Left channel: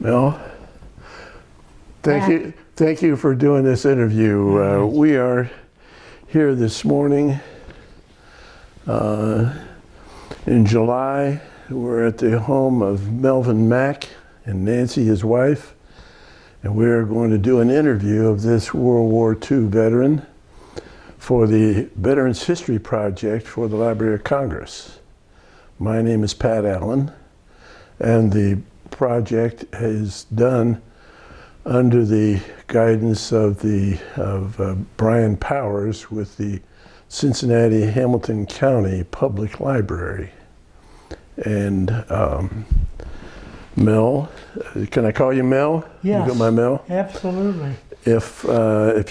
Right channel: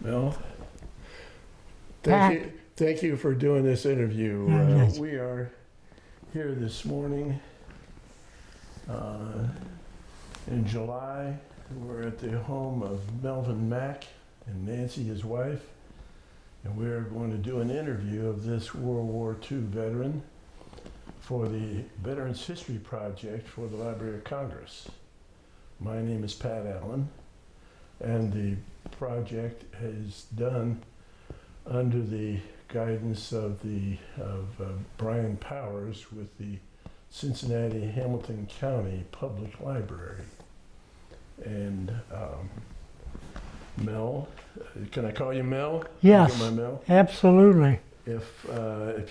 Mel, thank you for doing this interview. We are here this morning in July. We're at the home of Melvin Mack and Nancy, his wife, and we're going to do an interview of this World War II veteran for the Veterans History Project for the Library of Congress. My name is Pat Allen, and the project is done under the guidance of Brian Powers with the Cincinnati Hamilton County Public Library. And Mel, can I call you Mel? Yes. You got my Mel? Absolutely. If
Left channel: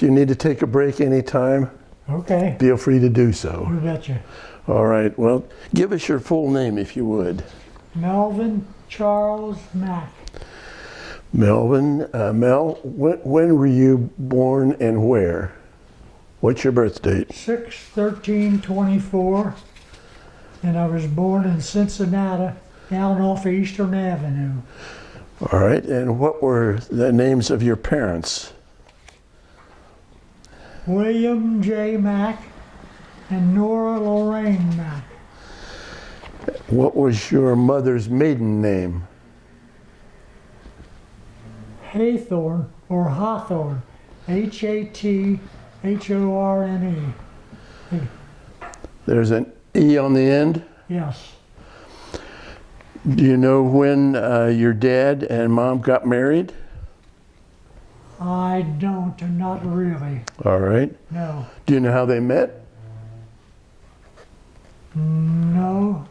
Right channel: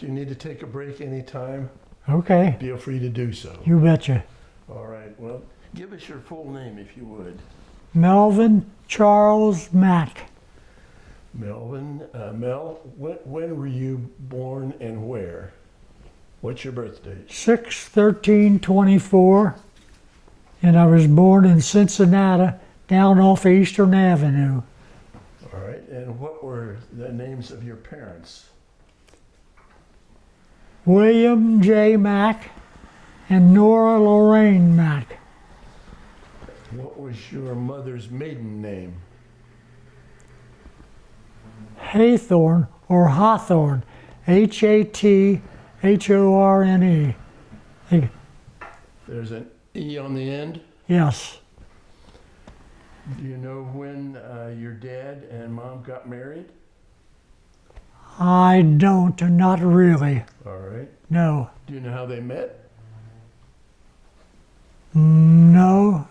you need to take a break anytime, okay, feel free to do so. You betcha. All right. Well, give us your full name if you would. Melvin Charles Mack. Melvin, Mel, when were you born and where? What's your birth date? 6/13/24, and I was born in Cincinnati, down off Eastern Avenue. All right, and what were the names of your parents? William J. Mack and Nora Lorraine Mack. What was your mother's maiden name? Haythorne or Hawthorne, Hathorne. There's an E on the end? Yes. Do you know when your dad and mom got married? I don't, not really. All right. No. Do you know how they met? No.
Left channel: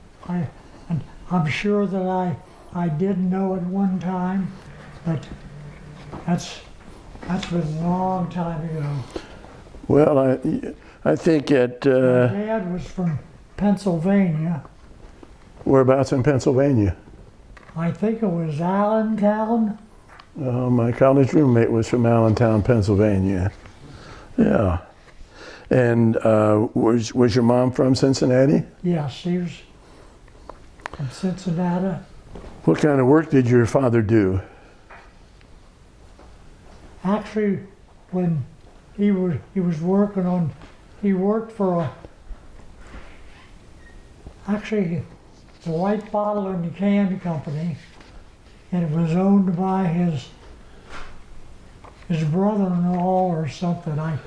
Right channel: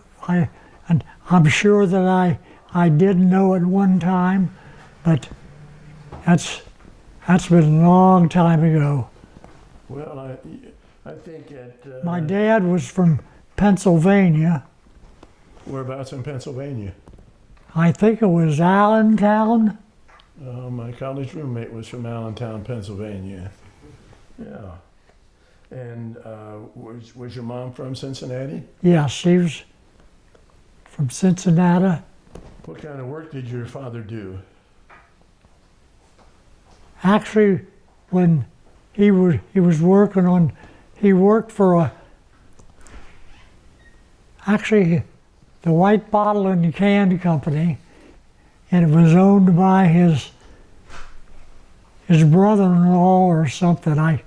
I'm sure that I did know at one time, but that's been a long time ago. Well, I think at... My dad was from Pennsylvania. Whereabouts in Pennsylvania? I think it was Allentown. My college roommate was from Allentown, Pennsylvania. Yeah. And was your mom from Cincinnati? Yes, she was from Cincinnati. What kind of work did your father do? Actually, when he was working on, he worked for the White Bottle and Can Company, and it was owned by his brother-in-law or something. I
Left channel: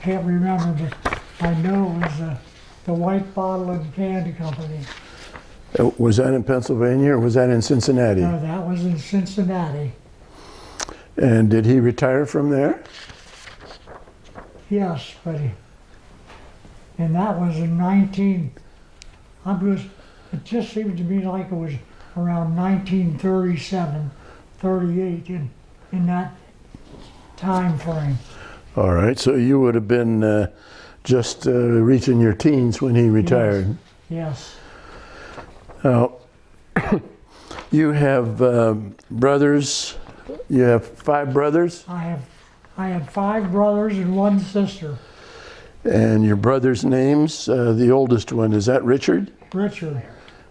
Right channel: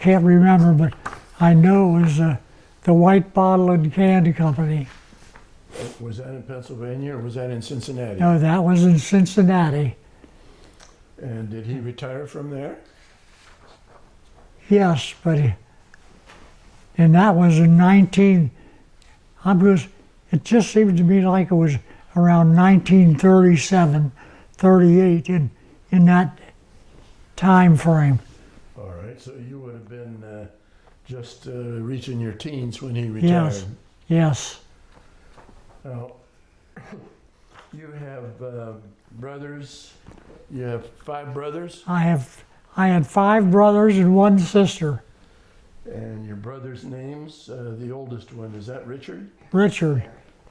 can't remember, but I know it was the White Bottle and Candy Company. Was that in Pennsylvania or was that in Cincinnati? No, that was in Cincinnati. And did he retire from there? Yes, but and that was in it just seemed to me like it was around 1937, 38 in that time frame. All right, so you would have been just reaching your teens when he retired. Yes. Now, you have brothers. You have 5 brothers? I had 5 brothers and 1 sister. And your brothers' names, the oldest one, is that Richard? Richard.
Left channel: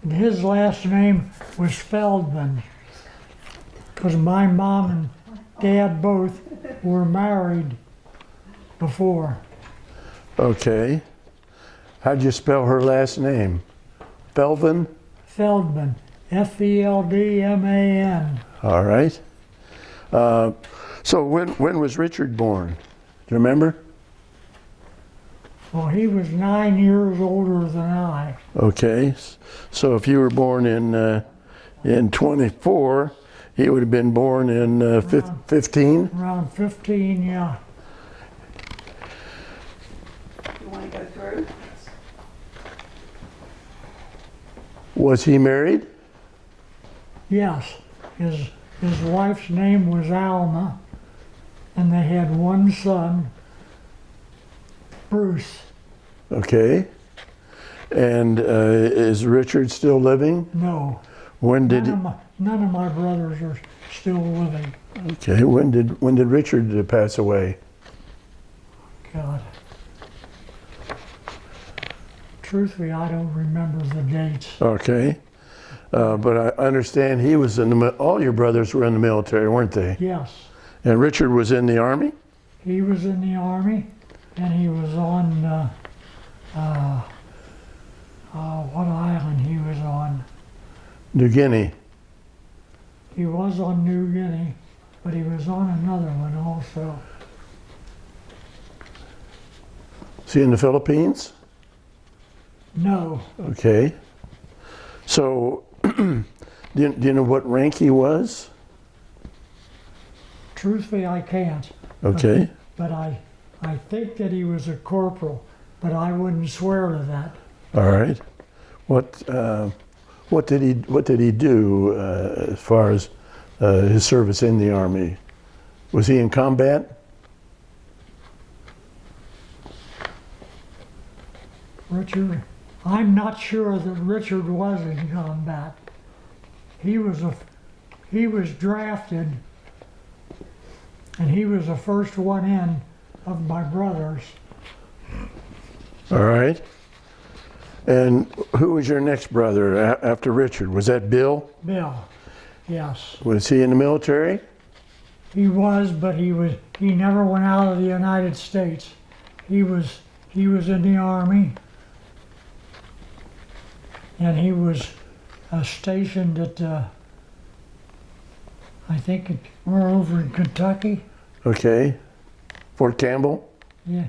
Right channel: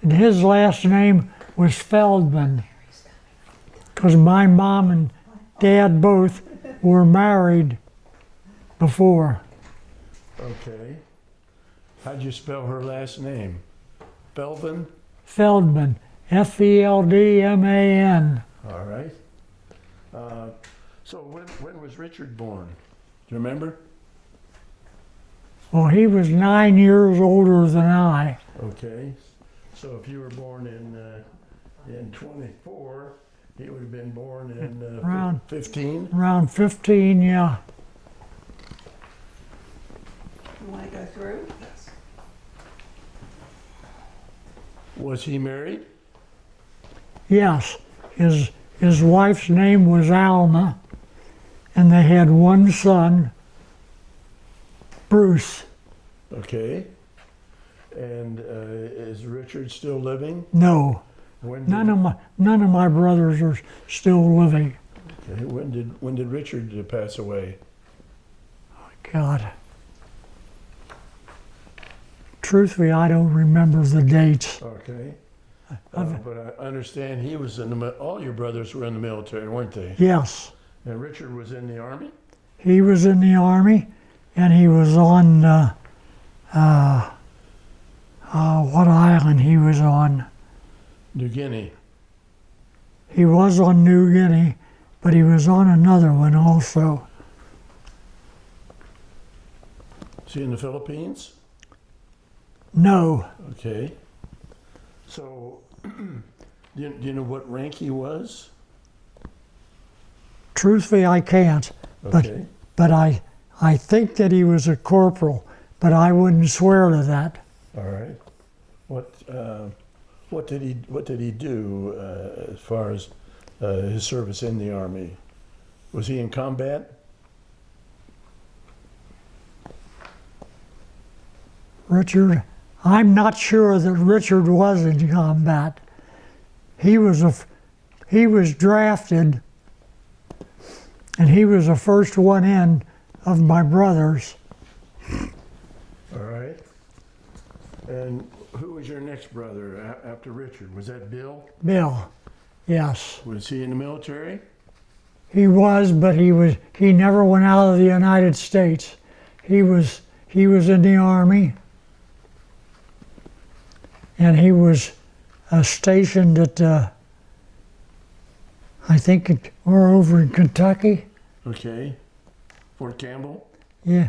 And his last name was Feldman, because my mom and dad both were married before. Okay. How'd you spell her last name? Melvin? Feldman, Feldman. All right. So when was Richard born? Do you remember? Well, he was 9 years older than I. Okay. So if you were born in 24, he would have been born in 15? Around 15, yeah. You want to go through? Was he married? Yes. His wife's name was Alma, and they had 1 son, Bruce. Okay. And is Richard still living? No. When did none of my brothers are still living. Okay. When did Richard pass away? God. Truthfully, I don't remember the dates. Okay. But I understand he was in all your brothers were in the military, weren't they? Yes. And Richard was in the Army? He was in the Army, and he was on, what island he was on? New Guinea. He was on New Guinea, but he was on another one also. Is he in the Philippines? No, Okay. So, do you know what rank he was? truthfully I can't. Okay. But I think that he was a corporal, but I wouldn't swear to that. All right. What did he do as far as his service in the Army? Was he in combat? Richard, I'm not sure that Richard was in combat. He was drafted, and he was the first one in of my brothers. All right. And who was your next brother after Richard? Was that Bill? Bill, yes. Was he in the military? He was, but he never went out of the United States. He was in the Army, and he was stationed at, I think we're over in Kentucky. Okay. Fort Campbell? Yeah,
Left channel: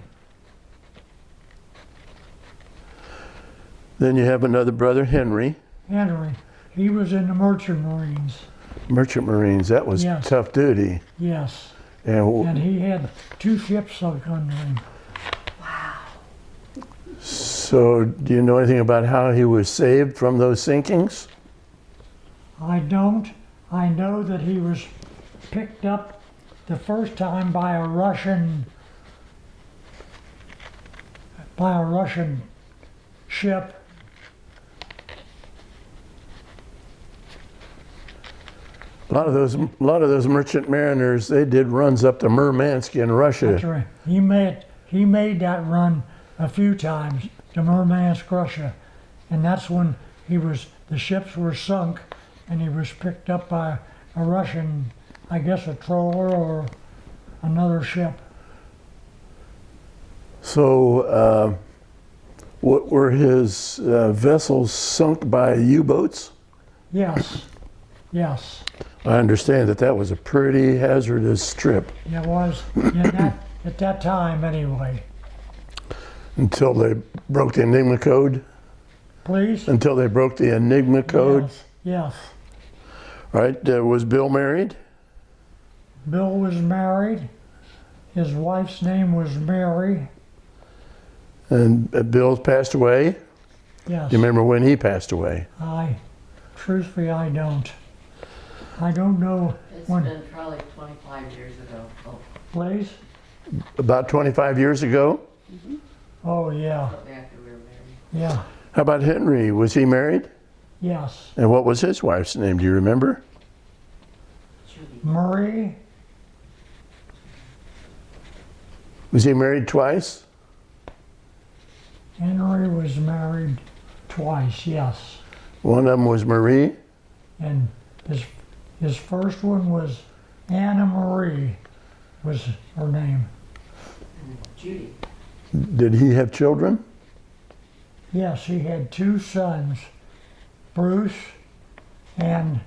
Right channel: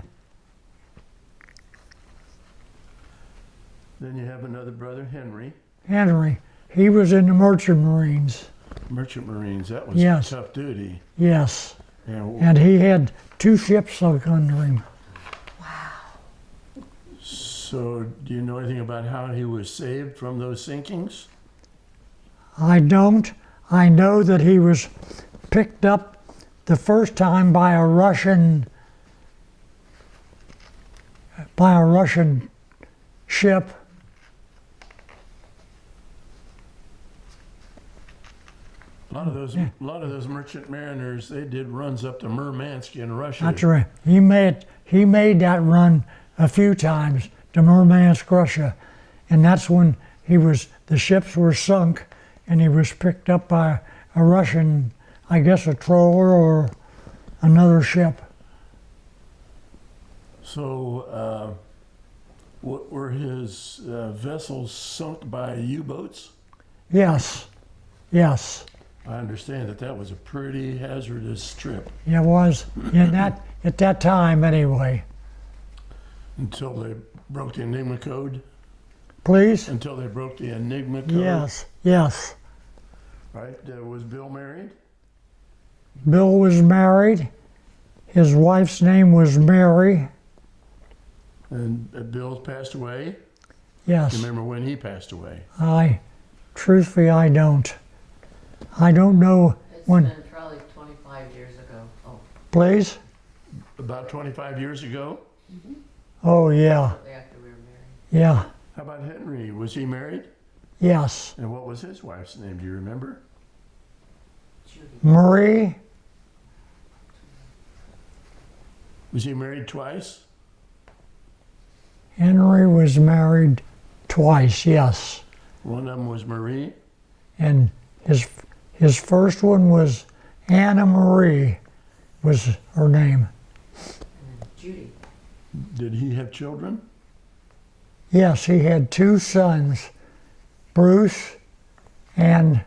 Then you have another brother, Henry. Henry. He was in the Merchant Marines. Merchant Marines. That was Yes. tough duty. Yes, And and he had 2 ships sunk under him. so, do you know anything about how he was saved from those sinkings? I don't. I know that he was picked up the first time by a Russian ship. A lot of those merchant mariners, they did runs up to Murmansk in Russia. That's right. He made that run a few times to Murmansk, Russia, and that's when the ships were sunk, and he was picked up by a Russian, I guess a trawler or another ship. So, what were his vessels sunk by U-boats? Yes, yes, I understand that was a pretty hazardous trip it was. At that time anyway. until they broke the Enigma code. Please? Until they broke the Enigma code. Yes, yes. Right? Was Bill married? Bill was married. His wife's name was Mary. And Bill passed away. Yes. Do you remember when he passed away? Truthfully, I don't. I don't know It's when. been probably 25 years ago. Oh, Please? About 25 years ago. Oh, yeah, after we were married. yeah, How about Henry? Was he married? yes. And what was his wife's name? Do you remember? Judy. Marie, Was he married twice? Henry was married twice, yes. One of them was Marie. And his first one was Anna Marie, was her name. Judy. Did he have children? Yes, he had 2 sons, Bruce and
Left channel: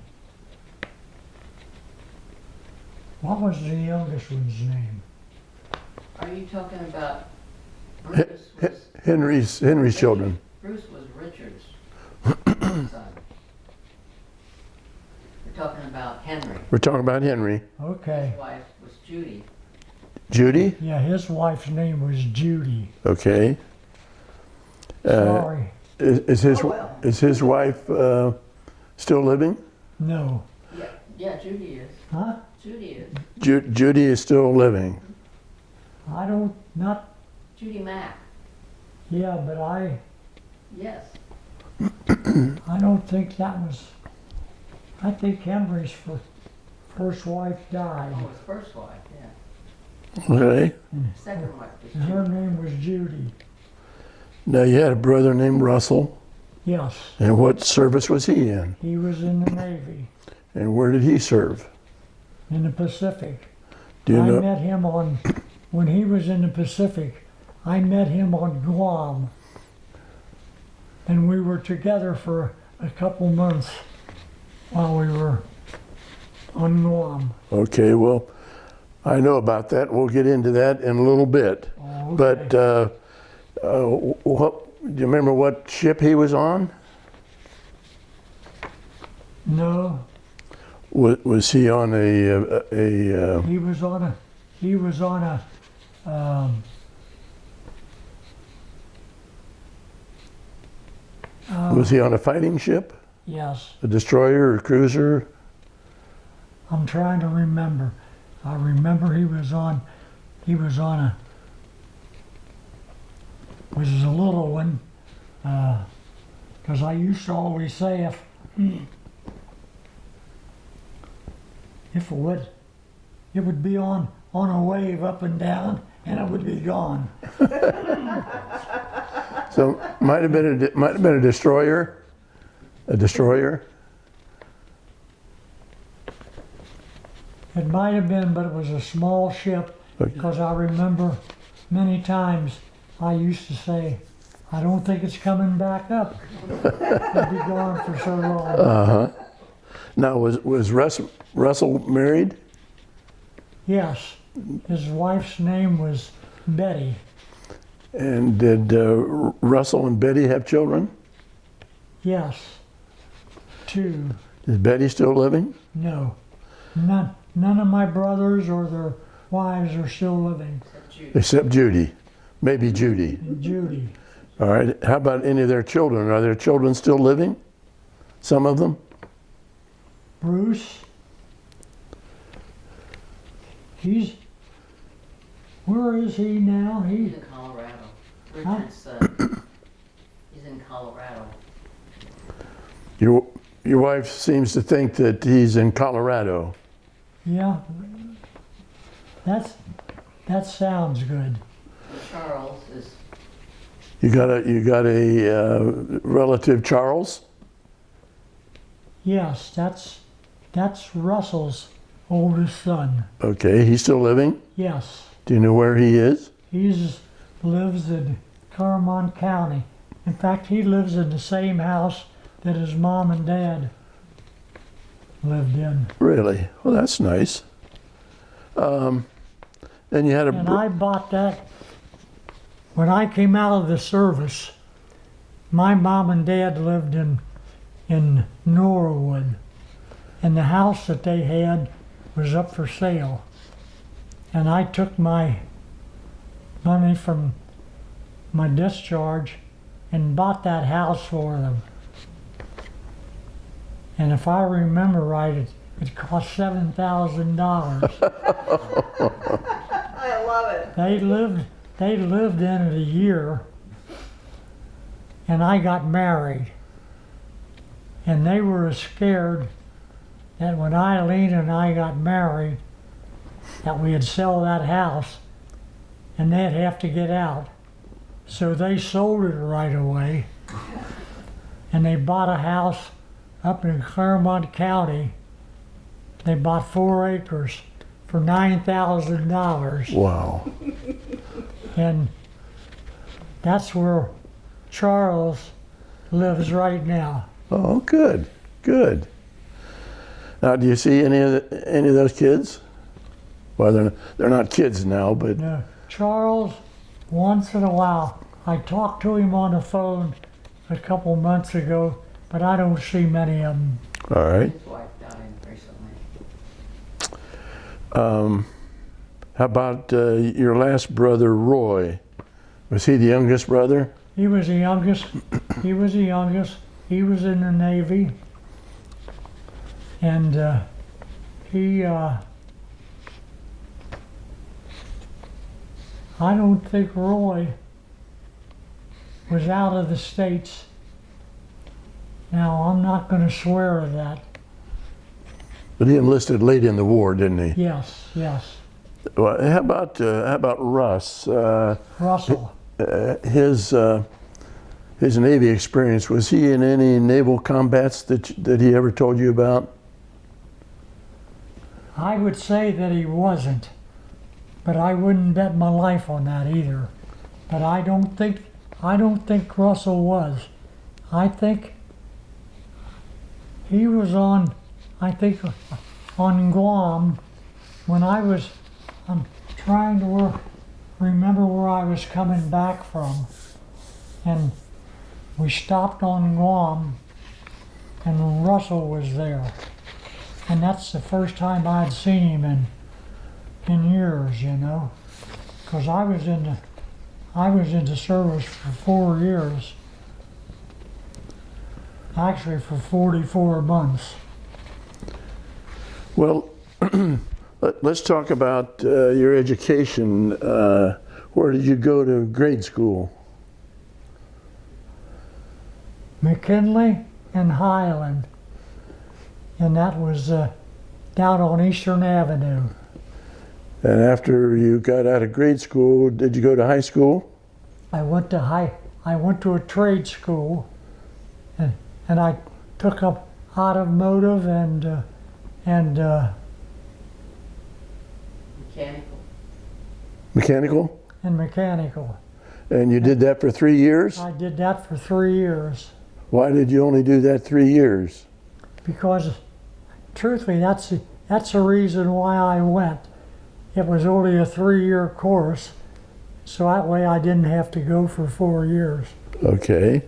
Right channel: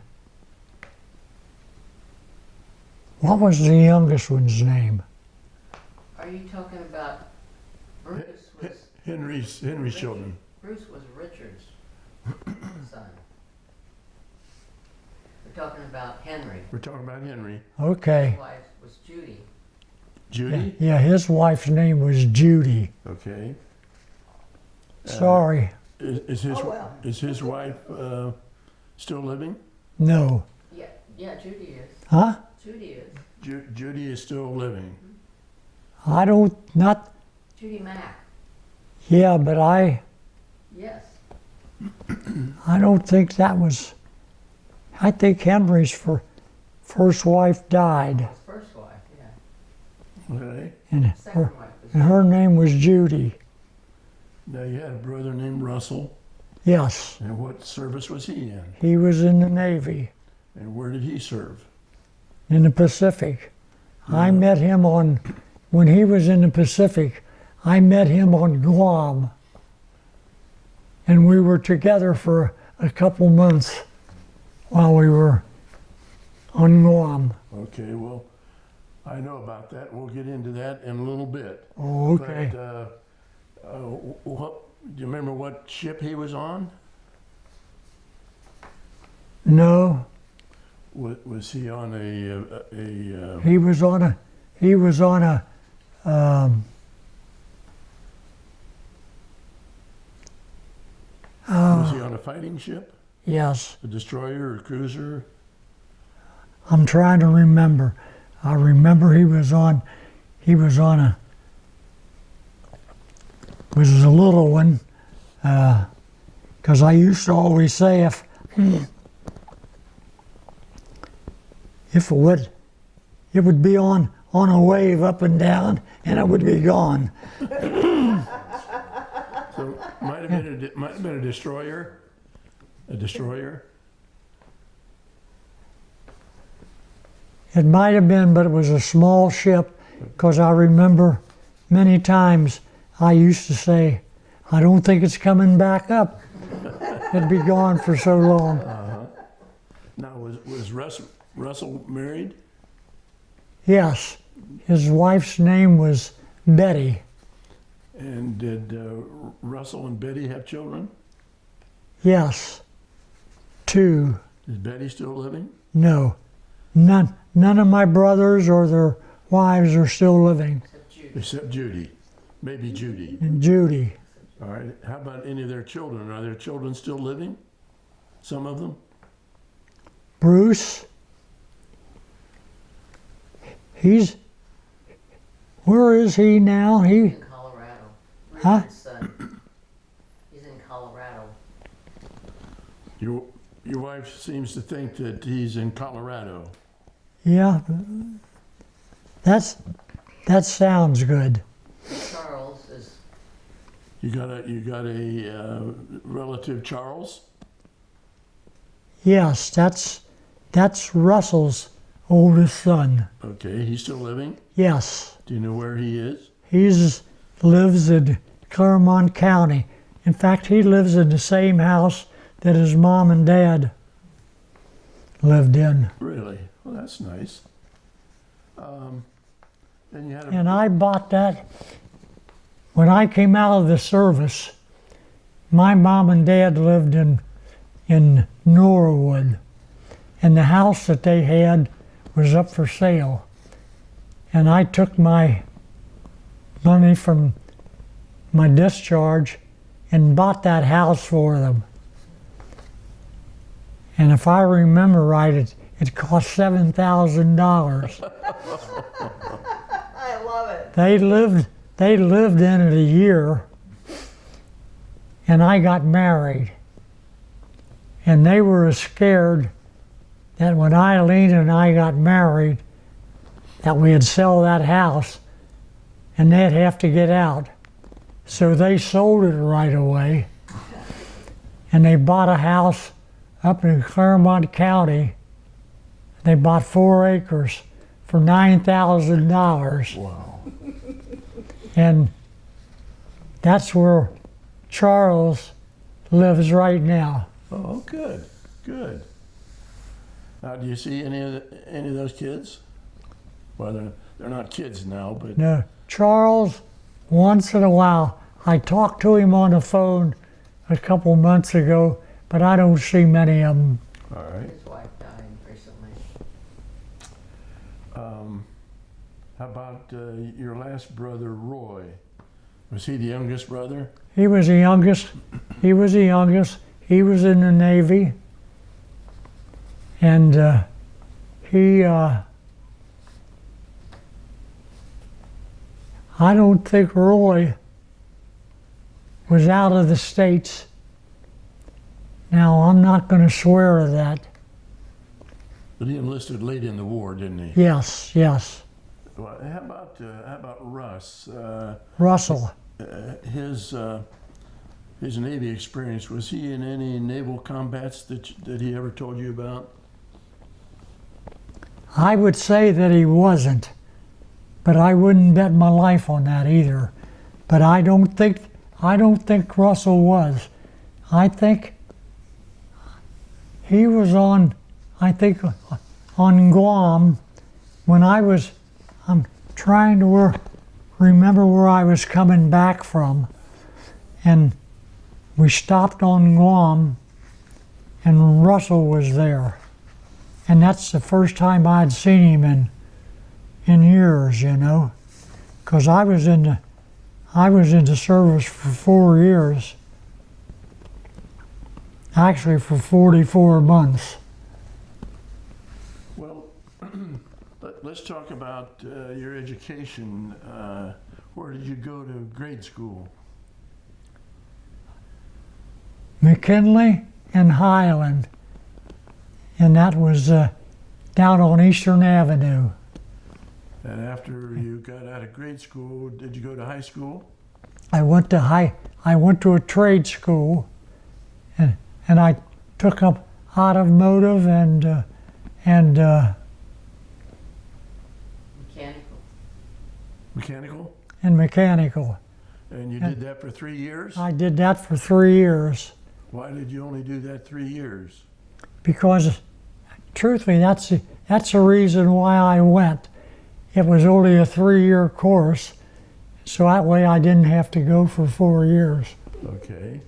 what was the youngest one's name? Are you talking about Bruce? Was, Henry's children. Bruce was Richard's son. We're talking about Henry. We're talking about Henry. Okay. His wife was Judy. Judy? Yeah, his wife's name was Judy. Okay. Sorry, Is his Oh, well. is his wife still living? no. Yeah, Judy is. Huh? Judy is. Judy is still living. I don't, not, Judy Mack. yeah, but I Yes. don't think that was, I think Henry's first wife died. His first wife, yeah. Okay. And Second wife was her name was Judy. Now you had a brother named Russell. Yes, And what service was he in? he was in the Navy And where did he serve? in the Pacific. Do you I know? met him when he was in the Pacific, I met him on Guam. And we were together for a couple months while we were on Guam. Okay, well, I know about that. We'll get into that in a little bit. Oh, okay. But do you remember what ship he was on? No, Was he on a he was on a was he on a fighting ship, yes, a destroyer or cruiser? I'm trying to remember. I remember he was on a, was a little one, because I used to always say if it would be on a wave up and down and it would be gone. So might have been a destroyer, a destroyer. It might have been, but it was a small ship, because I remember many times I used to say, I don't think it's coming back up. It'd be gone for so long. Now was Russell married? Yes, his wife's name was Betty. And did Russell and Betty have children? Yes, 2. Is Betty still living? No, none of my brothers or their wives are still living. Except Judy, maybe Judy. And Judy, All right. How about any of their children? Are their children still living? Some of them? Bruce, where is he now? He's in Colorado. Huh? He's in Colorado. Your wife seems to think that he's in Colorado. Yeah, that sounds good. Charles is, You got a relative, Charles? Yes, that's Russell's oldest son. Okay, he's still living? Yes, Do you know where he is? he lives in Claremont County. In fact, he lives in the same house that his mom and dad lived in. Really? Well, that's nice. And you had a... And I bought that when I came out of the service. My mom and dad lived in Norwood, and the house that they had was up for sale. And I took my money from my discharge and bought that house for them. And if I remember right, it cost $7,000. I love it. They lived in it a year, and I got married. And they were scared that when Eileen and I got married, that we'd sell that house and they'd have to get out. So they sold it right away, and they bought a house up in Claremont County. They bought 4 acres for $9,000. Wow. And that's where Charles lives right now. Oh, good, good. Now, do you see any of those kids? Well, they're not kids now, but Now, Charles, once in a while, I talked to him on the phone a couple months ago, but I don't see many of them. all right. his wife died recently. How about your last brother, Roy? Was he the youngest brother? He was the youngest. He was the youngest. He was in the Navy. And I don't think Roy was out of the States. Now, I'm not going to swear to that. But he enlisted late in the war, didn't he? Yes, yes. Well, how about Russ? Russell. His his Navy experience, was he in any naval combats that he ever told you about? I would say that he wasn't, but I wouldn't bet my life on that either. But I don't think Russell was. I think he was on Guam when I'm trying to remember where I was coming back from, and we stopped on Guam, and Russell was there, and that's the first time I'd seen him in years, you know, because I was in the service for 4 years, actually for 44 months. Well, let's talk about your education. Where did you go to grade school? McKinley and Highland, and that was down on Eastern Avenue. And after you got out of grade school, did you go to high school? I went to a trade school, and I took up automotive and Mechanical. mechanical. And you did that for 3 years? I did that for 3 years Why did you only do that 3 years? because, truthfully, that's the reason why I went. It was only a 3-year course, so that way I didn't have to go for 4 years. Okay.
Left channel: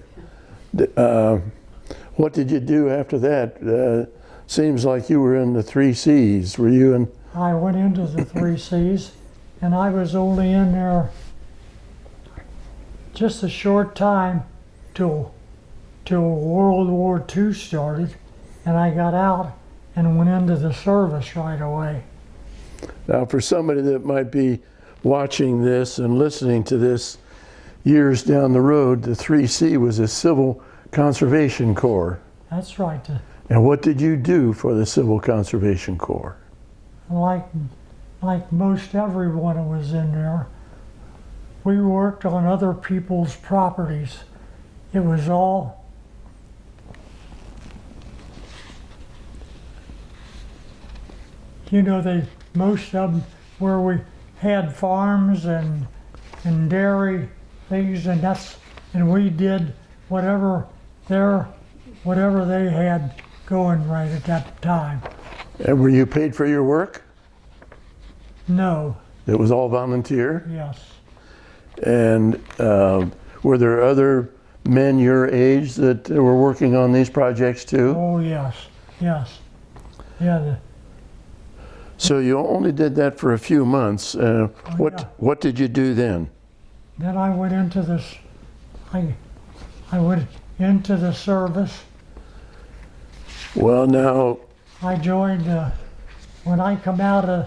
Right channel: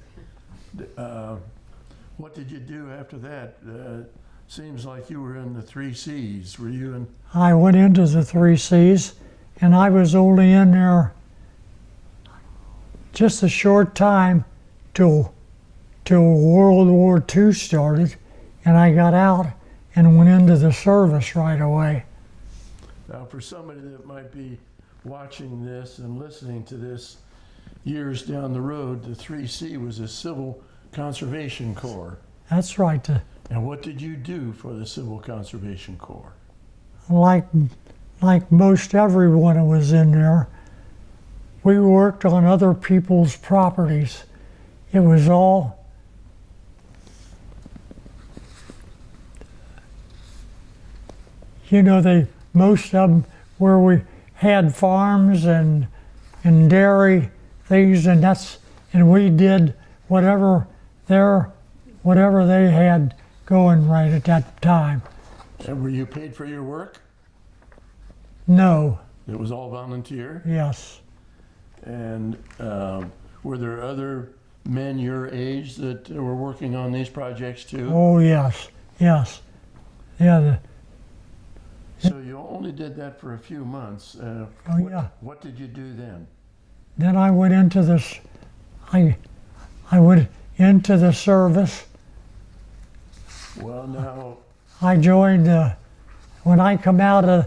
What did you do after that? Seems like you were in the 3 C's. Were you in? I went into the 3 C's, and I was only in there just a short time till World War II started, and I got out and went into the service right away. Now, for somebody that might be watching this and listening to this years down the road, the 3C was a Civil Conservation Corps. That's right. And what did you do for the Civil Conservation Corps? Like most everyone who was in there, we worked on other people's properties. It was all most of them where we had farms and dairy things, and we did whatever they had going right at that time. And were you paid for your work? No. It was all volunteer? Yes. And were there other men your age that were working on these projects too? Oh yes. Yeah. So you only did that for a few months. Yeah. What did you do then? Then I went into this. I went into the service. Well, now I joined when I came out of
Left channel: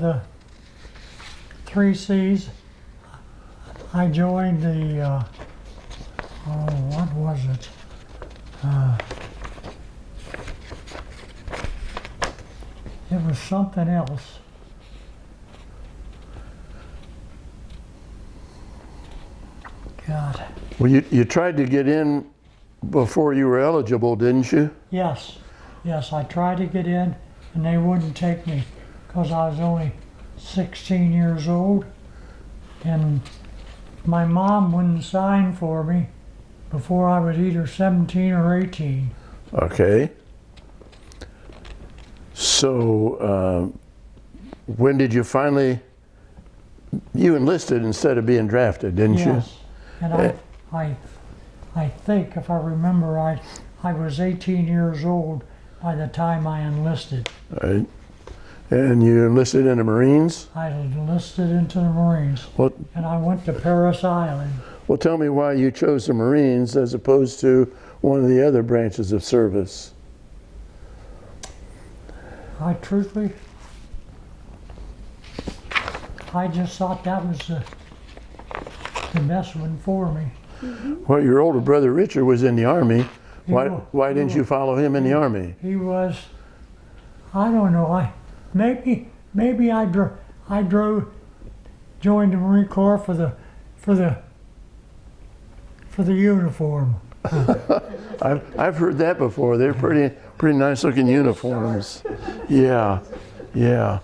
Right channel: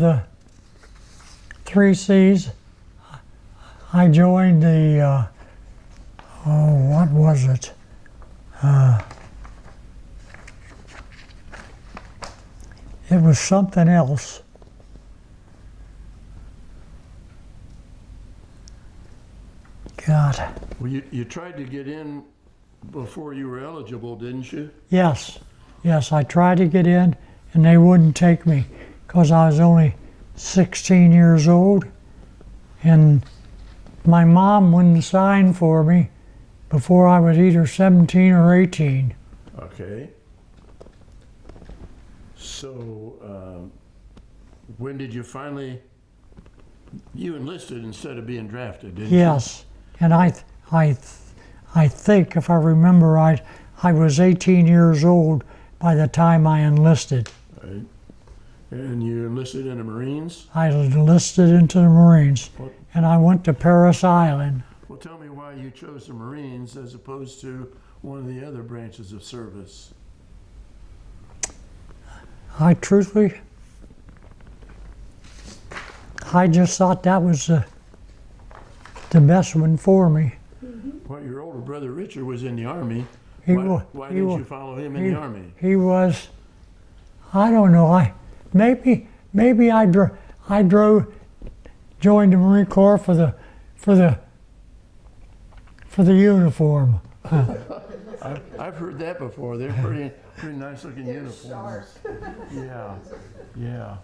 the 3 C's. I joined the what was it? It was something else. God. Well, you tried to get in before you were eligible, didn't you? Yes, I tried to get in, and they wouldn't take me because I was only 16 years old, and my mom wouldn't sign for me before I was either 17 or 18. Okay. So when did you finally, you enlisted instead of being drafted, didn't you? Yes, and I think, if I remember right, I was 18 years old by the time I enlisted. Right. And you enlisted in the Marines? I was enlisted into the Marines, and I went to Parris Island. Well, tell me why you chose the Marines as opposed to one of the other branches of service. I just thought that was the best one for me. Well, your older brother Richard was in the Army. Why didn't you follow him in the Army? He was, I don't know, maybe I joined the Marine Corps for the uniform. I've heard that before. They're pretty nice looking uniforms. Yeah, yeah.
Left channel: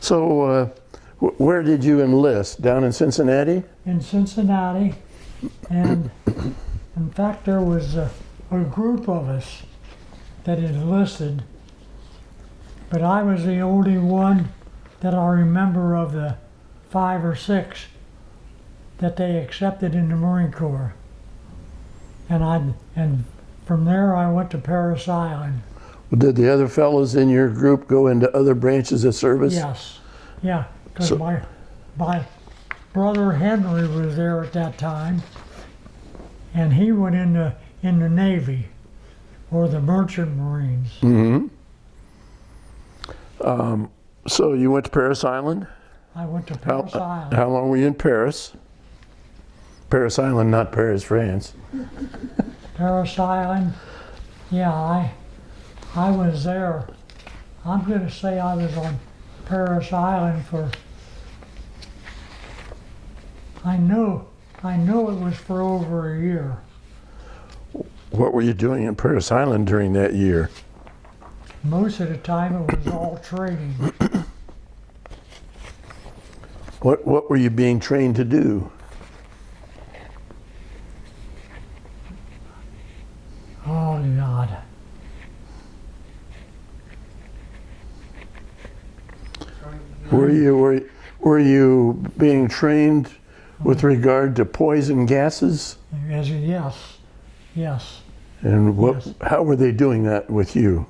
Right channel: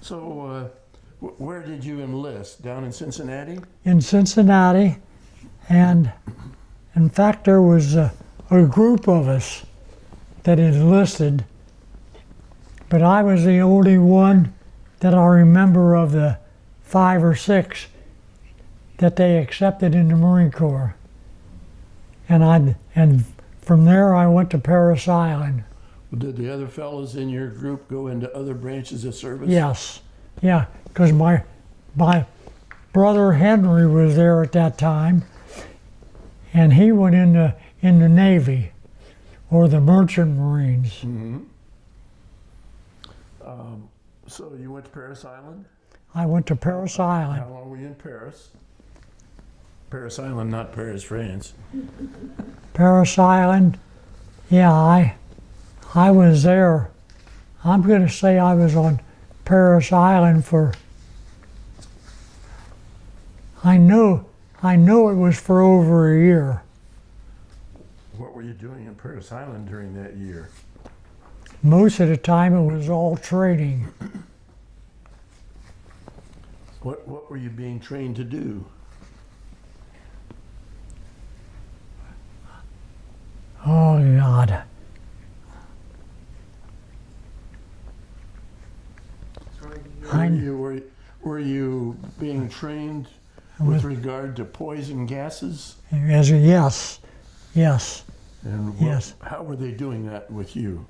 So where did you enlist? Down in Cincinnati? In Cincinnati, and in fact there was a group of us that enlisted, but I was the only one that I remember of the 5 or 6 that they accepted in the Marine Corps. And from there I went to Parris Island. Did the other fellows in your group go into other branches of service? Yes, yeah, because So- my brother Henry was there at that time, and he went in the Navy or the Merchant Marines. Mm-hmm. So you went to Parris Island? I went to Parris Island. How long were you in Paris? Parris Island, not Paris, France. Parris Island, yeah, I was there. I'm going to say I was on Parris Island for, I know it was for over a year. What were you doing in Parris Island during that year? Most of the time it was all training. What were you being trained to do? Oh God. Were you being trained with regard to poison gases? Yes. And Yes. how were they doing that with you?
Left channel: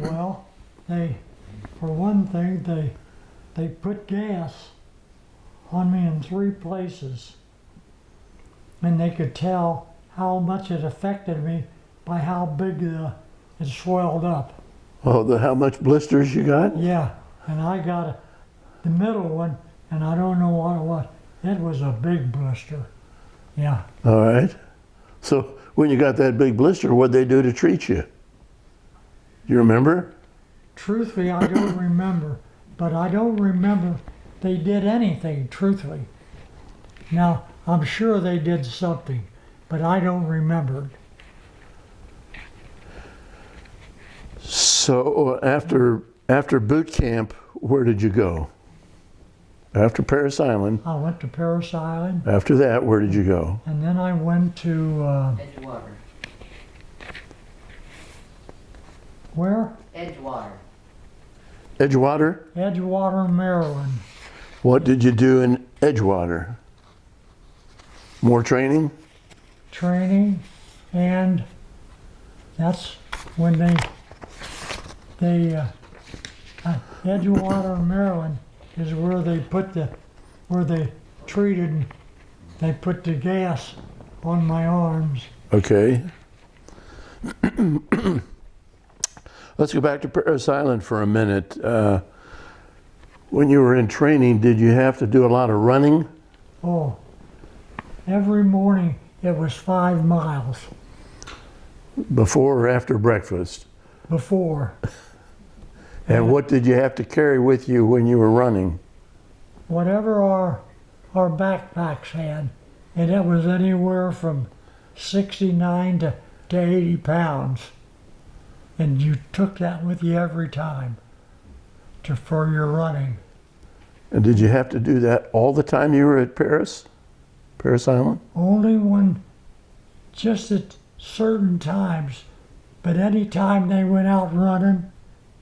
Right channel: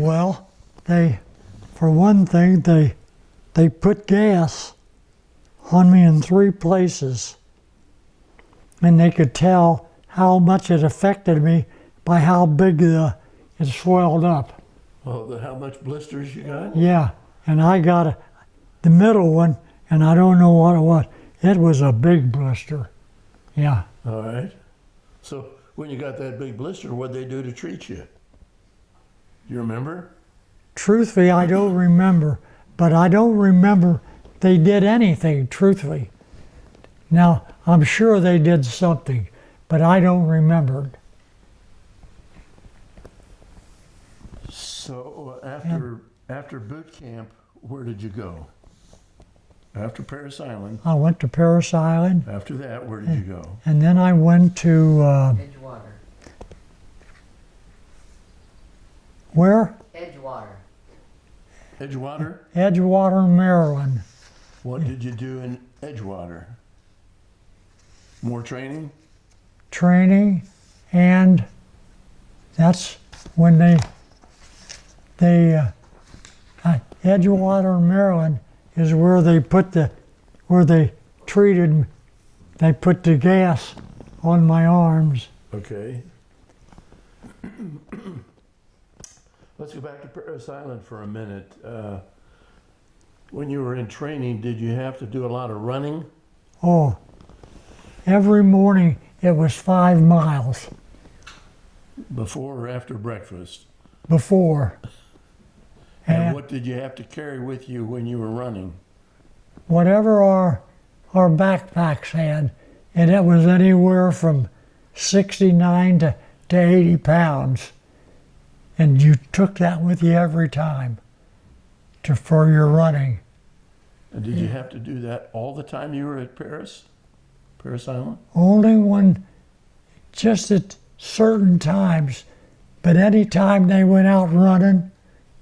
Well, for one thing, they put gas on me in 3 places, and they could tell how much it affected me by how big it swelled up. Oh, how much blisters you got? Yeah, and I got the middle one, and I don't know what it was. It was a big blister. Yeah. All right. So when you got that big blister, what'd they do to treat you? You remember? Truthfully, I don't remember, but I don't remember they did anything, truthfully. Now, I'm sure they did something, but I don't remember. So after boot camp, where did you go? After Parris Island. I went to Parris Island, After that, where did you go? and then I went to, Edgewater. where? Edgewater. Edgewater? Edgewater, Maryland. What did you do in Edgewater? More training? Training, and that's when Edgewater, Maryland is where they put they put the gas on my arms. Okay. Let's go back to Parris Island for a minute. When you were in training, did you have to do a lot of running? Oh, every morning it was 5 miles Before or after breakfast? before. And what did you have to carry with you when you were running? Whatever our backpacks had, and it was anywhere from 69 to 80 pounds. And you took that with you every time for your running. And did you have to do that all the time you were at Parris Island? Only when, just at certain times, but any time they went out running,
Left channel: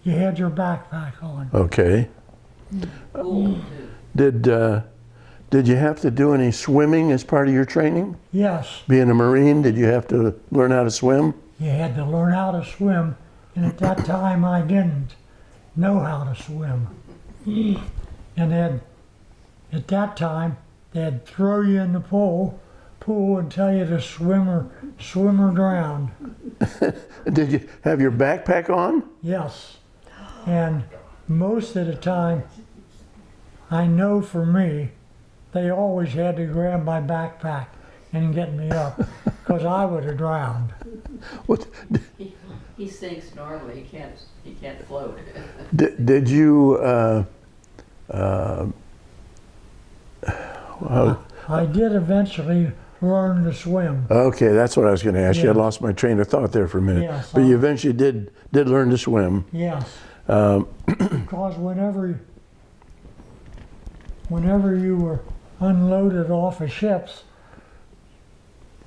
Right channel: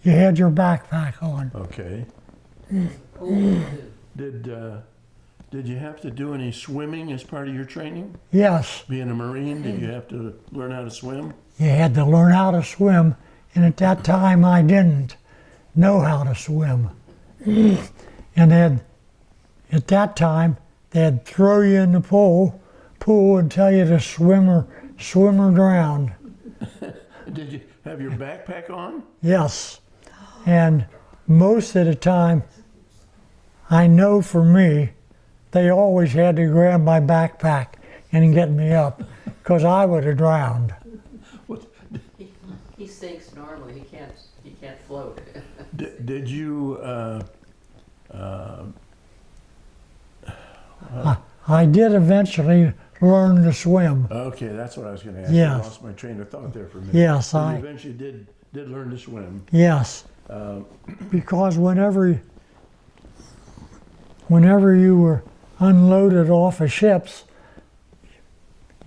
you had your backpack on. Okay. Did you have to do any swimming as part of your training? Yes, Being a Marine, did you have to learn how to swim? you had to learn how to swim, and at that time I didn't know how to swim. And at that time, they'd throw you in the pool and tell you to swim or drown. Did you have your backpack on? Yes, and most of the time, I know for me, they always had to grab my backpack and get me up, because I would have drowned. What, He sinks normally. He can't float. did you, I did eventually learn to swim. Okay, that's what I was going to ask you. I Yes. lost my train of thought there for a minute. Yes, But I- you eventually did learn to swim. Yes, because whenever you were unloaded off of ships,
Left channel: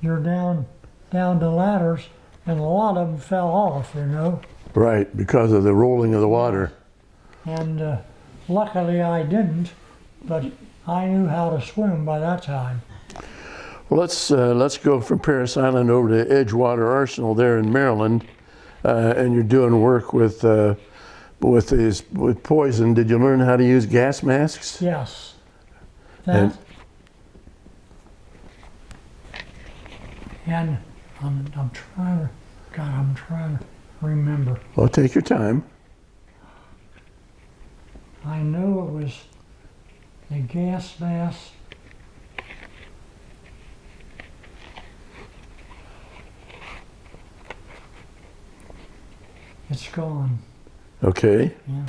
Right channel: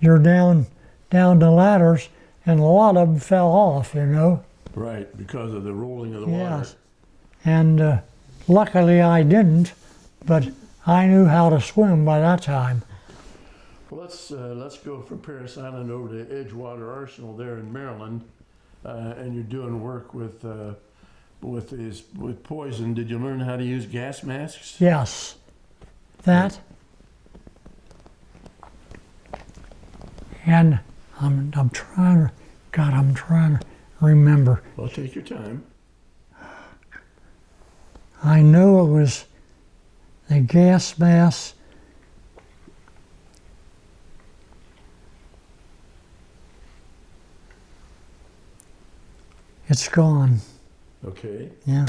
you're down the ladders, and a lot of them fell off, you know. Right, because of the rolling of the water. Yes. And luckily I didn't, but I knew how to swim by that time. Well, let's go from Parris Island over to Edgewater Arsenal there in Maryland, and you're doing work with poison. Did you learn how to use gas masks? Yes, that. And I'm trying to remember. Well, take your time. I know it was the gas mask. It's gone. Okay. Yeah.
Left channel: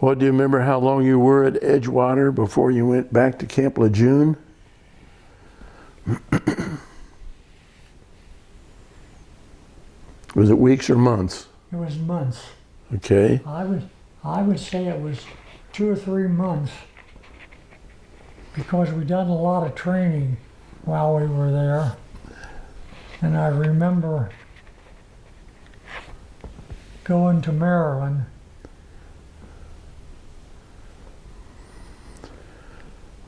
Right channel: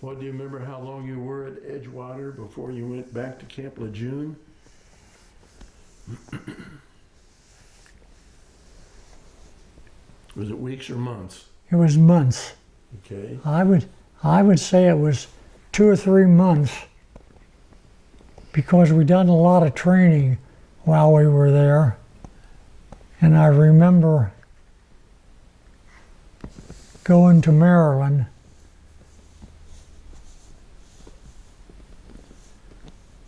Well, do you remember how long you were at Edgewater before you went back to Camp Lejeune? Was it weeks or months? It was months. Okay. I would say it was 2 or 3 months because we done a lot of training while we were there. And I remember going to Maryland.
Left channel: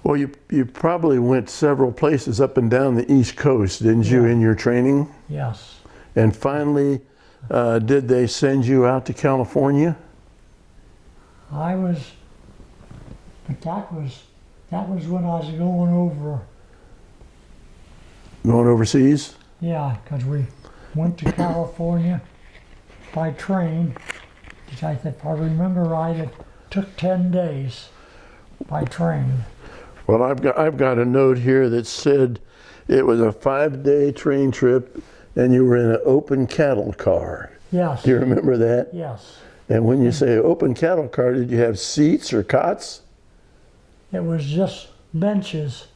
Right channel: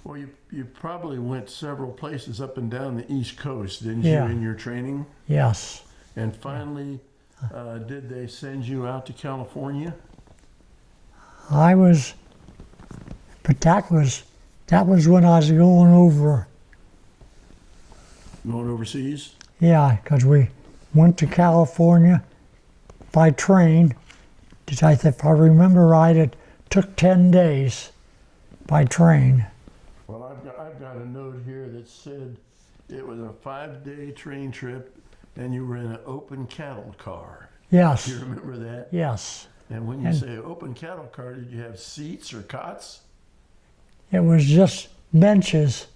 Well, you probably went several places up and down the East Coast, didn't you, Yeah. in your training? Yes. And finally, did they send you out to California? But that was when I was going over. Going overseas? Yeah, because we went to California by train. If I remember right, it took 10 days by train. Well, I've got a note here that said it was a 5-day train trip and you were in an open cattle car. Yes. Do you remember that? Yes. And when you say open cattle car, did you have seats or cots? It was just benches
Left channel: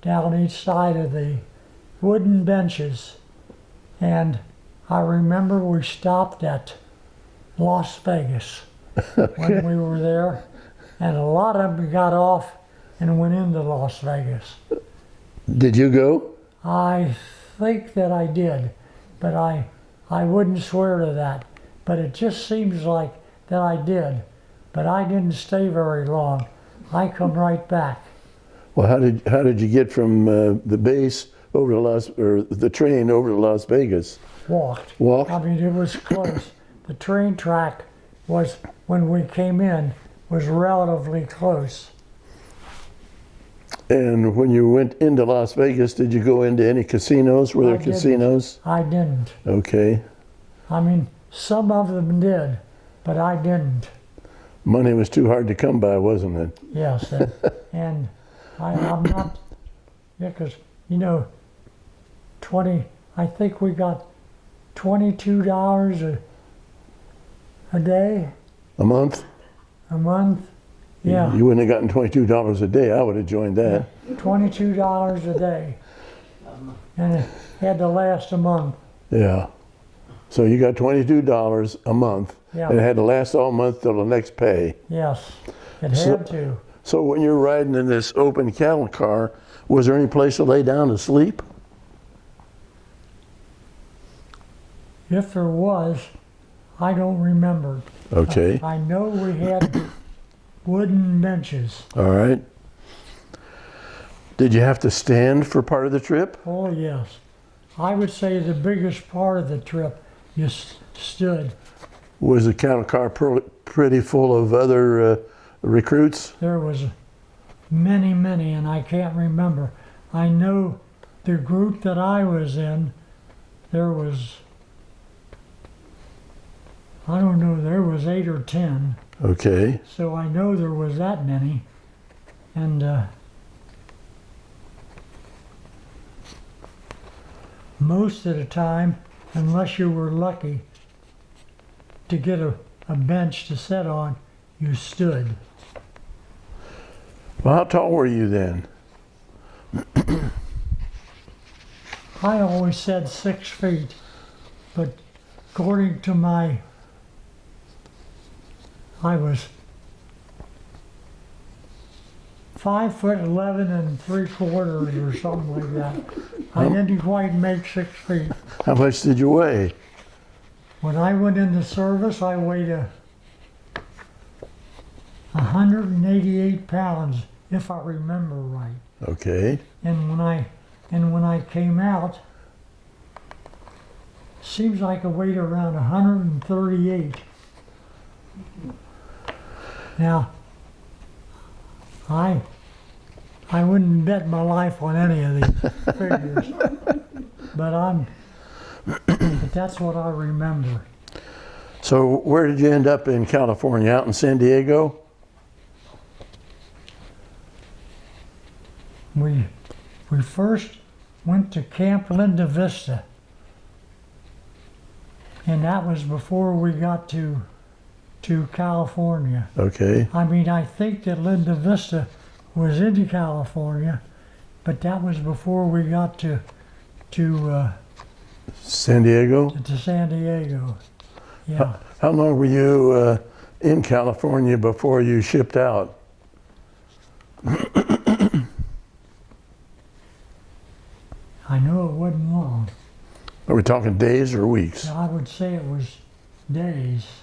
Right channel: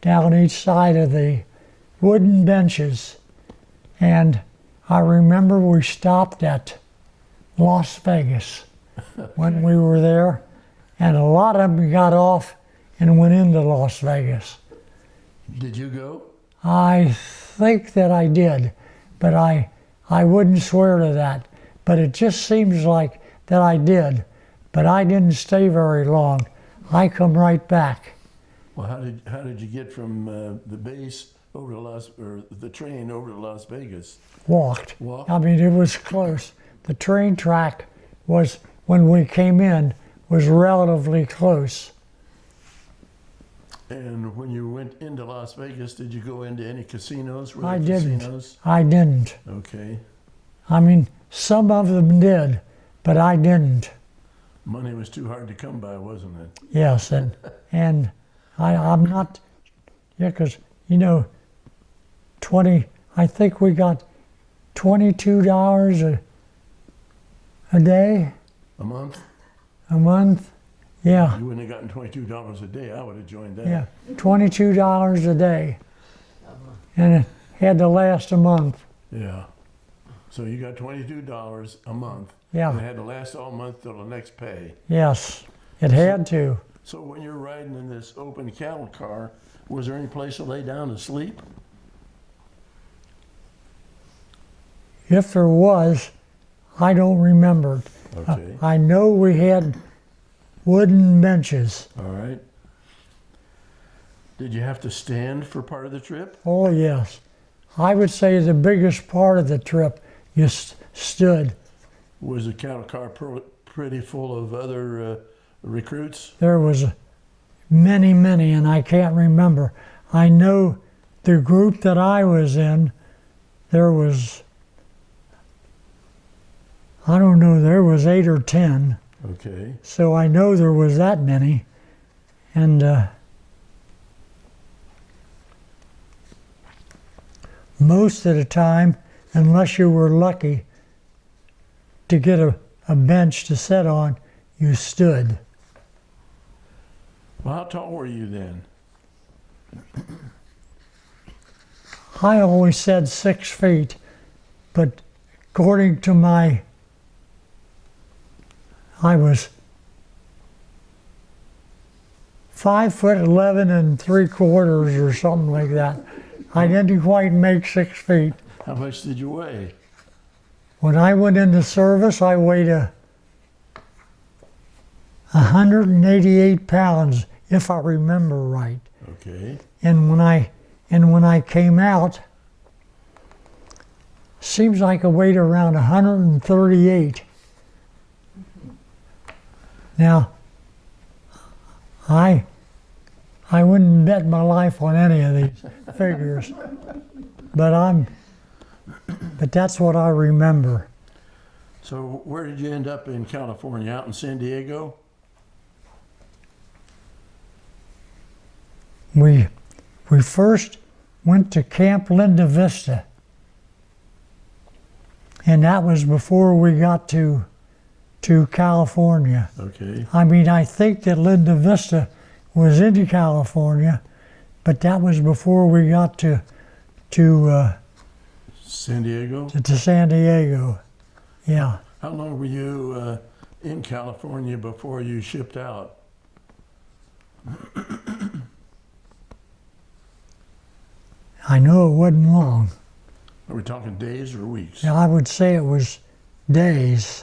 down each side of the wooden benches. And I remember we stopped at Las Vegas when we were there. And a lot of them got off and went into Las Vegas. Did you go? I think that I did, but I wouldn't swear to that. But it just seems like that I did. But I didn't stay very long. I come right back. Well, how did you get from the base over to the train over to Las Vegas? Walked. Walked? I mean, it was close. The train track was, when we came in, was relatively close. And when you went into Las Vegas, did you go into any casinos? Were there I didn't. casinos? I didn't. Okay. I mean, some of them did, but I didn't. Money was too hard to come by, wasn't it? Yes, and I'm not, yeah, because, you know, I think we got $22 a day, A month? a month. Yeah, You wouldn't have gotten $22 a day. I would have joined yeah, that. $22 a day. And it had to last a month. Yeah. So you got $22 a month. Yeah. And it had to last all month till the next pay. Yes, it had to. So when you're riding in this open cattle car, was there any place to lay down to sleep? If there was, I don't remember. Okay. I know we had wooden benches. All right. Did you have to stand for part of the trip? Oh, yes. I would say the biggest part of the trip, you stood. Was the cattle car pretty full of other recruits? There was many, and I can't remember. I know the group that I was in, there was, I don't know, there was 8 or 10. Okay. So I know there was that many. And most of the time, unless you were lucky to get a bench to sit on, you stood. Well, how tall were you then? I always said 6 feet, but according to I was 5'11" 3/4" or something like that. I didn't quite make 6 feet. How much did you weigh? When I went into service, I weighed 188 pounds, if I remember right. Okay. And when I came out, seems like I weighed around 138. Now, I wouldn't bet my life on any of these figures, but that's what I remember. So where did you end up in California? Out in San Diego? We first went to Camp Linda Vista, and that was before we got to California. Okay. I mean, I think that Linda Vista was into California, but that was before we got to San Diego? San Diego. Yeah. How long were you in California before you shipped out? I know it wasn't long. Are we talking days or weeks? I would say it was days.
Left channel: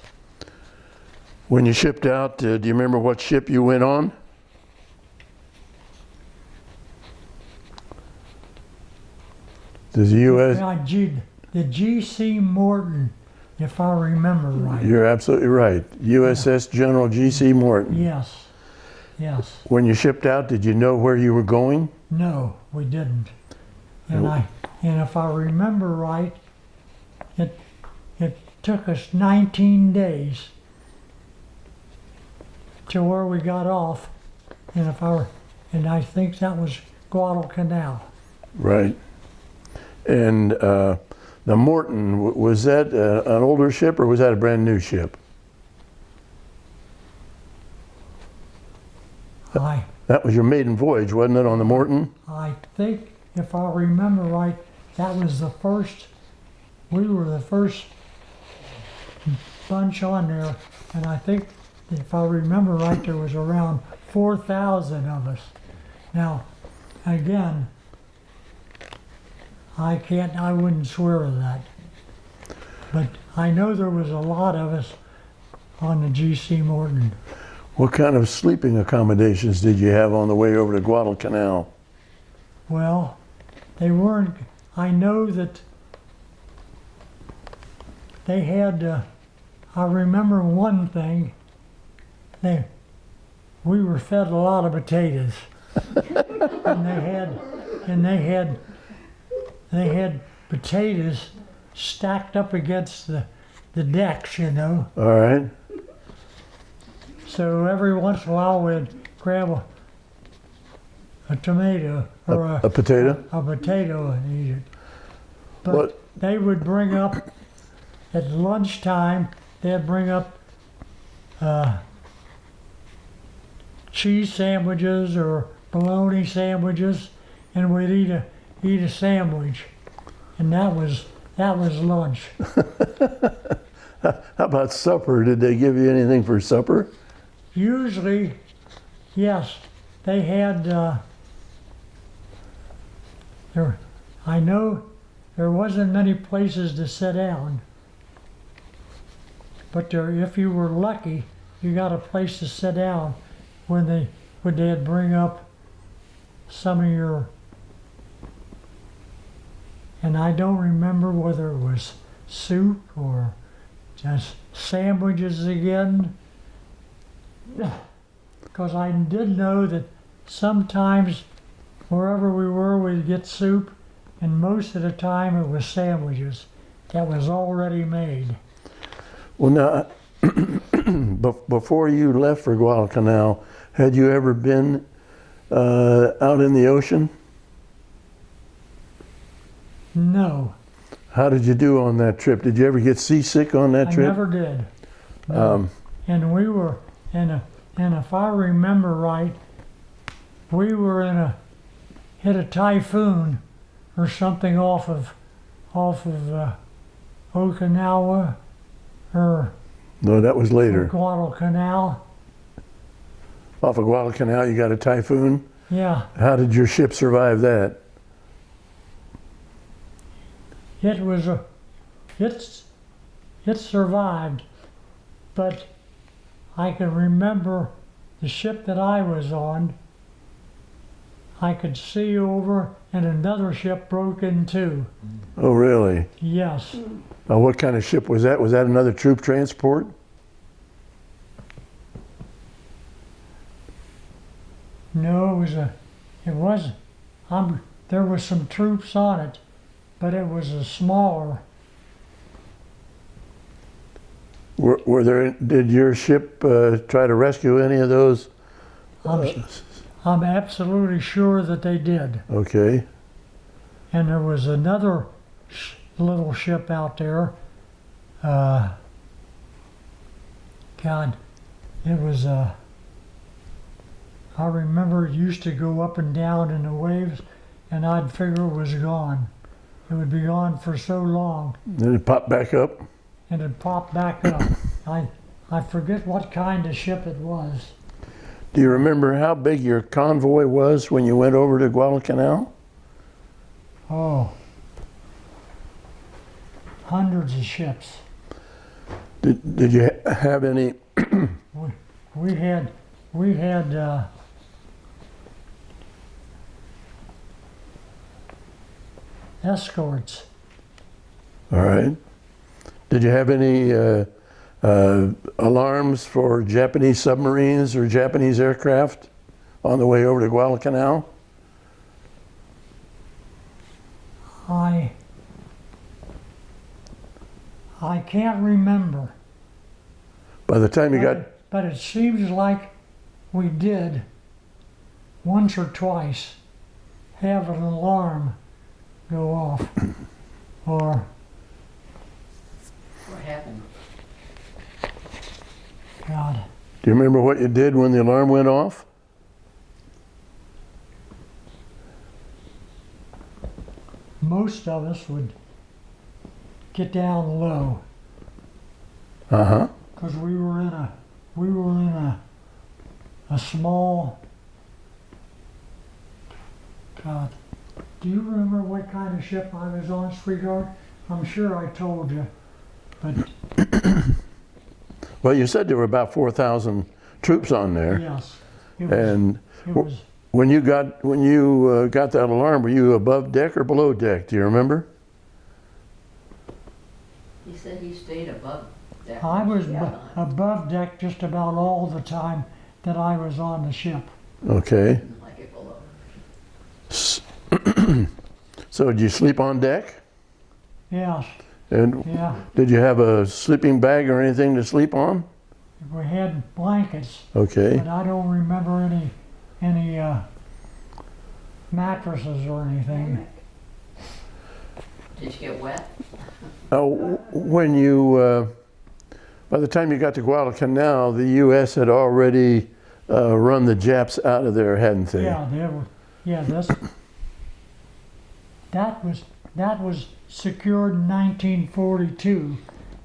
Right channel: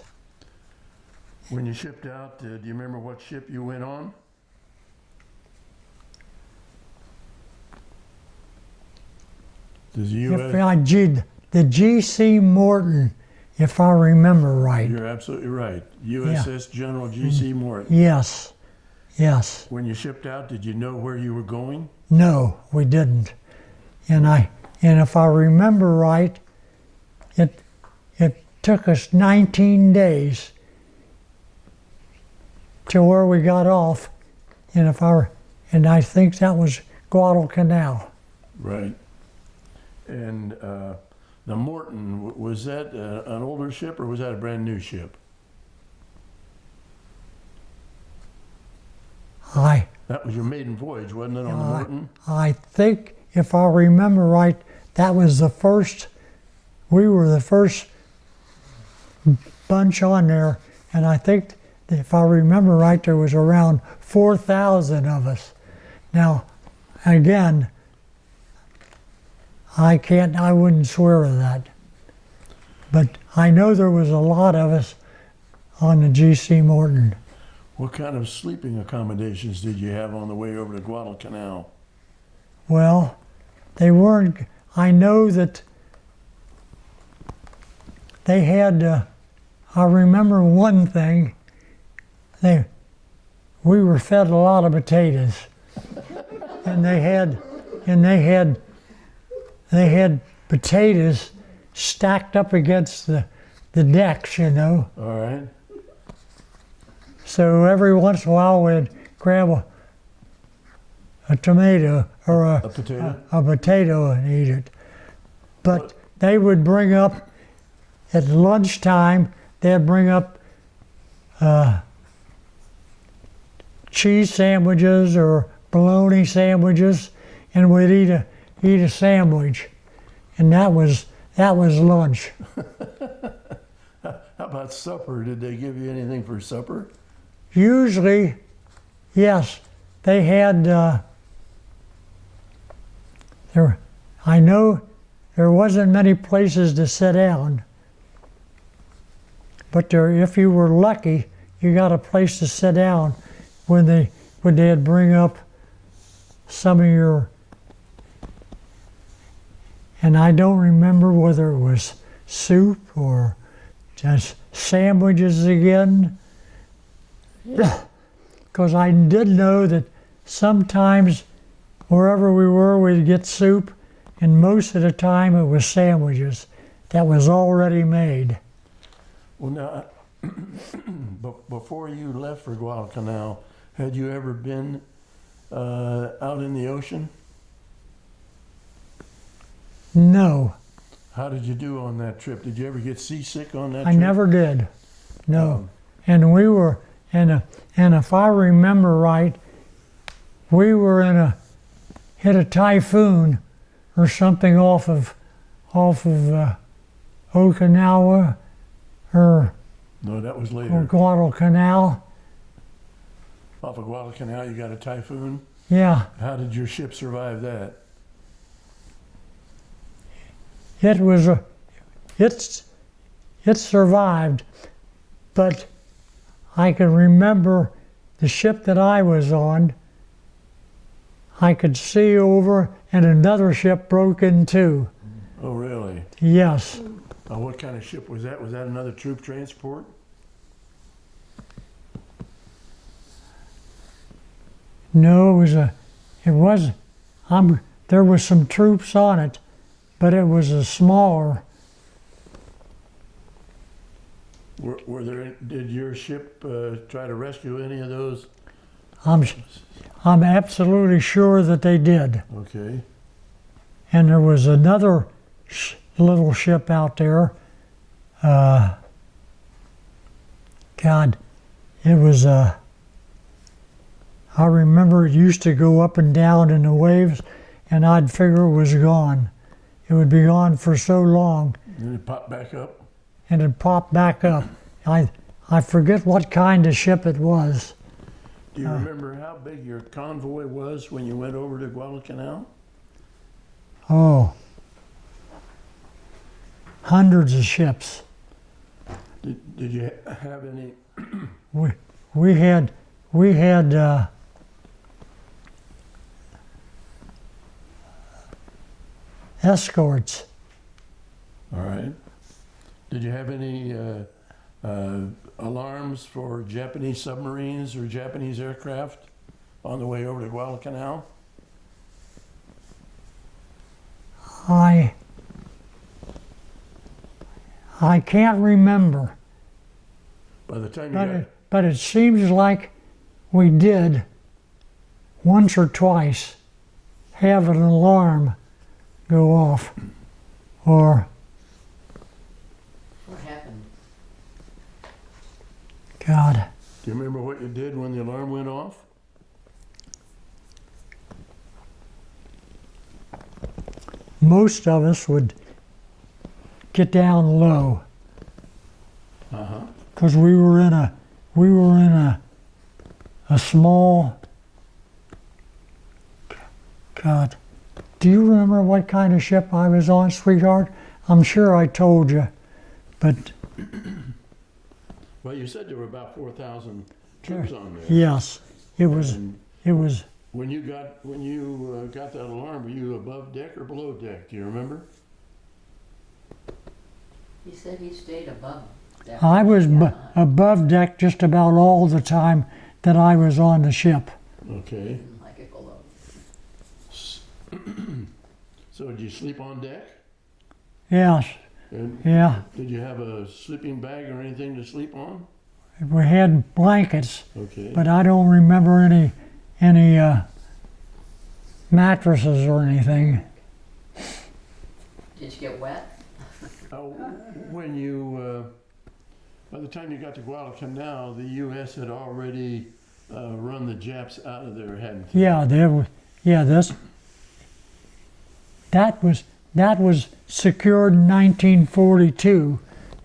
When you shipped out, do you remember what ship you went on? The U.S. The G.C. Morton, if I remember right. You're absolutely right. USS General G.C. Morton. Yes. Yes. When you shipped out, did you know where you were going? No, we didn't. And if I remember right, it took us 19 days to where we got off, and I think that was Guadalcanal. Right. And the Morton, was that an older ship or was that a brand new ship? That was your maiden voyage, wasn't it, on the Morton? I think, if I remember right, that was we were the first bunch on there, and I think, if I remember right, there was around 4,000 of us. Now, again, I wouldn't swear to that. But I know there was a lot of us on the G.C. Morton. What kind of sleeping accommodations did you have on the way over to Guadalcanal? Well, they weren't, I know that they had, I remember one thing, we were fed a lot of potatoes. and they had potatoes stacked up against the decks, you know. All right. So every once in a while we'd grab a tomato or a potato? A potato and eat it. But What? they would bring up, at lunchtime, they'd bring up cheese sandwiches or bologna sandwiches, and we'd eat a sandwich. And that was lunch. How about supper? Did they give you anything for supper? Usually, yes, they had, I know there wasn't many places to sit down, but if you were lucky, you got a place to sit down when they'd bring up some of your, and I don't remember whether it was soup or just sandwiches again. Because I did know that sometimes wherever we were, we'd get soup, and most of the time it was sandwiches that was already made. Well, now, before you left for Guadalcanal, had you ever been out in the ocean? No. How did you do on that trip? Did you ever get seasick on that trip? I never did. No. And we were, and if I remember right, we were in hit a typhoon or something off of Okinawa or No, that was later. Guadalcanal. Off of Guadalcanal, you got a typhoon. Yeah, How did your ship survive that? it was it survived, but I can remember the ship that I was on. I could see over, and another ship broke in two. Oh, really? Yes, What kind of ship was that? Was that another troop transport? no, there was some troops on it, but it was a smaller. Did your ship try to rescue any of those? I'm absolutely sure that they did. Okay. And there was another little ship out there. God, it was, I remember it used to go up and down in the waves, and I'd figure it was gone. It would be gone for so long, Then it popped back up? and it popped back up. I forget what kind of ship it was. Do you remember how big your convoy was when you went over to Guadalcanal? Oh, hundreds of ships. Did you have any? We had escorts. All right. Did you have any alarms for Japanese submarines or Japanese aircraft on the way over to Guadalcanal? I can't remember, By the time you got, but it seems like we did once or twice have an alarm go off, or What happened? God, do you remember what you did when the alarm went off? most of us would get down low Uh-huh. because we were in a small. God, do you remember what kind of ship I was on, sweetheart? I'm sure I told you, but Well, you said there were about 4,000 troops on there. yes, it was. And It was. when you got that alarm, were you above deck or below deck? Do you remember? He said he stayed above deck. I was Yeah. above deck just about all the time that I was on the ship. Okay. Didn't like it below. So did you sleep on deck? Yes, And yeah. did you have a sleeping bag or anything to sleep on? We had blankets, Okay. but I don't remember any mattresses or anything. Did you get wet? When you, by the time you got to Guadalcanal, the U.S. had already run the Japs out of there, hadn't they? Yeah, there was. Yeah, that was secured in 1942,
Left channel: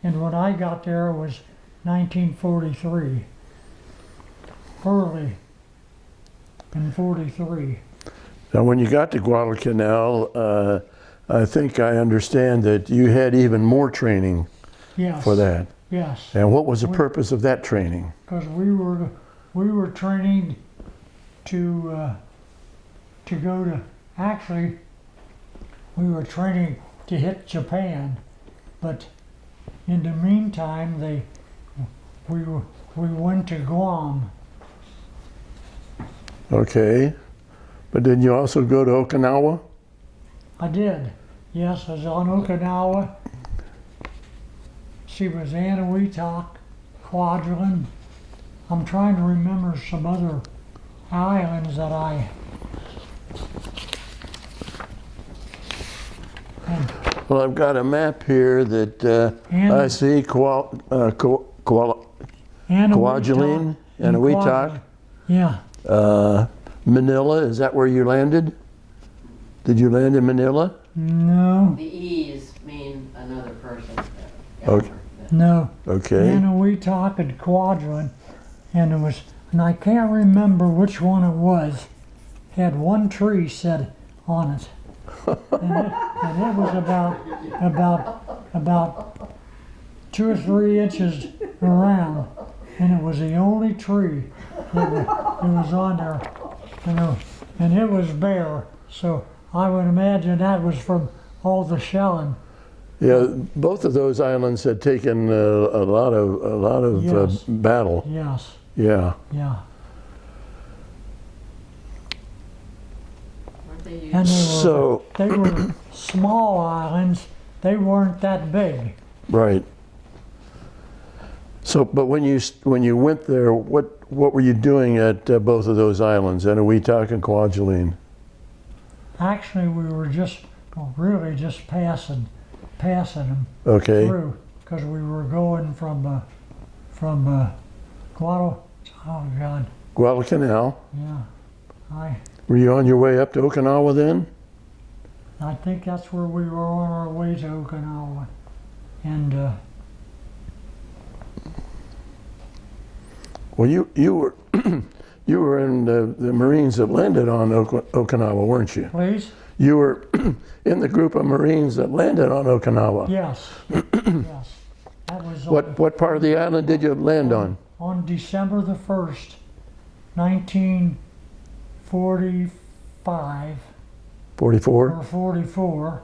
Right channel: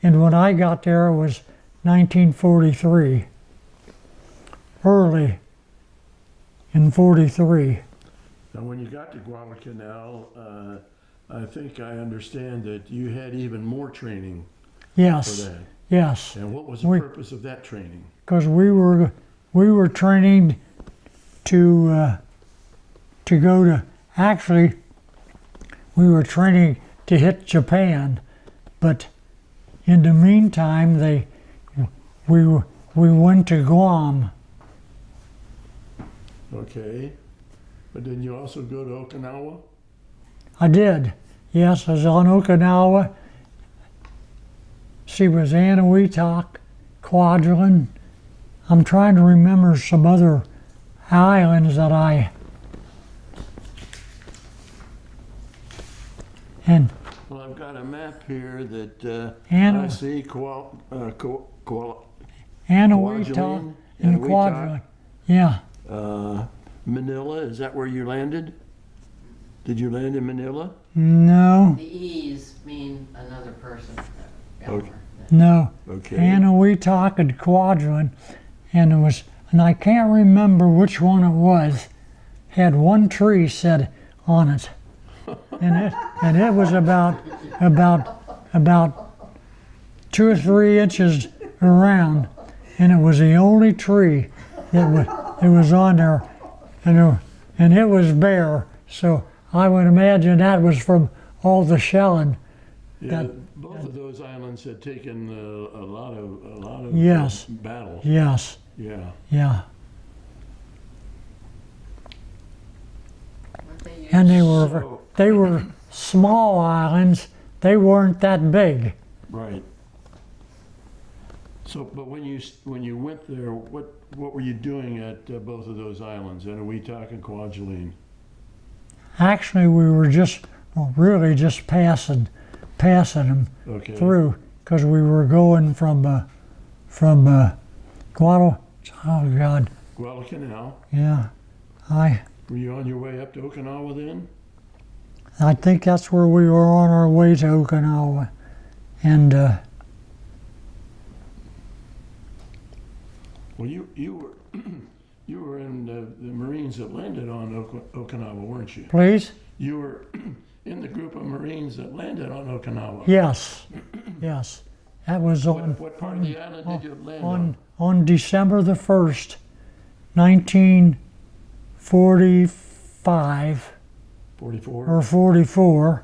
and when I got there it was 1943. Early in 43. Now, when you got to Guadalcanal, I think I understand that you had even more training Yes. for that. Yes. And what was the We- purpose of that training? Because we were training to go to, actually we were training to hit Japan, but in the meantime we went to Guam. Okay. But didn't you also go to Okinawa? I did. Yes, I was on Okinawa. She was Anahuac, Kwajalein. I'm trying to remember some other islands that I. And Well, I've got a map here that And- I see Kwajalein Anahuac. and Kwajalein. Yeah. Manila, is that where you landed? Did you land in Manila? No, The E's mean another person. Okay. no. Okay. Anahuac and Quadrant, and I can't remember which one it was, had one tree set on it. And it was about 2 or 3 inches around, and it was the only tree that was on there, and it was bare. So I would imagine that was from all the shelling. Yeah, both of those islands had taken a lot of Yes. battle. Yes, Yeah. yeah. Weren't they used- And So they were small islands. They weren't that big. right. So, but when you went there, what were you doing at both of those islands, Anahuac and Kwajalein? Actually, we were really just passing them Okay. through, because we were going from Guadalcanal. yeah. Were you on your way up to Okinawa then? I think that's where we were on our way to Okinawa, and Well, you were you were in the Marines that landed on Okinawa, weren't you? please, You were in the group of Marines that landed on Okinawa. yes, yes, that was What part of the island did you land on? on December the 1st, 1945 44. or 44.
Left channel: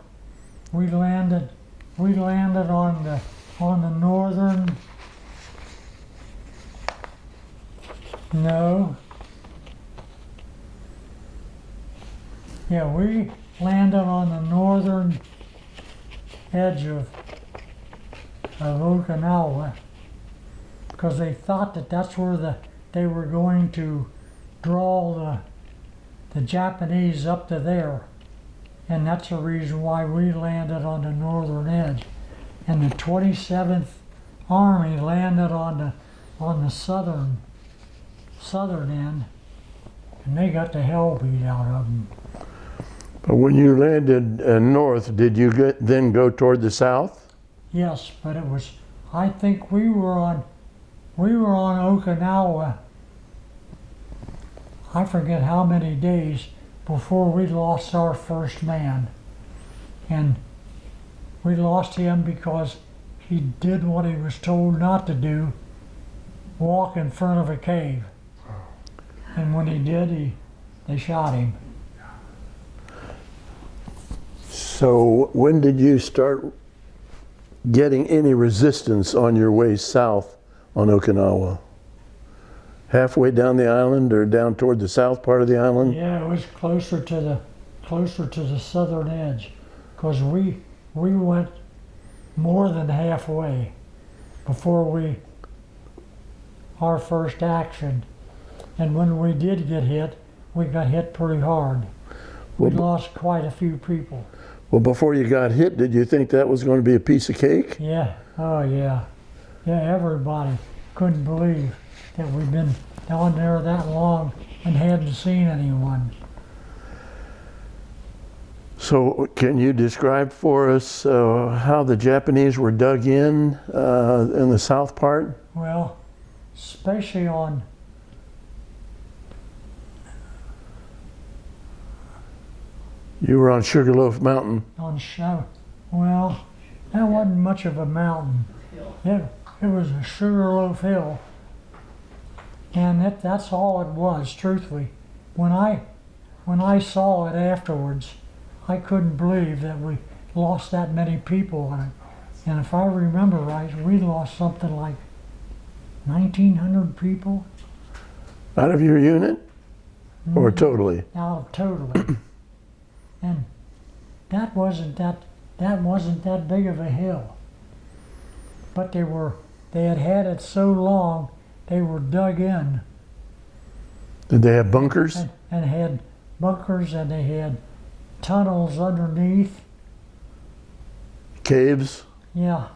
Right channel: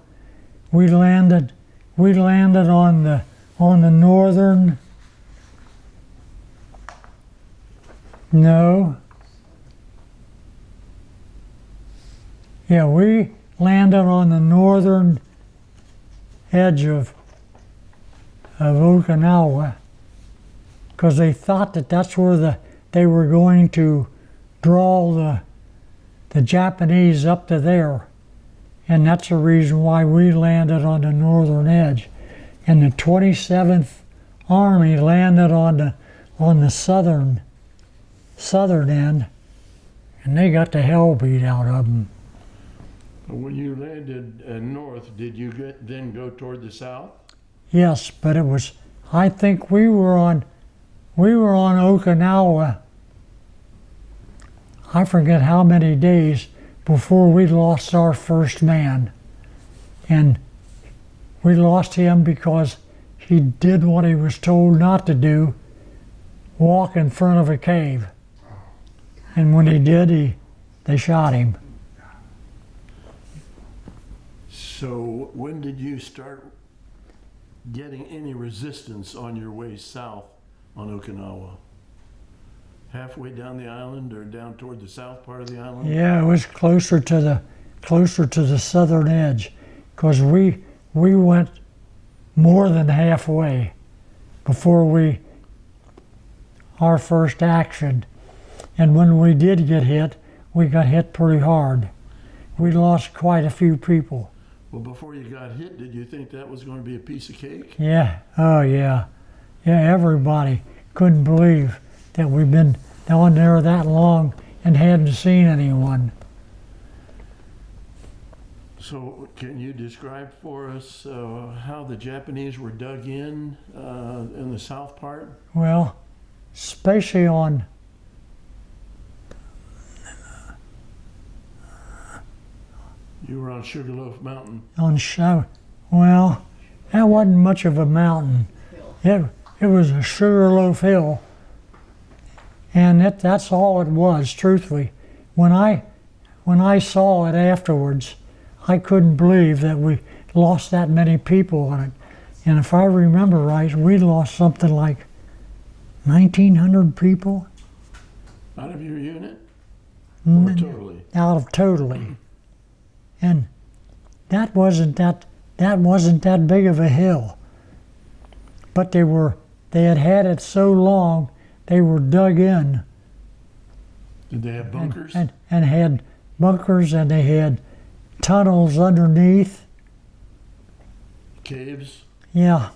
We landed on the northern. No. Yeah, we landed on the northern edge of Okinawa, because they thought that that's where they were going to draw the Japanese up to there. And that's the reason why we landed on the northern edge. And the 27th Army landed on the southern end, and they got the hell beat out of them. But when you landed north, did you then go toward the south? Yes, but I think we were on Okinawa, I forget how many days before we lost our first man. And we lost him because he did what he was told not to do, walk in front of a cave. And when he did, they shot him. So when did you start getting any resistance on your way south on Okinawa? Halfway down the island or down toward the south part of the island? Yeah, it was closer to the southern edge, because we went more than halfway before our first action. And when we did get hit, we got hit pretty hard. We lost quite a few people. Well, before you got hit, did you think that was going to be a piece of cake? Yeah, oh yeah. Yeah, everybody couldn't believe that we'd been down there that long and hadn't seen anyone. So can you describe for us how the Japanese were dug in the south part? Well, especially on You were on Sugarloaf Mountain. show. Well, that wasn't much of a mountain. It was a Sugarloaf Hill, and that's all it was. Truthfully, when I saw it afterwards, I couldn't believe that we lost that many people on it. And if I remember right, we lost something like 1,900 people Out of your unit? Or totally? out of totally. And that wasn't that big of a hill. But they had it so long, they were dug in. Did they have bunkers? And had bunkers, and they had tunnels underneath. Caves? Yeah.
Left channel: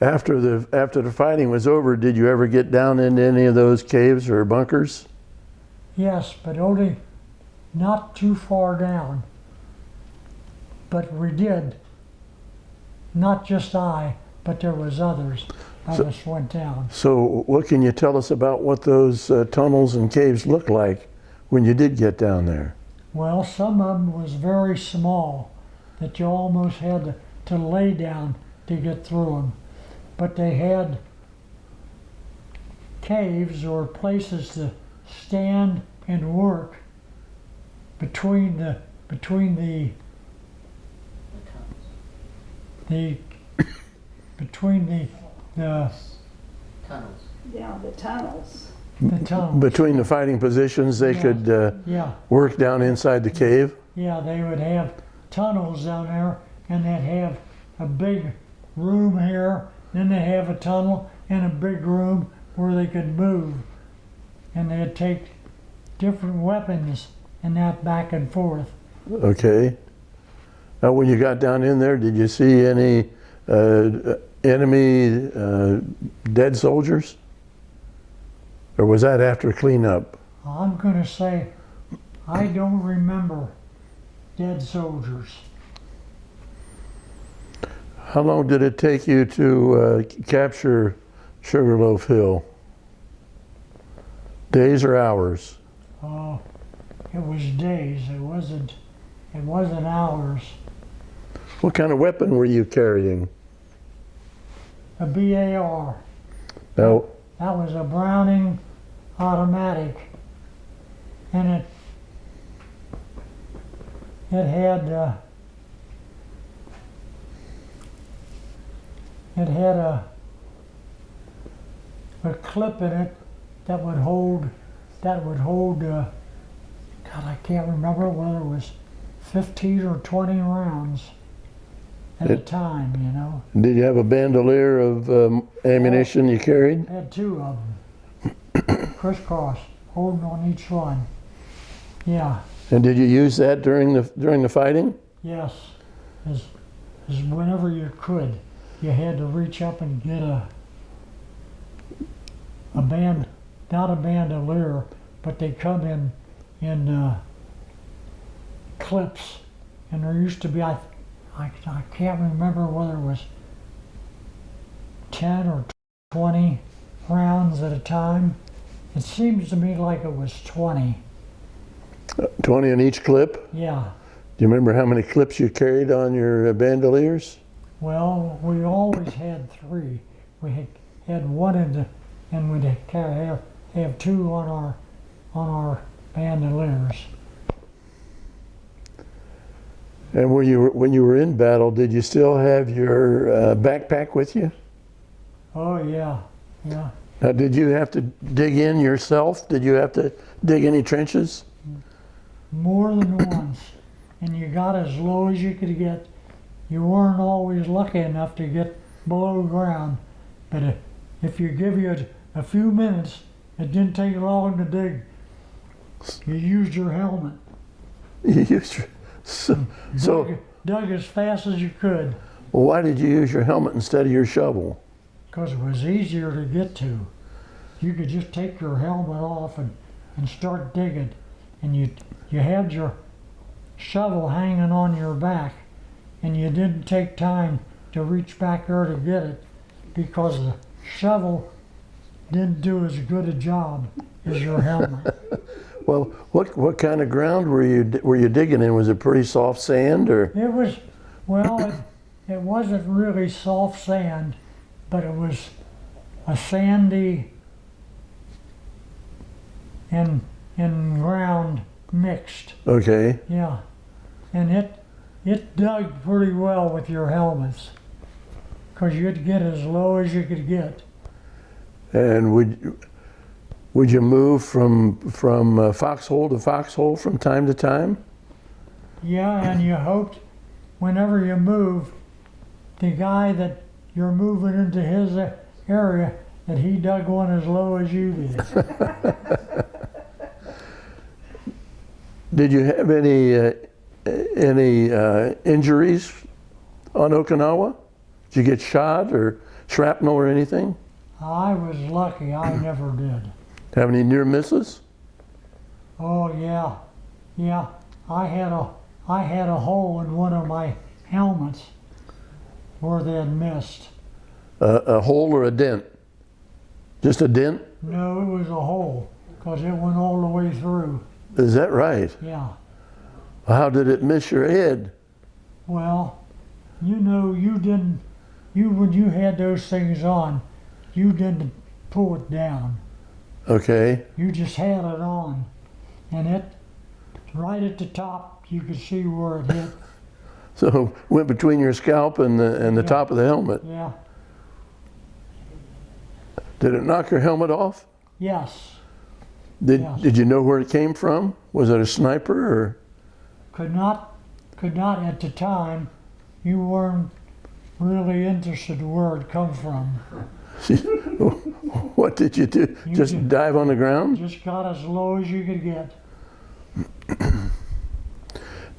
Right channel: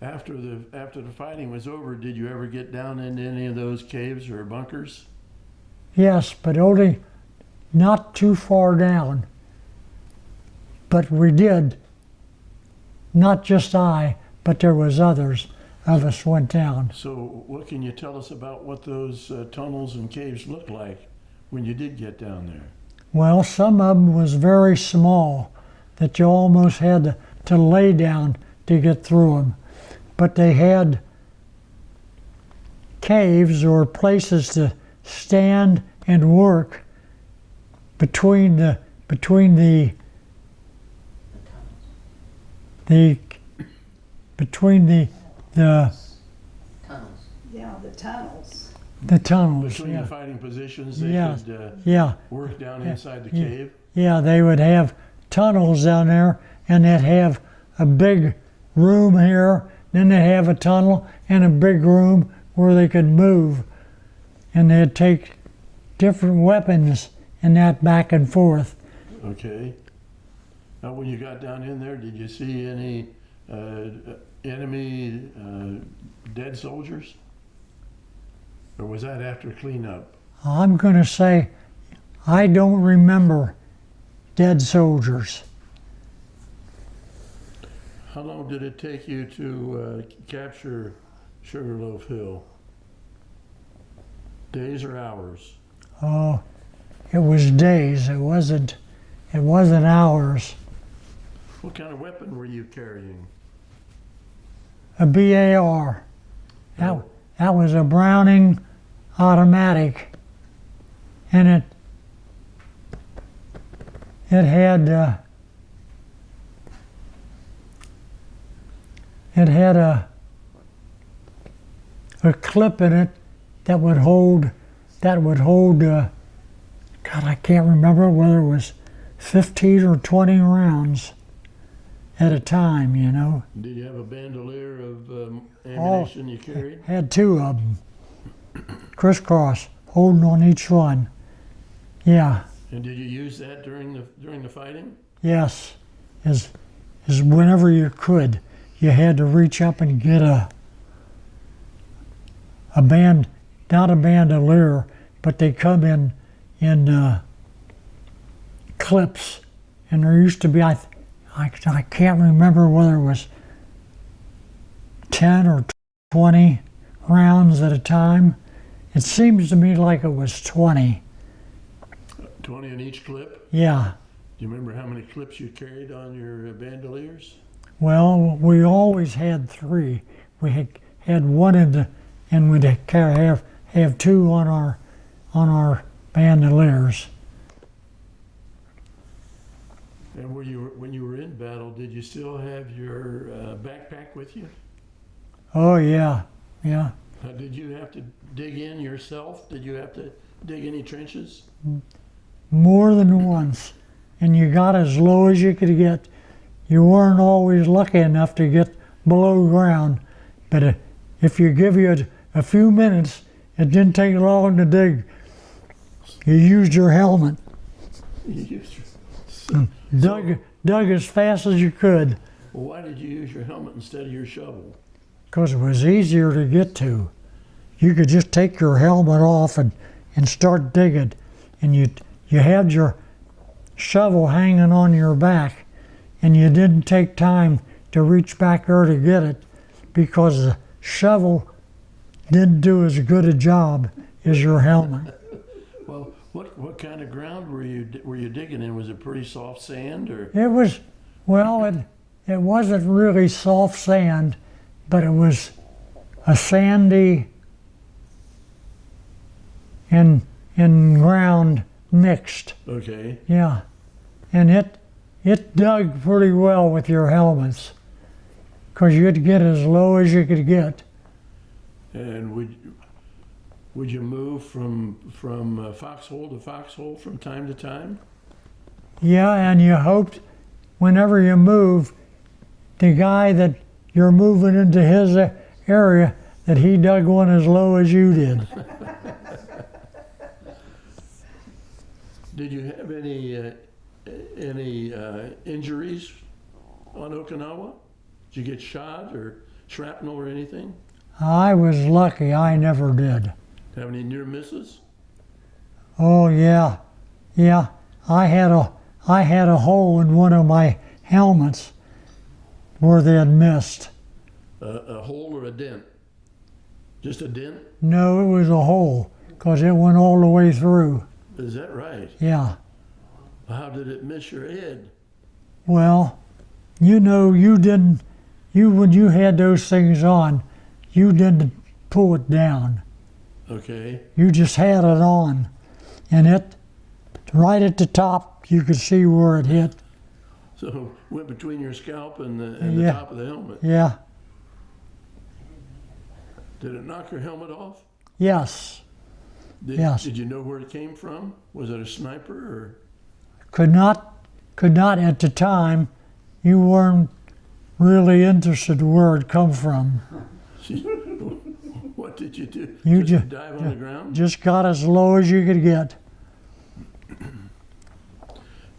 After the fighting was over, did you ever get down into any of those caves or bunkers? Yes, but only not too far down. but we did. Not just I, but there was others of us went down. So what can you tell us about what those tunnels and caves looked like when you did get down there? Well, some of them was very small that you almost had to lay down to get through them. But they had caves or places to stand and work between the between the Tunnels. Yeah, the tunnels. the tunnels. Between yeah. the fighting positions, they Yeah. could Yeah, work down inside the cave? yeah, they would have tunnels down there, and they'd have a big room here, then they'd have a tunnel and a big room where they could move, and they'd take different weapons and that back and forth. Okay. Now, when you got down in there, did you see any enemy dead soldiers? Or was that after cleanup? I'm going to say I don't remember dead soldiers. How long did it take you to capture Sugarloaf Hill? Days or hours? Oh, it was days. It wasn't hours. What kind of weapon were you carrying? A BAR. Now, That was a Browning automatic, and it had a clip in it that would hold God, I can't remember whether it was 15 or 20 rounds at a time, you know. did you have a bandolier of ammunition you carried? Had two of them, crisscross, holding on each one. Yeah, And did you use that during the fighting? yes, as whenever you could, you had to reach up and get a band, not a bandolier, but they come in clips, and there used to be I can't remember whether it was 10 or 20 rounds at a time. It seems to me like it was 20. 20 in each clip? Yeah. Do you remember how many clips you carried on your bandoliers? Well, we always had 3. We had one and we'd have 2 on our bandoliers. And when you were in battle, did you still have your backpack with you? Oh yeah, yeah. Now, did you have to dig in yourself? Did you have to dig any trenches? More than once, and you got as low as you could get. You weren't always lucky enough to get below ground, but if you give you a few minutes, it didn't take long to dig. You used your helmet, You used your, so dug as fast as you could, well, why did you use your helmet instead of your shovel? because it was easier to get to. You could just take your helmet off and start digging, and you had your shovel hanging on your back, and you didn't take time to reach back there to get it because the shovel didn't do as good a job as your helmet. Well, what kind of ground were you digging in? Was it pretty soft sand or? It was, well, it wasn't really soft sand, but it was a sandy and ground mixed. Okay. Yeah, and it dug pretty well with your helmets, because you'd get as low as you could get. And would you move from foxhole to foxhole from time to time? Yeah, and you hoped whenever you moved, the guy that you're moving into his area, that he dug one as low as you did. Did you have any injuries on Okinawa? Did you get shot or shrapnel or anything? I was lucky, I never did. Have any near misses? Oh yeah, yeah. I had a hole in one of my helmets where they had missed. A hole or a dent? Just a dent? No, it was a hole, because it went all the way through. Is that right? Yeah. How did it miss your head? Well, you know, when you had those things on, you didn't pull it down. Okay. You just had it on. And it, right at the top, you could see where it hit. So went between your scalp and the Yeah. top of the helmet. Yeah. Did it knock your helmet off? Yes. Yes. Did you know where it came from? Was it a sniper or? Could not at the time. You weren't really interested where it come from. What did you do? You Just dive on the ground? Just got as low as you could get.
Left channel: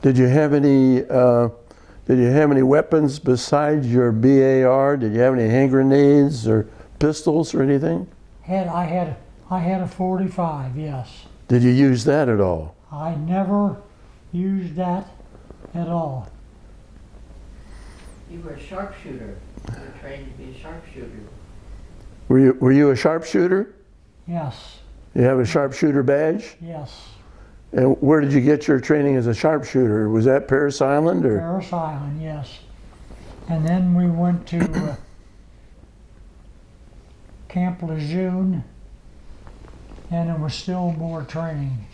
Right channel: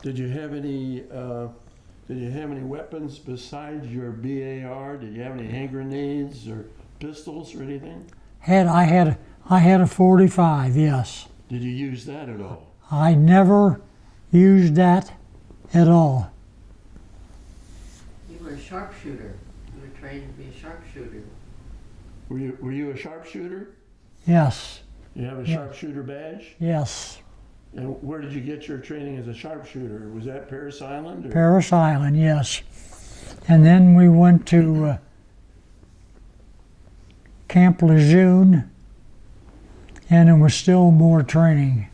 Did you have any weapons besides your BAR? Did you have any hand grenades or pistols or anything? I had a 45, yes. Did you use that at all? I never used that at all. You were a sharpshooter. You were trained to be a sharpshooter. Were you a sharpshooter? Yes, You have a sharpshooter badge? yes. And where did you get your training as a sharpshooter? Was that Paris Island or? Paris Island, yes. And then we went to Camp Lejeune, and there was still more training.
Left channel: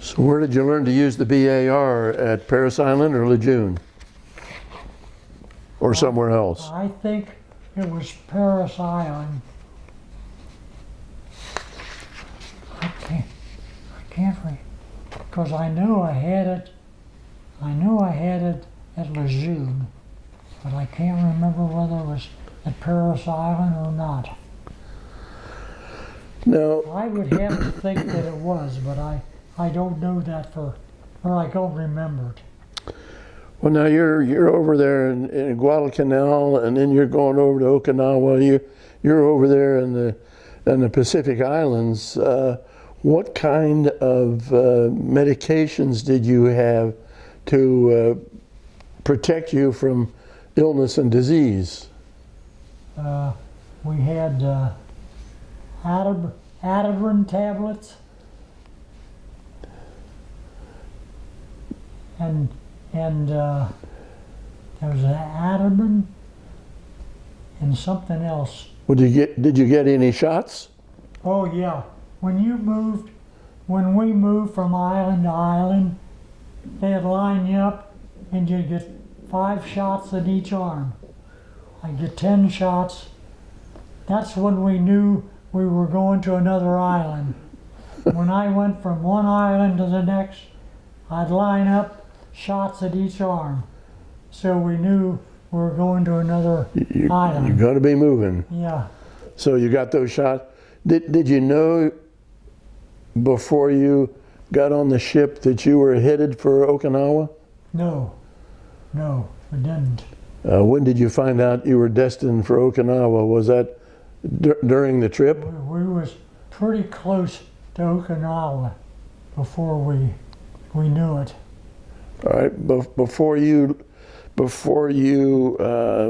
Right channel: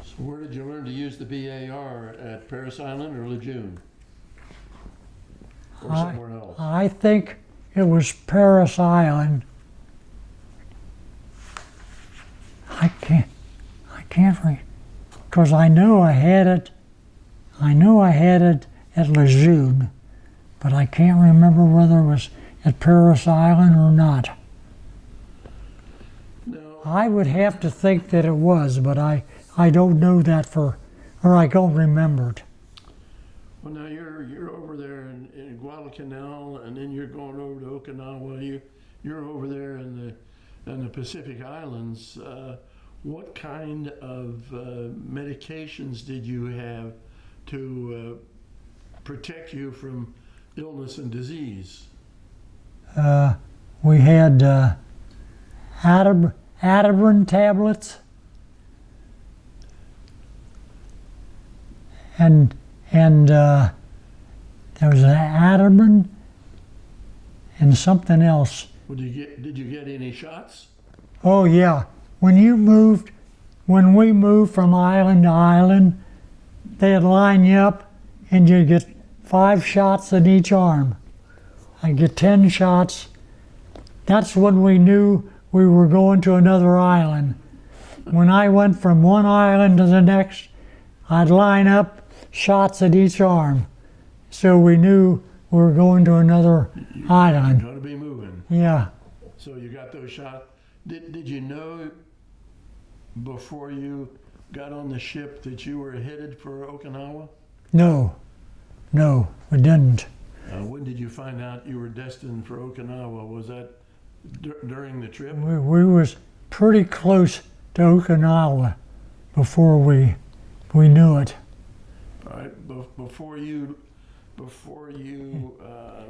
So where did you learn to use the BAR, at Paris Island or Lejeune? Or somewhere else? I think it was Paris Island. I can't read, because I know I had it at Lejeune, but I can't remember whether it was at Paris Island or not. No. I would have to think that it was, but I don't know that or I don't remember it. Well, now you're over there in Guadalcanal, and then you're going over to Okinawa. You're over there in the Pacific Islands. What kind of medications did you have to protect you from illness and disease? We had Ativan tablets and there was an Ativan and something else. Did you get any shots? Oh yeah, when we moved from island to island, they'd line you up and you'd get 5 shots in each arm. I'd get 10 shots. That's when we knew we were going to another island. When I went from one island to the next, I'd line up shots at each arm. So we knew we were going to another island. You're going to be moving. Yeah. So you got those shots. Did you know before you got on the ship that you were headed for Okinawa? No, we didn't. When did you find out you were destined for Okinawa? Was that during the trip? We was pretty close to Okinawa before we knew it. All right. Before you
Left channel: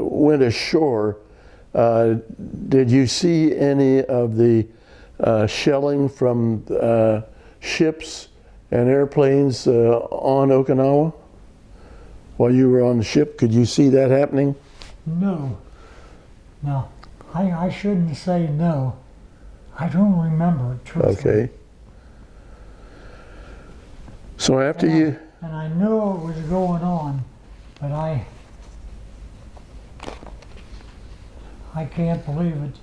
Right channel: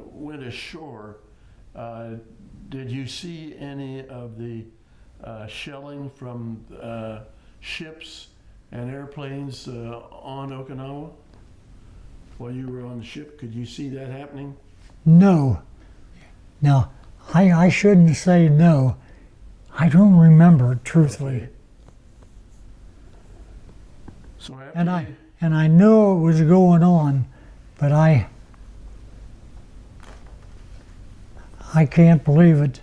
went ashore, did you see any of the shelling from ships and airplanes on Okinawa? While you were on the ship, could you see that happening? No. Now, I shouldn't say no. I don't remember it truthfully. Okay. So after And I know it was going on, but I can't believe it.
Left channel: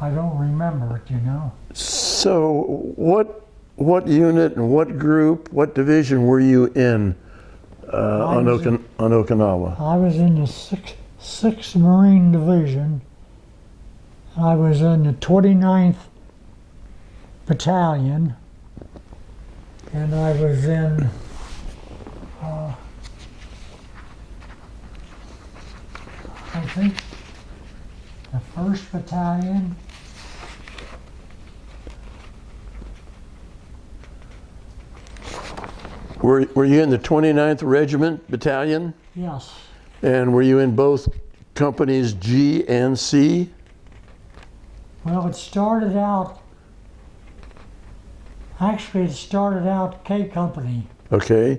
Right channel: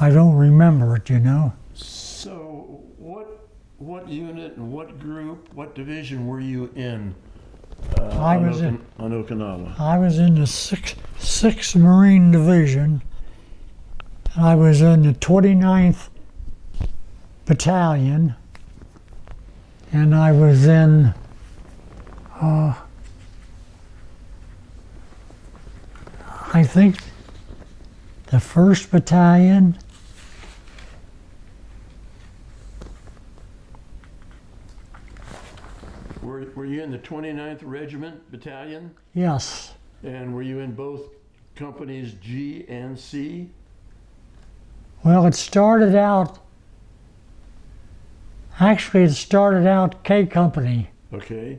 I don't remember it, you know. So what unit and what group, what division were you in on Okinawa? I was in the 6th Marine Division. I was in the 29th Battalion, and I was in I think the 1st Battalion. were you in the 29th Regiment Battalion? Yes. And were you in both companies G and C? Well, it started out K Company. Okay.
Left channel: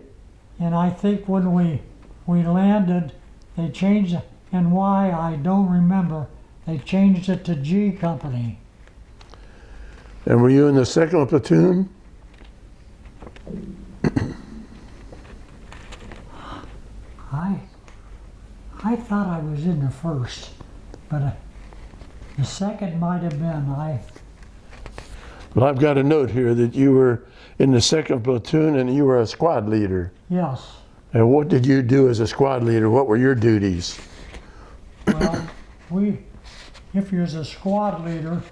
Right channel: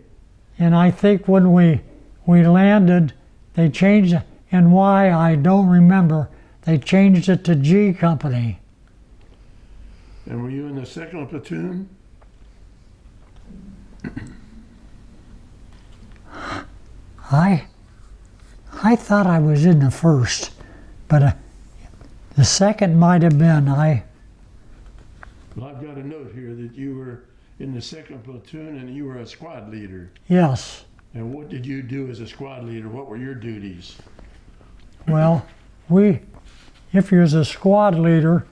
And I think when we landed, they changed it, and why I don't remember. They changed it to G Company. And were you in the 2nd platoon? I thought I was in the 1st, but the 2nd might have been. Well, I've got a note here that you were in the 2nd platoon and you were a squad leader. Yes. And what did you do as a squad leader? What were your duties? Well, if you was a squad leader,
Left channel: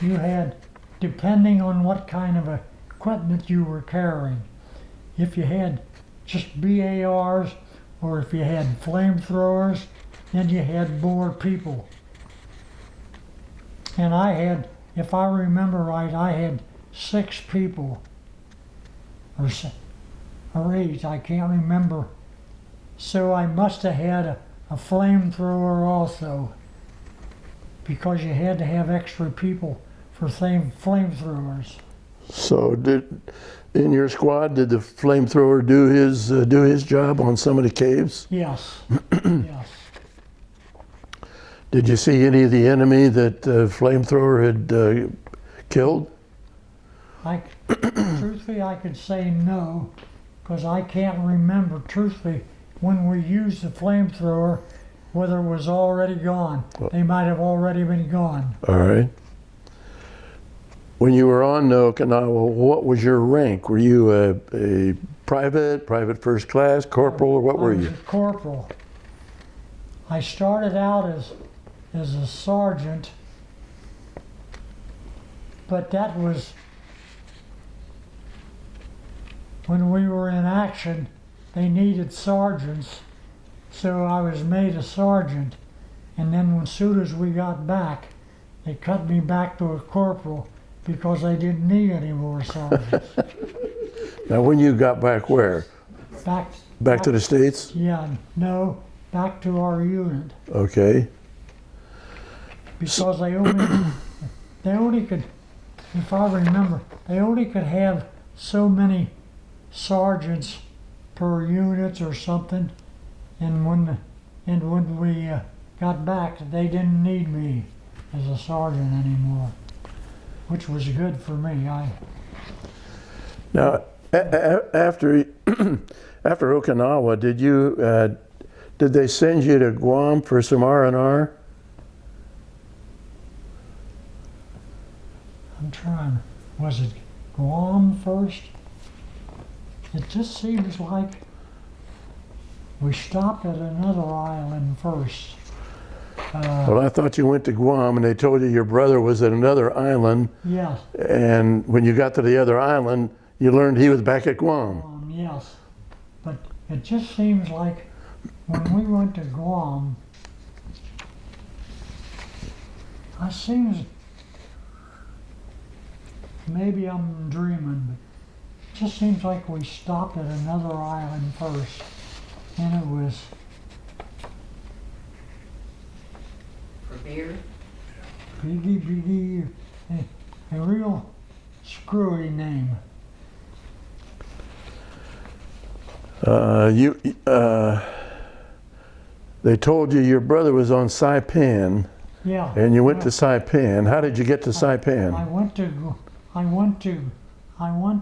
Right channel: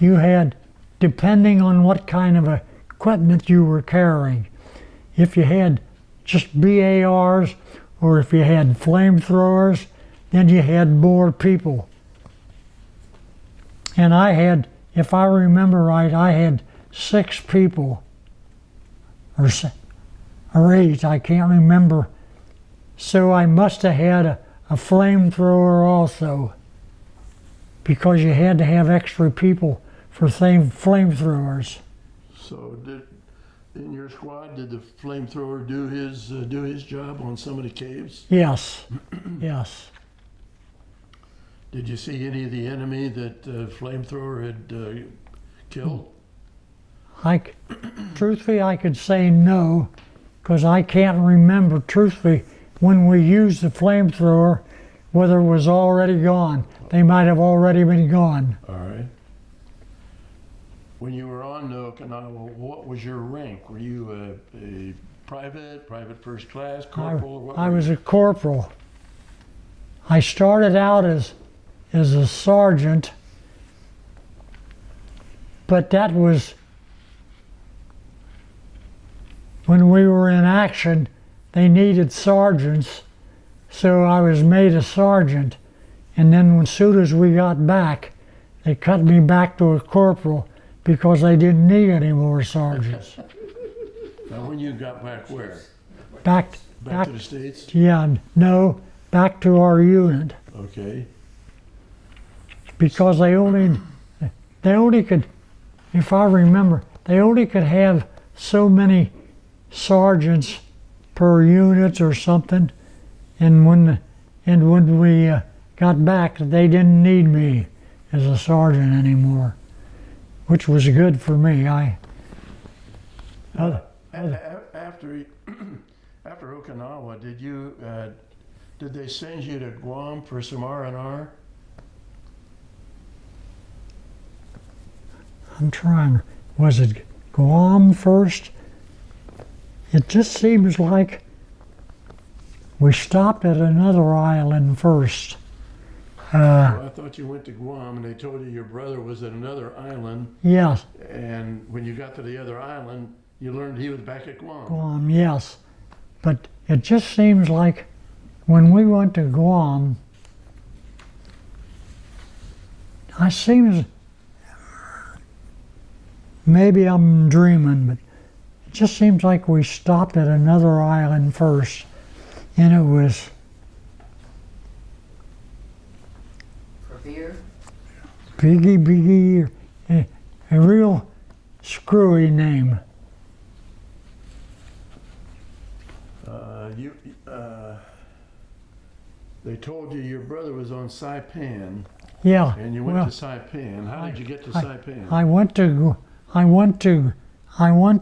you had, depending on what kind of equipment you were carrying, if you had just BARs or if you had flamethrowers, then you had more people. And I had, if I remember right, I had 6 people, or 8, I can't remember. So I must have had a flamethrower also, because you had to have extra people for flamethrowers. So in your squad, did the flamethrower do his job on some of the caves? Yes, yes. Did you see any of the enemy that flamethrower had killed? Truthfully, I could say no, because I can't remember, truthfully, when we used the flamethrower, whether it was already gone. They might have already been gone. All right. When you were on Okinawa, what was your rank? Were you a private first class, corporal, or what were you? I was a corporal. I started out as a sergeant, but that was when we were in action. They needed sergeants, so I was made a sergeant. And then as soon as we got back, they cut me back to a corporal because they didn't need any more sergeants. Now, when you got back where? Back to the States? Yeah, no, back to our unit. Okay. Because they only could, if I remember, they only could have so many sergeants per unit or something. And when we got back, they didn't need me as a sergeant anymore, which was good for me. Now, after Okinawa, did they send you to Guam for some R&R? I'm trying. Was it Guam first? It just seems like we stopped at another island first. Well, I thought you went to Guam and they told you your brother was at another island. Yes. And when you got to the other island, you learned he was back at Guam. Yes. But it just seems like when we went to Guam, it seems, maybe I'm dreaming, but it just seems like we stopped at another island first. And it was For beer? Biggie, a real screwy name. They told you your brother was on Saipan. Yeah. And you went to Saipan. How did you get to Saipan? I went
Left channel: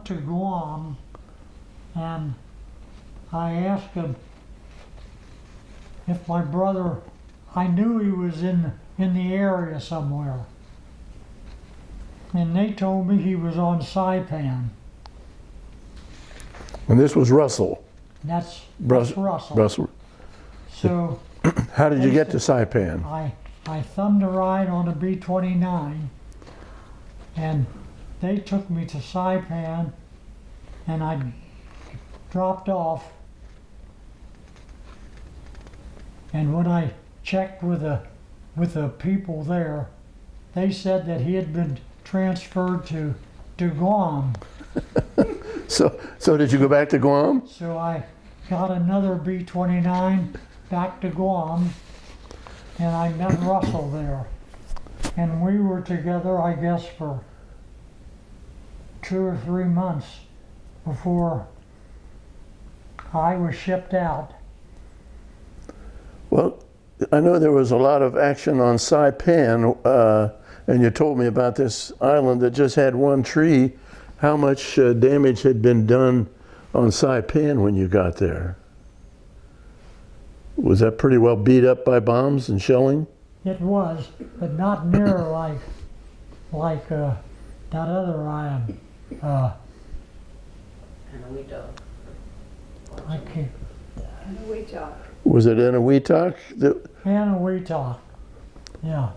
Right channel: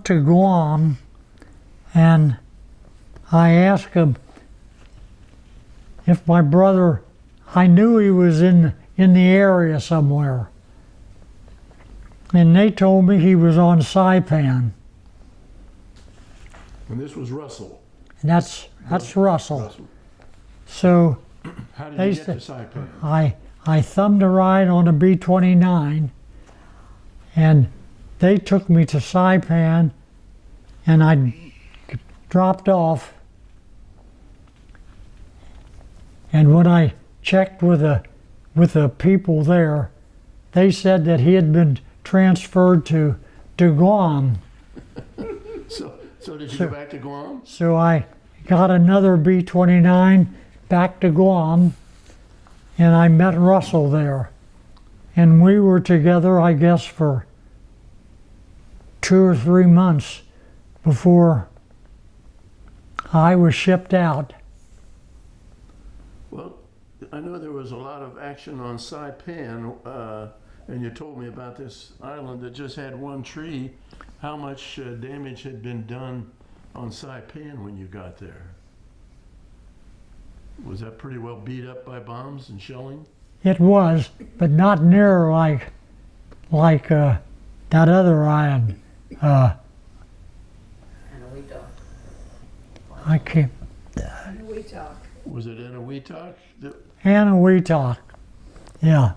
to Guam, and I asked him if my brother, I knew he was in the area somewhere. And they told me he was on Saipan. And this was Russell. And that's Russell. Russell. So How did you get to Saipan? I thumbed a ride on a B-29, and they took me to Saipan, and I dropped off. And when I checked with the people there, they said that he had been transferred to Guam. So did you go back to Guam? So I got another B-29 back to Guam, and I met Russell there. And we were together, I guess, for 2 or 3 months before I was shipped out. Well, I know there was a lot of action on Saipan, and you told me about this island that just had one tree. How much damage had been done on Saipan when you got there? Was that pretty well beat up by bombs and shelling? It was, but not near like that other island. And we don't. I can't. And we talk. Was it Eniwetok? Eniwetok. Yeah.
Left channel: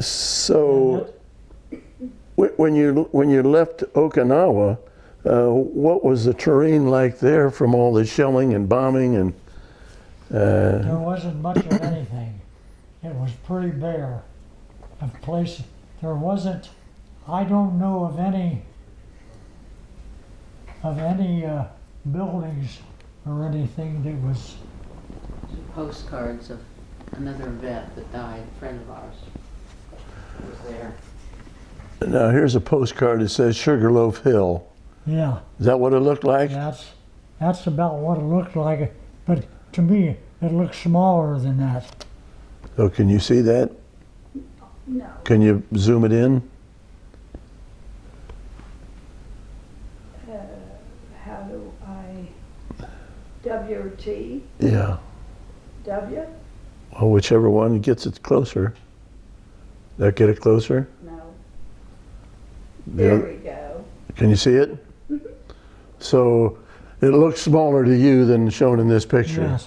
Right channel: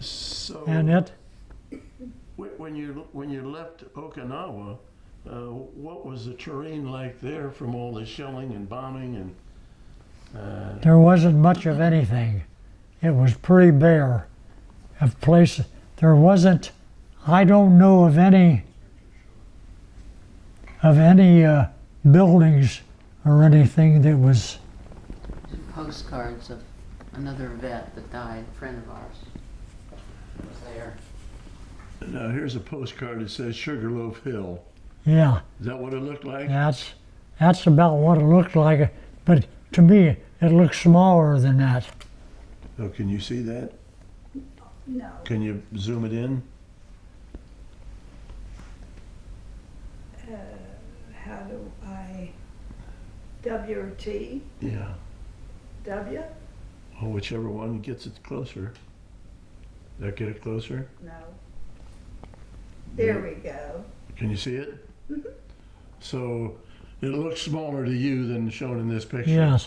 So And it, when you left Okinawa, what was the terrain like there from all the shelling and bombing and? there wasn't much of anything. It was pretty bare of places. There wasn't, I don't know of any buildings or anything that was, Postcards of another vet that died, a friend of ours, was there. Now here's a postcard that says Sugarloaf Hill. yeah, Is that what it looked like? that's about what it looked like. But to me, it looked smaller than that. Oh, can you see that? No. Can you zoom it in? How do I? W or T? Yeah. W? Well, whichever one gets it closer. That get it closer? No. There Yeah. we go. Can you see it? So it looks smaller to you than shown in this picture.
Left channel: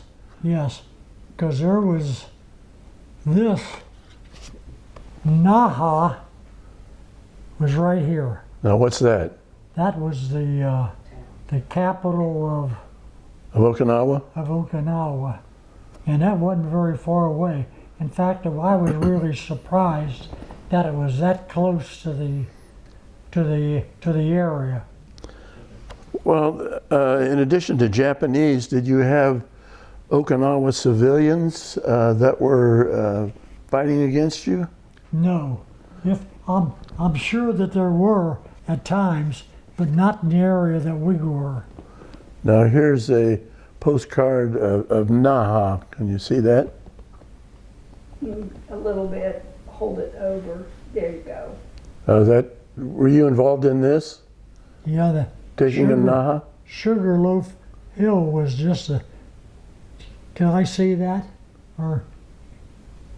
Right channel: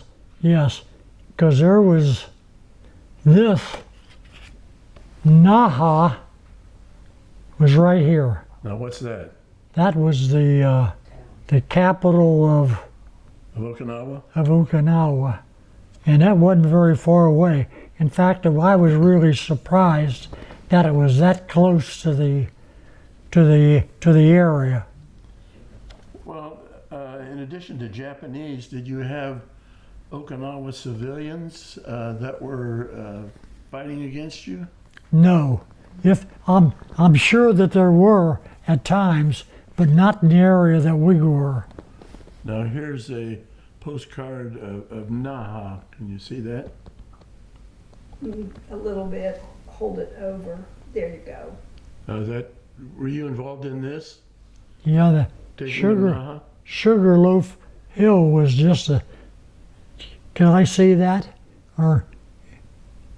Yes, because there was this. Naha was right here. Now what's that? That was the capital of Of Okinawa, and that wasn't very far away. In fact, I was really surprised that it was that close to the area. Well, in addition to Japanese, did you have Okinawa civilians that were fighting against you? No, if I'm sure that there were at times, but not in the area that we were. Now here's a postcard of Naha. Can you see that? A little bit. Hold it over. There you go. Were you involved in this? Yeah, the Taking of Naha? Sugarloaf Hill was just a. Can I see that? Or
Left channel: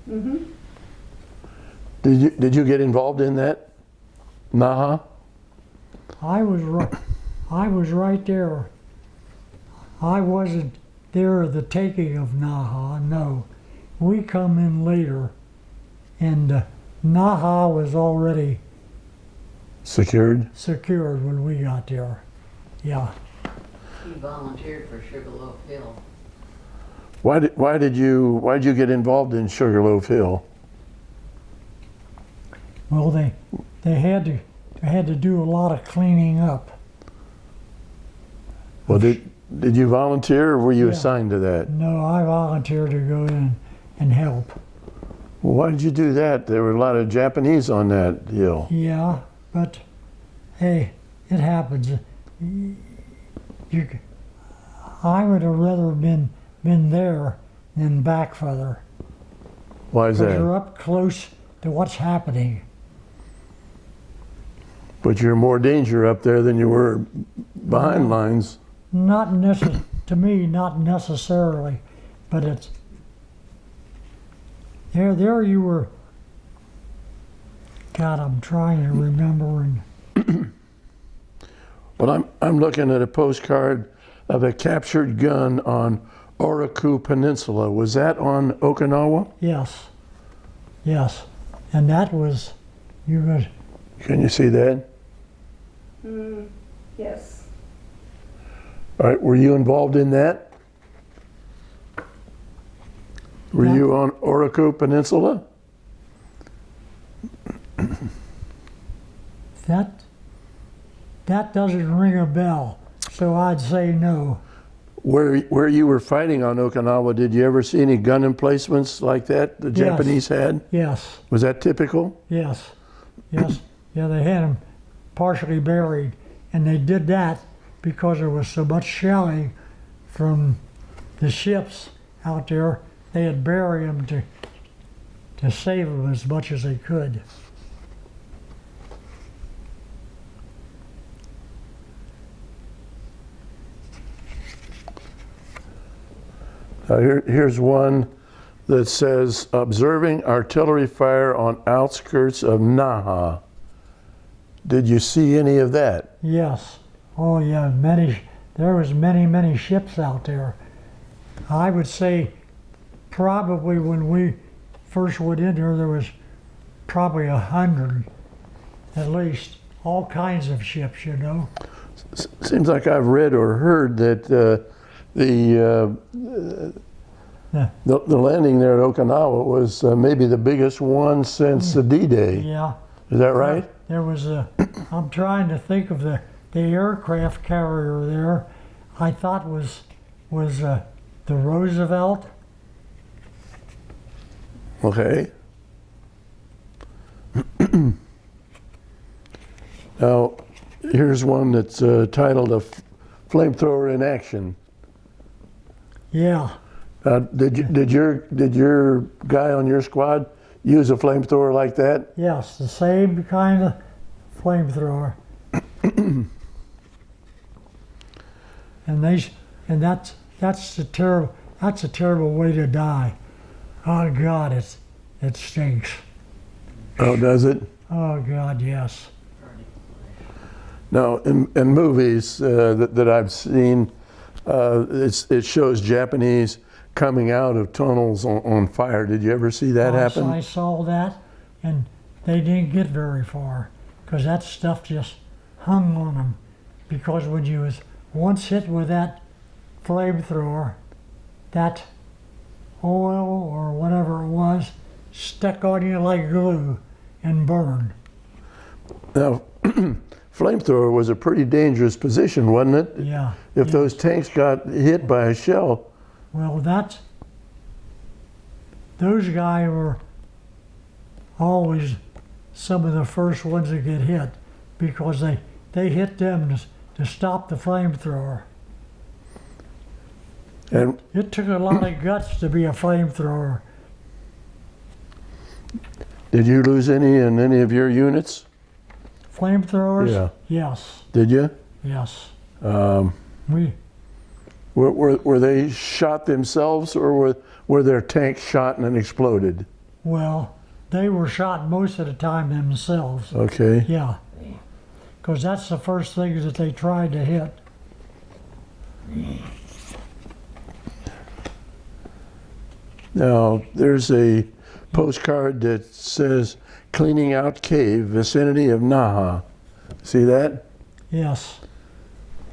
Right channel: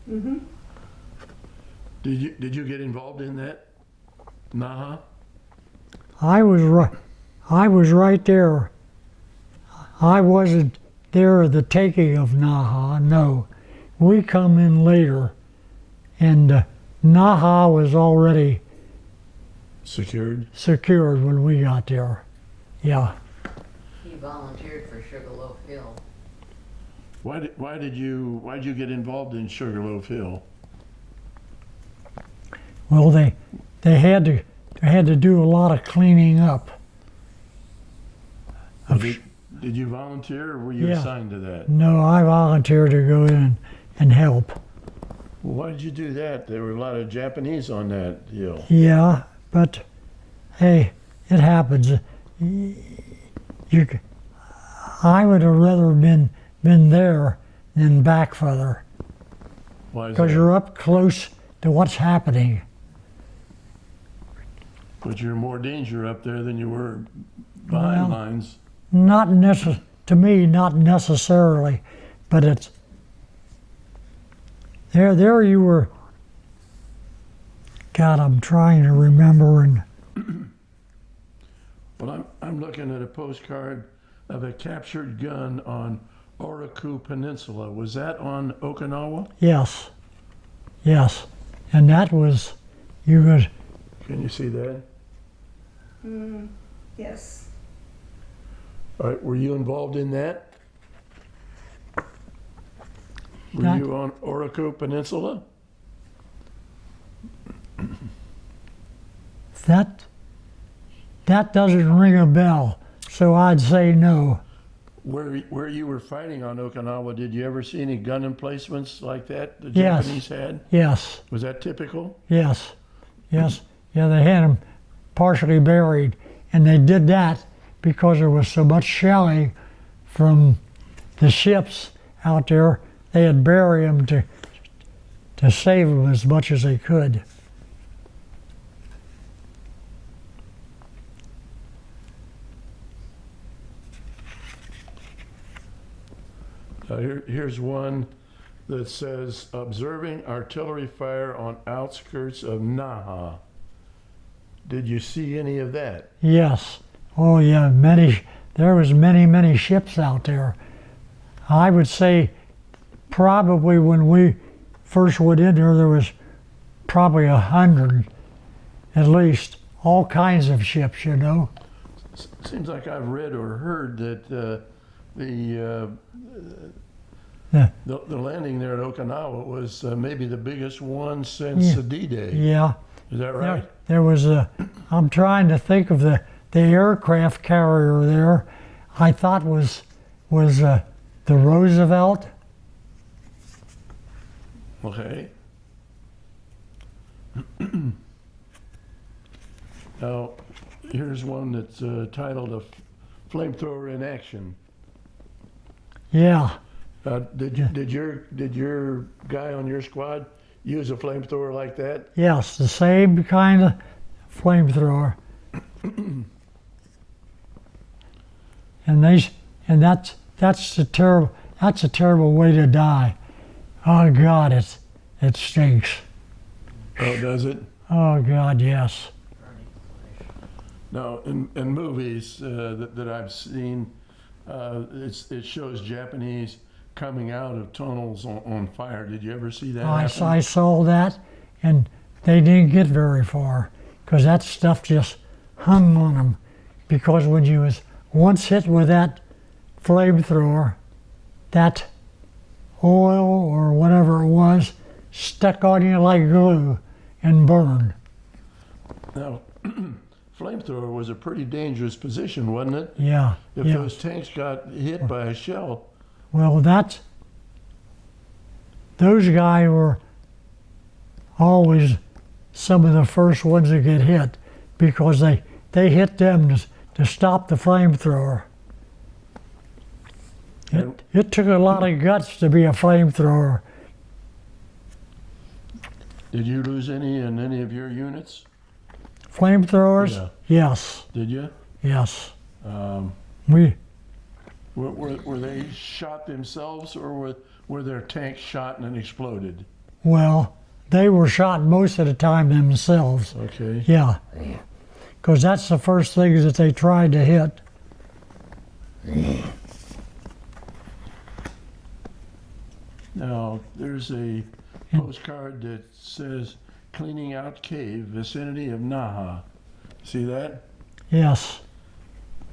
Mm-hmm. Did you get involved in that? Naha? I was right there. I wasn't there at the taking of Naha. No, we come in later, and Naha was already Secured? secured when we got there. Yeah. He volunteered for Sugarloaf Hill. Why did you get involved in Sugarloaf Hill? Well, they had to do a lot of cleaning up. Well, did you volunteer or were you Yeah. assigned to that? No, I volunteered to go in and help. Well, why did you do that? There were a lot of Japanese on that hill. Yeah, but hey, it happens. I would have rather been there than back further, Why is because you're that? up close to what's happening. But you're more danger up there than you were behind Well, lines. Not to me, not necessarily, but it's there. You were. God, I'm trying to remember and. Well, I'm looking at a postcard of a captured gun on Oraku Peninsula. Was that on Okinawa? Yes, and that was you was. Can you see that? Yes. All right, were you involved in that? Were Yeah. you on Oraku Peninsula? That doesn't ring a bell. so I'd say no. Where you were fighting on Okinawa, did you ever see any gun emplacements like that the Yes. Japanese had? Yes, Was that typical? yes, yes. Yeah, they had them partially buried, and they did that because there was so much shelling from the ships out there. They had buried them to save them as much as they could. Here's one that says, observing artillery fire on outskirts of Naha. Did you see any of that? Yes. Oh yeah, many. There was many ships out there. I would say probably when we first went in there was probably 100 at least. All kinds of ships, you know. Seems like I've read or heard that Yeah. the landing there at Okinawa was maybe the biggest one since the D-Day. Yeah. Is that right? There was I'm trying to think of the aircraft carrier there. I thought was the Roosevelt. Okay. Now, here's one that's titled "A Flamethrower in Action." Yeah. Did your guy on your squad use a flamethrower like that? Yes, the same kind of flamethrower. and that's a terrible way to die. Oh God, it stinks. Oh, does it? Oh God, yes. Now, in movies that I've seen, it shows Japanese coming out of tunnels on fire. Did you ever see that happen? I saw that, and they didn't get very far because that stuff just hung on them. Because when you was once hit with that flamethrower, that oil or whatever it was stuck on you like glue and burned. Now, flamethrower was a pretty dangerous position, wasn't it? Yeah. If yeah. those tanks got hit by a shell. Well, those guys were always some of the first ones to get hit because they hit them to stop the flamethrower. And It took a lot of guts to be a flamethrower. did you lose any in any of your units? Flamethrowers? Yeah. Yes, Did you? yes. Um, We were they shot themselves, or were their tanks shot and then exploded? Well, they were shot most of the time themselves. Okay. Yeah. Because that's the first thing that they tried to hit. Now, there's a postcard that says, cleaning out cave, vicinity of Naha. See that? Yes.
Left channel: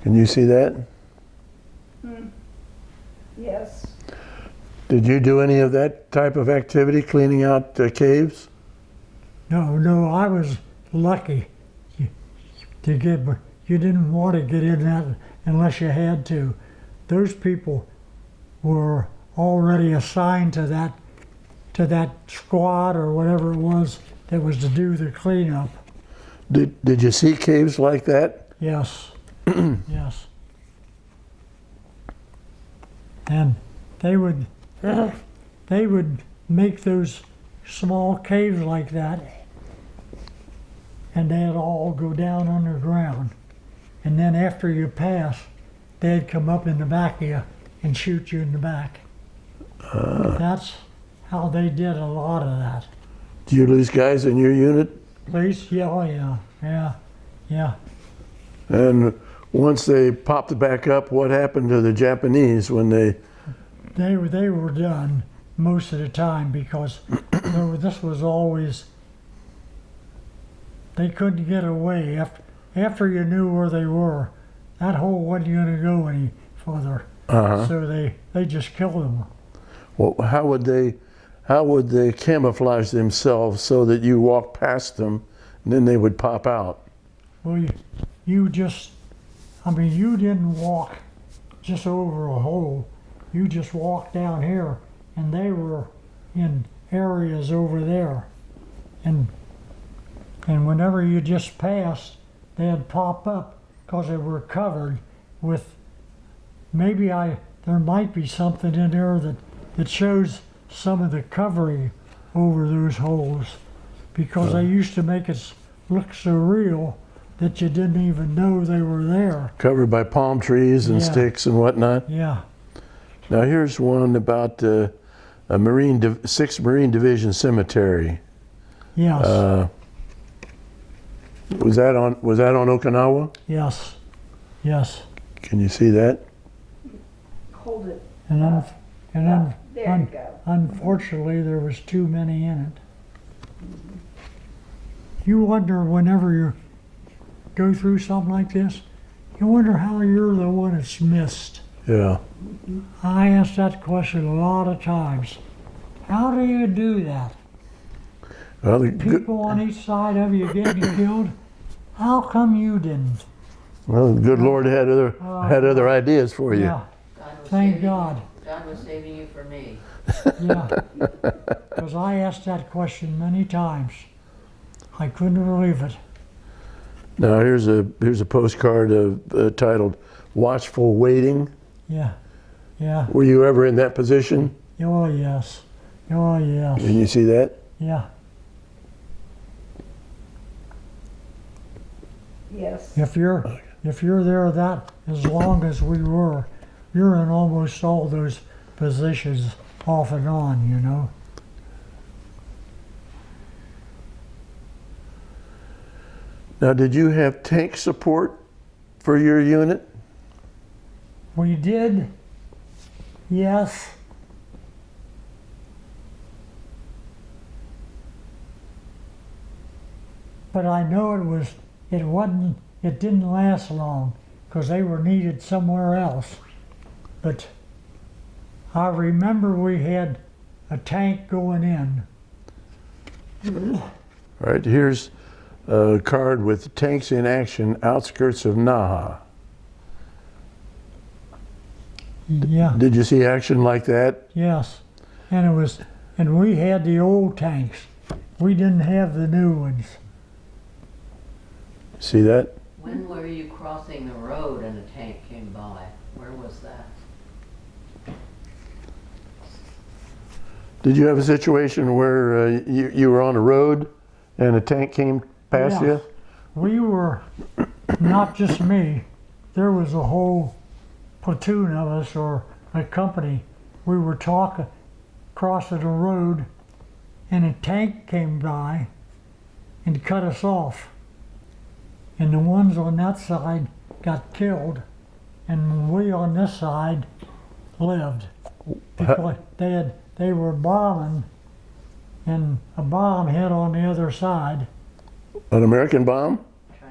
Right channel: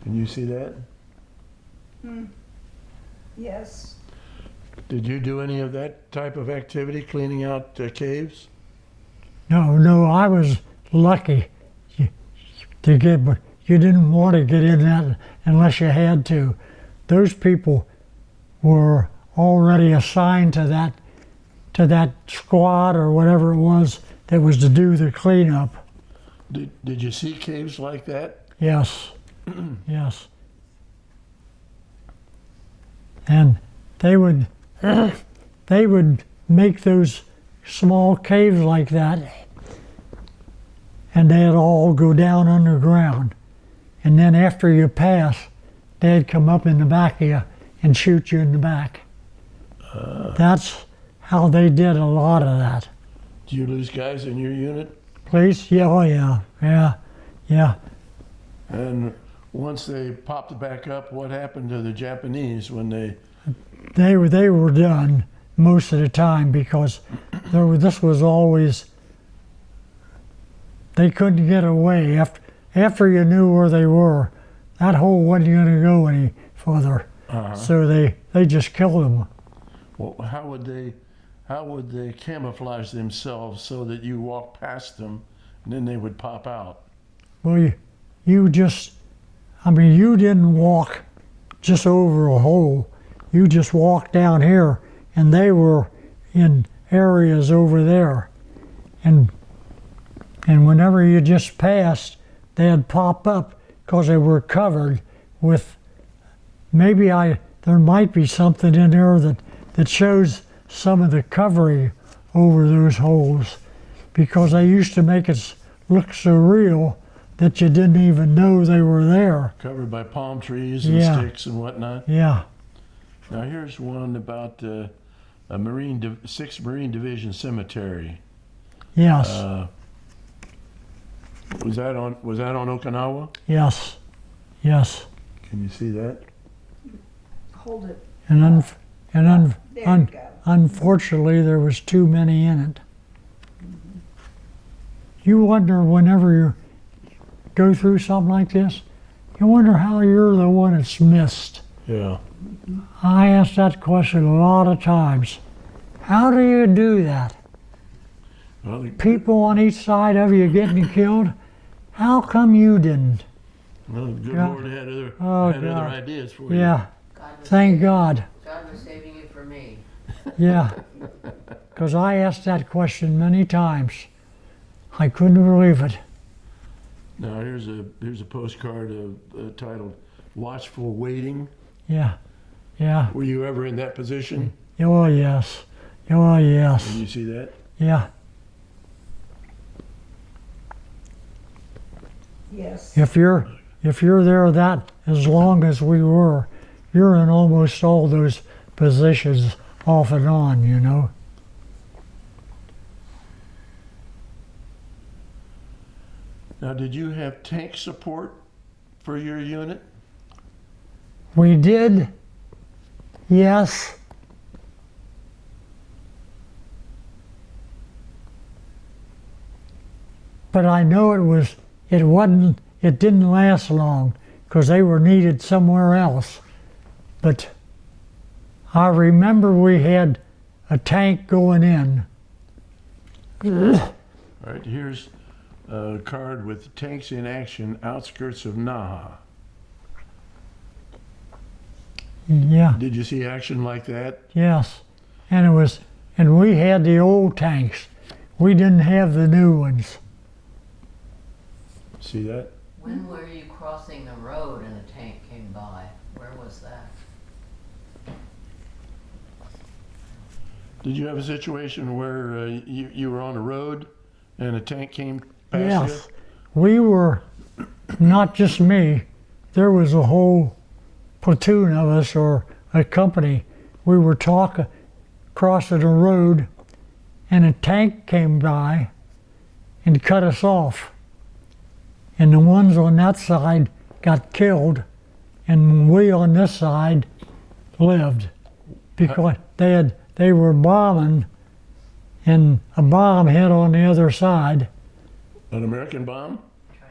Can you see that? Yes. Did you do any of that type of activity, cleaning out caves? No, I was lucky to get, but you didn't want to get in that unless you had to. Those people were already assigned to that squad or whatever it was that was to do the cleanup. Did you see caves like that? Yes, yes. And they would make those small caves like that, and they'd all go down underground. And then after you pass, they'd come up in the back of you and shoot you in the back. That's how they did a lot of that. Do you lose guys in your unit? Please? Yeah, oh yeah. And once they popped back up, what happened to the Japanese when they... They were done most of the time because this was always, they couldn't get away. After you knew where they were, that hole wasn't going to go any further. So they just killed them. Well, how would they camouflage themselves so that you walk past them and then they would pop out? Well, you just, I mean, you didn't walk just over a hole. You just walked down here, and they were in areas over there. And whenever you just passed, they'd pop up because they were covered with, there might be something in there that shows some of the covering over those holes, because they used to make it look so real that you didn't even know they were there. Covered by palm trees and Yeah. sticks and whatnot. Yeah. Now here's one about a 6th Marine Division cemetery. Yes. Was that on Okinawa? Yes. Yes. Can you see that? Hold it. And There you go. unfortunately, there was too many in it. You wonder whenever you go through something like this, you wonder how you're the one that's missed. Yeah. I asked that question a lot of times. How do you do that? Well, People on each side of you getting killed. How come you didn't? the good Yeah. Lord had other Oh, other God. ideas for you. Yeah. God was Thank saving- God. God was saving you for me. Yeah. Because I asked that question many times. I couldn't believe it. Now here's a postcard titled "Watchful Waiting." Yeah. Yeah. Were you ever in that position? Oh, yes. Oh, yes. Can you see that? Yeah. Yes. If you're there that as long as we were, you're in almost all those positions off and on, you know. Now, did you have tank support for your unit? We did, yes. But I know it didn't last long because they were needed somewhere else. But I remember we had a tank going in. All right, here's a card with tanks in action, outskirts of Naha. Yeah, Did you see action like that? yes. And we had the old tanks. We didn't have the new ones. See that? When were you crossing the road and a tank came by? Where was that? Did you have a situation where you were on a road and a tank came past Yes. We were, not just me, there was a whole platoon of us or a company. We were crossing a road and a tank came by and cut us off. And the ones on that side got killed and we on this side lived because they were bombing and a bomb hit on the other side. you? An American bomb?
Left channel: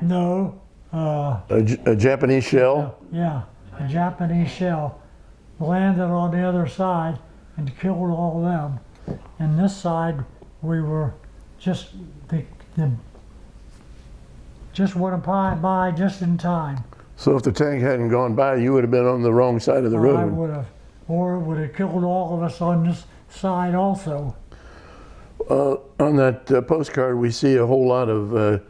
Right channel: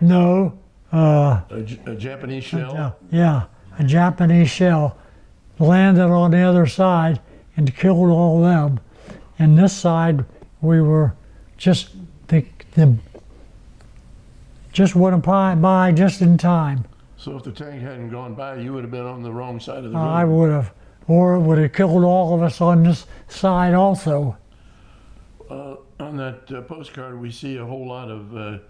No, A Japanese shell? yeah, a Japanese shell landed on the other side and killed all them. And this side, we were just just went by just in time. So if the tank hadn't gone by, you would have been on the wrong side of the road. I would have, or it would have killed all of us on this side also. On that postcard, we see a whole lot of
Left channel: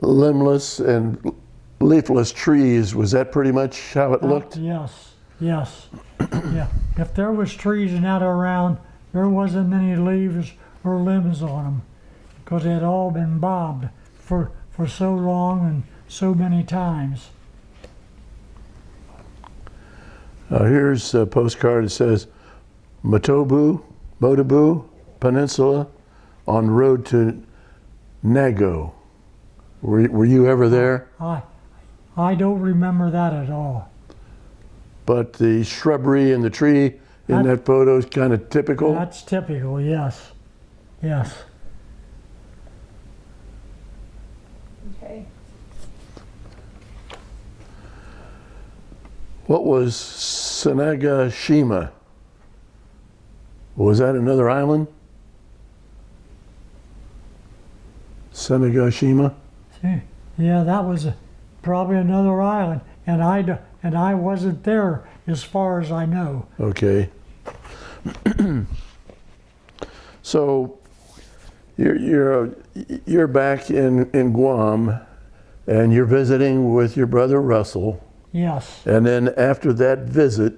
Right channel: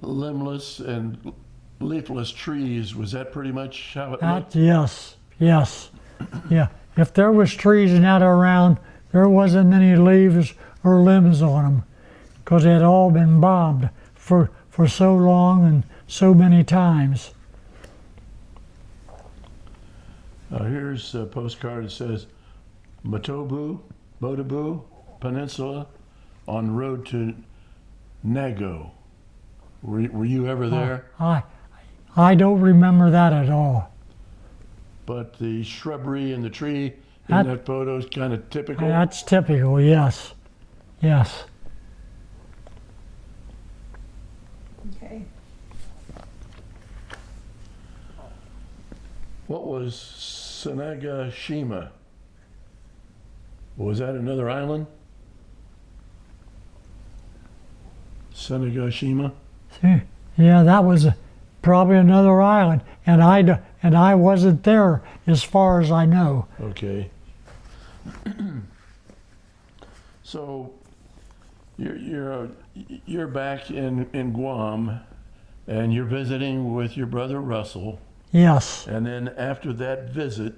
limbless and leafless trees. Was that pretty much how it looked? Yes, yes, yeah. If there was trees in that around, there wasn't many leaves or limbs on them because they had all been bombed for so long and so many times. Here's a postcard that says Motobu Peninsula on road to Nago. Were you ever there? I don't remember that at all. But the shrubbery and the tree in that photo is kind of typical. That's typical, yes, yes. Okay. What was Sanagashima? Was that another island? Sanagashima? See, yeah, that was probably another island. and I wasn't there as far as I know. Okay. So you're back in Guam, and you're visiting with your brother Russell. Yes, And then after that visit,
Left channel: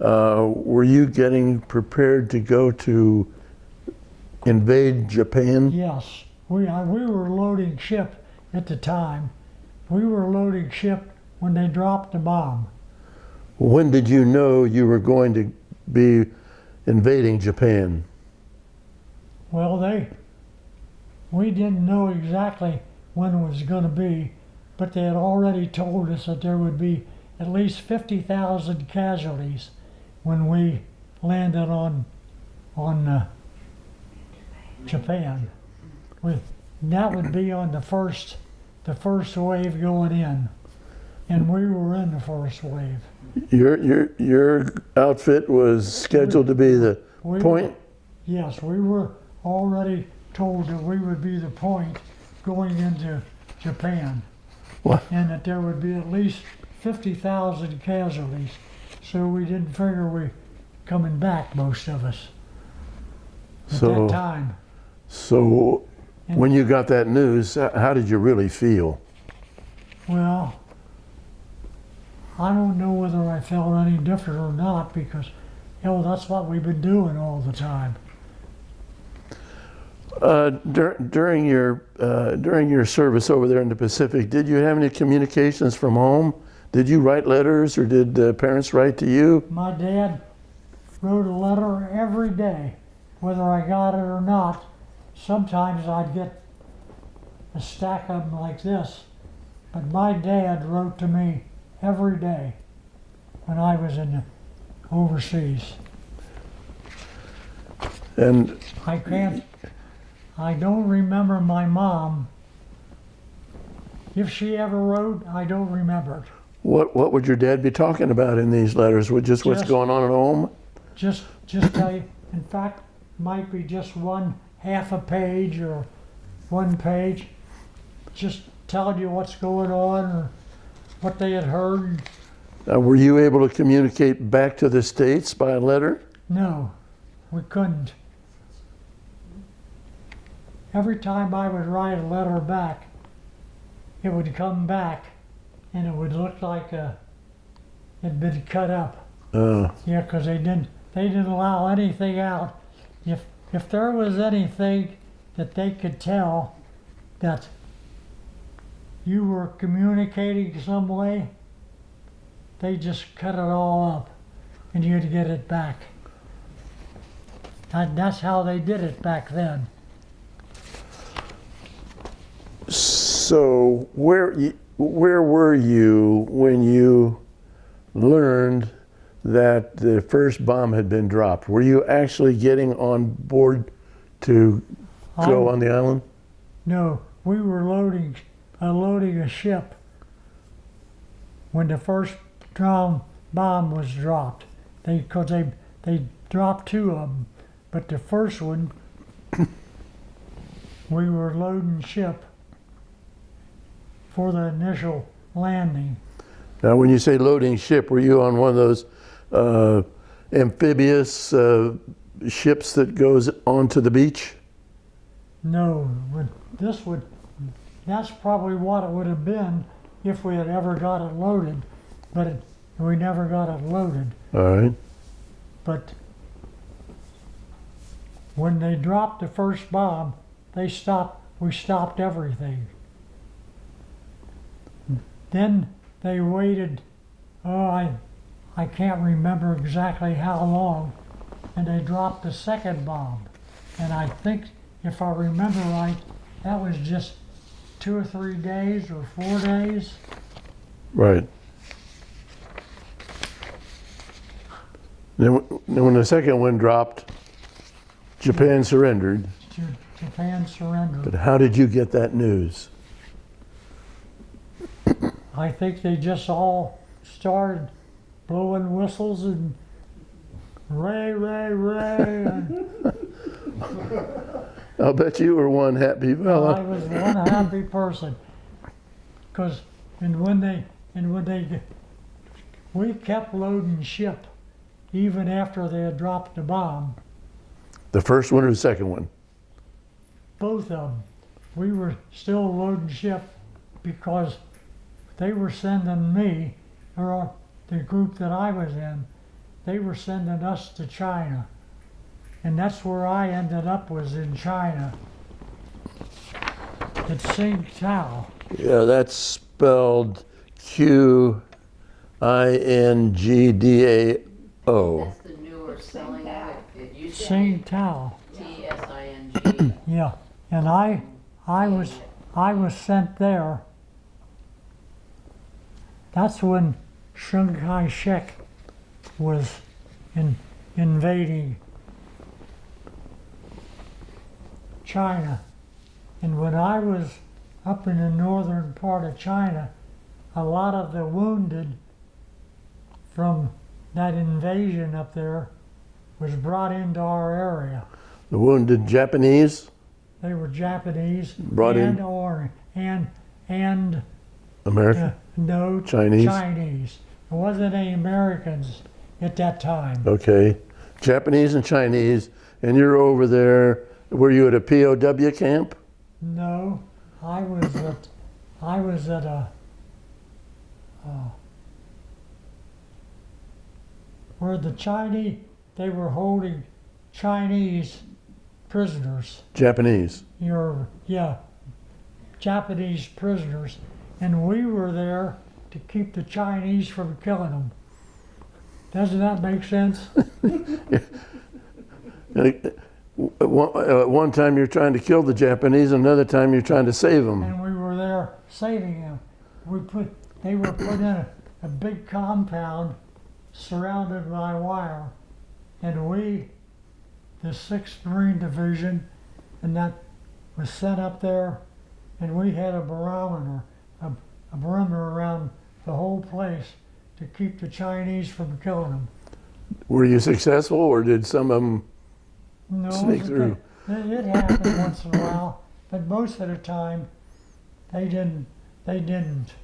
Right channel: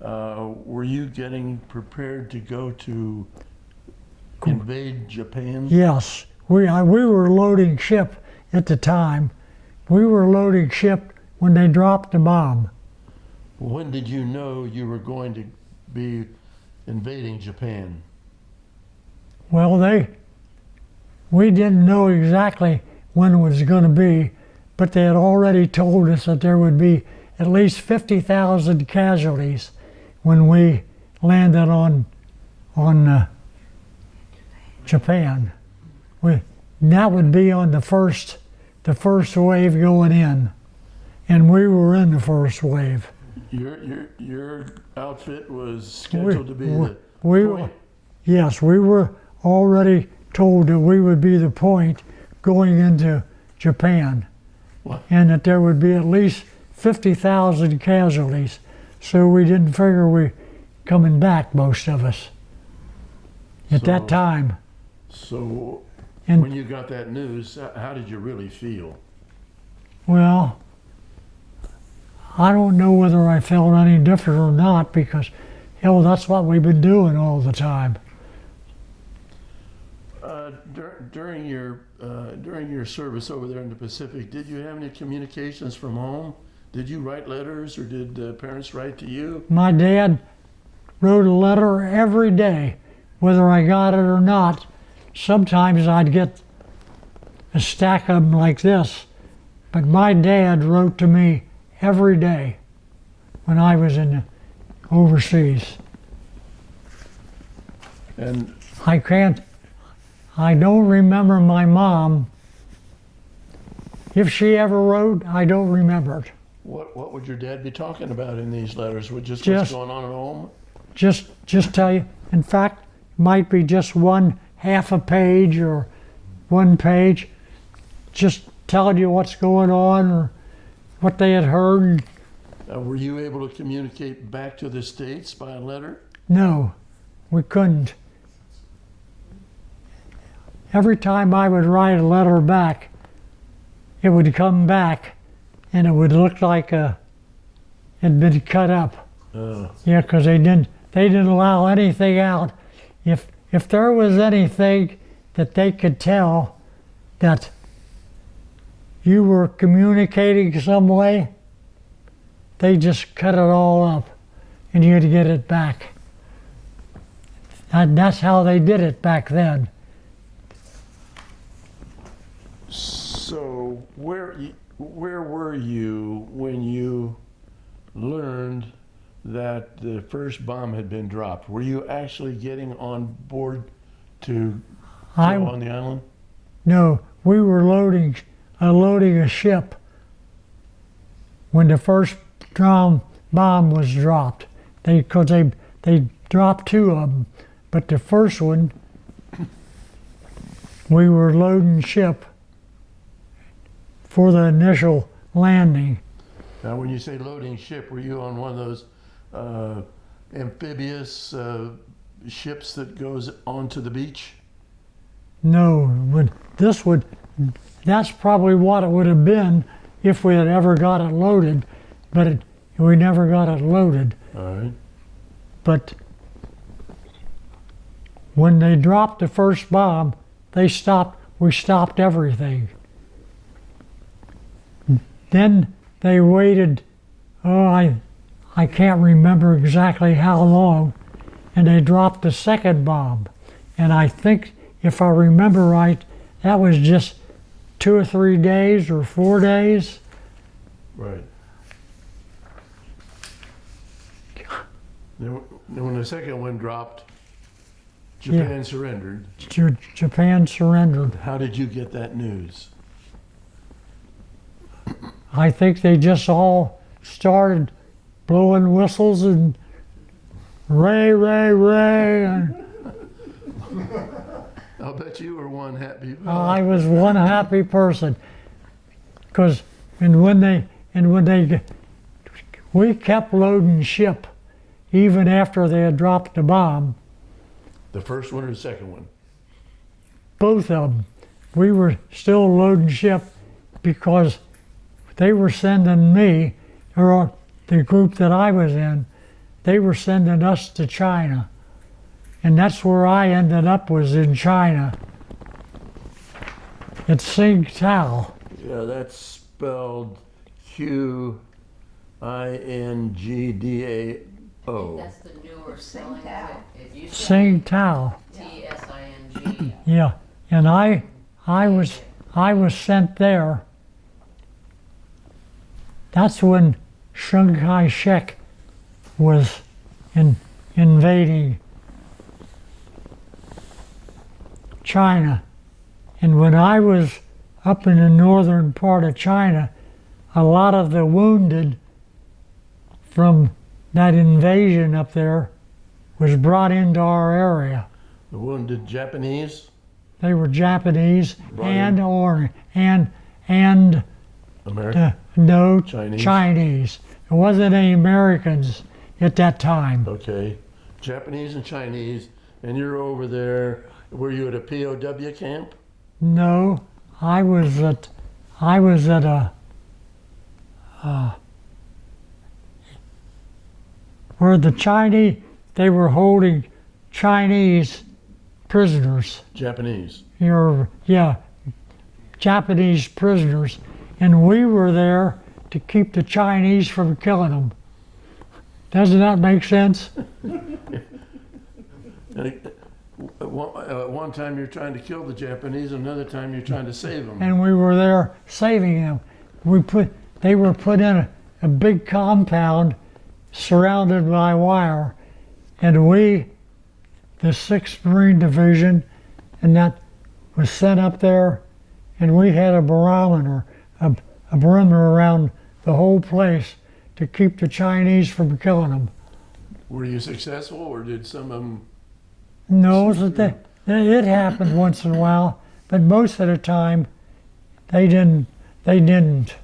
were you getting prepared to go to invade Japan? yes. We were loading ship at the time. We were loading ship when they dropped the bomb. When did you know you were going to be invading Japan? Well, we didn't know exactly when it was going to be, but they had already told us that there would be at least 50,000 casualties when we landed on Japan. That would be on the first wave going in, and we were in the first wave. Your outfit was scheduled to be the point? Yes, we were already told that we would be the point going into Japan. What? And that there would be at least 50,000 casualties. So we didn't figure we coming back, most of us, at that time. So And- when you got that news, how did you really feel? Well, I don't know whether I felt any different or not, because, hell, that's what we've been doing all the time. During your service over there in the Pacific, did you have any communications from home? Did you write letters, or did parents write to you? My dad wrote a letter every day, whether I got it or not. Sometimes I'd get a stack of them like this, but my dad wrote to me every day when I was in overseas. And I don't remember my mom. If she ever wrote, I don't remember it. what would your dad be talking about in these letters? Just what's Just- going on at home? Just tell you, in fact, might be just one half a page or one page, just telling you what's going on or what they had heard. Were you able to communicate back to the States by a letter? No, we couldn't. Every time I would write a letter back, it would come back and it would look like it'd been cut up. Yeah, because they didn't allow anything out. If there was anything that they could tell that you were communicating some way, they just cut it all up and you had to get it back. And that's how they did it back then. So where were you when you learned that the first bomb had been dropped? Were you actually getting on board to go on the island? No, we were loading a ship when the first bomb was dropped. Because they dropped two of them, but the first one, we were loading ship for the initial landing. Now, when you say loading ship, were you on one of those amphibious ships that goes onto the beach? No, but that's probably what it would have been if we had ever got it loaded, but we never got it loaded. All right. But when they dropped the first bomb, we stopped everything. Then they waited, I can't remember exactly how long, and they dropped the second bomb. And I think, if I remember right, that was just 2 or 3 days or 4 days. Right. Then when the second one dropped, Japan surrendered. Japan surrendered. But how did you get that news? I think they just all started blowing whistles and Ray, Ray, Ray. I'll bet you were one happy Well, fella. I was one happy person. Because when And we kept loading ship even after they had dropped the bomb. The first one or the second one? Both of them. We were still loading ship because they were sending me, or the group that I was in, they were sending us to China. And that's where I ended up, was in China. It's Tsingtao. Yeah, that's spelled Qingdao. That's the newer spelling. Tsingtao. It used to Tsingtao. be Tsing. Yeah. And I was sent there. That's when Chiang Kai-shek was invading China. And when I was up in the northern part of China, a lot of the wounded from that invasion up there was brought into our area. The wounded Japanese? They were Japanese Brought and in? and American? no Chinese? Chinese. There wasn't any Americans at that time. Okay. Japanese and Chinese, and you're over there. Were you at a POW camp? No, I was at a where the Chinese, they were holding Chinese prisoners. Japanese. Japanese prisoners, and we were there to keep the Chinese from killing them. Doesn't that make sense? One time you're trying to kill the Japanese, another time you're trying to save them. And we were there saving them. They were put in a big compound surrounded by wire, and we, the 6th Marine Division, and that was sent up there, and we had a barometer, a perimeter around the whole place to keep the Chinese from killing them. Were you successful, or did some of them? No, Sneak through. it happened once in a while, but most of the time they didn't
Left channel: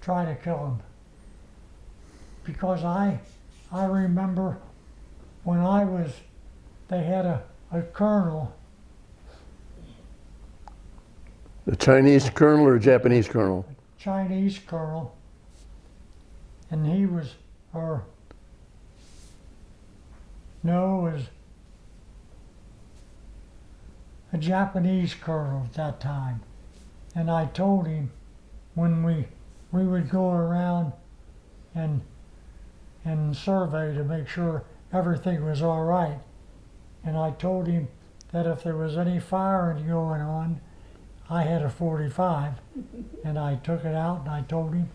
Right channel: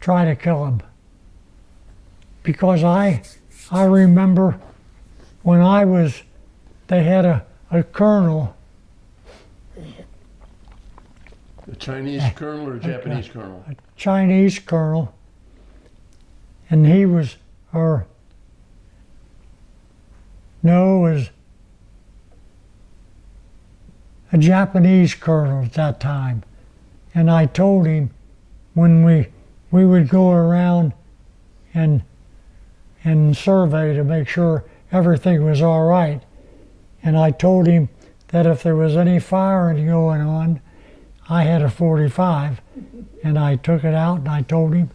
try to kill them. Because I remember when they had a colonel. The Chinese colonel or Japanese colonel? Chinese colonel, and he was, was a Japanese colonel at that time. And I told him when we would go around and survey to make sure everything was all right. And I told him that if there was any firing going on, I had a .45, and I took it out and I told him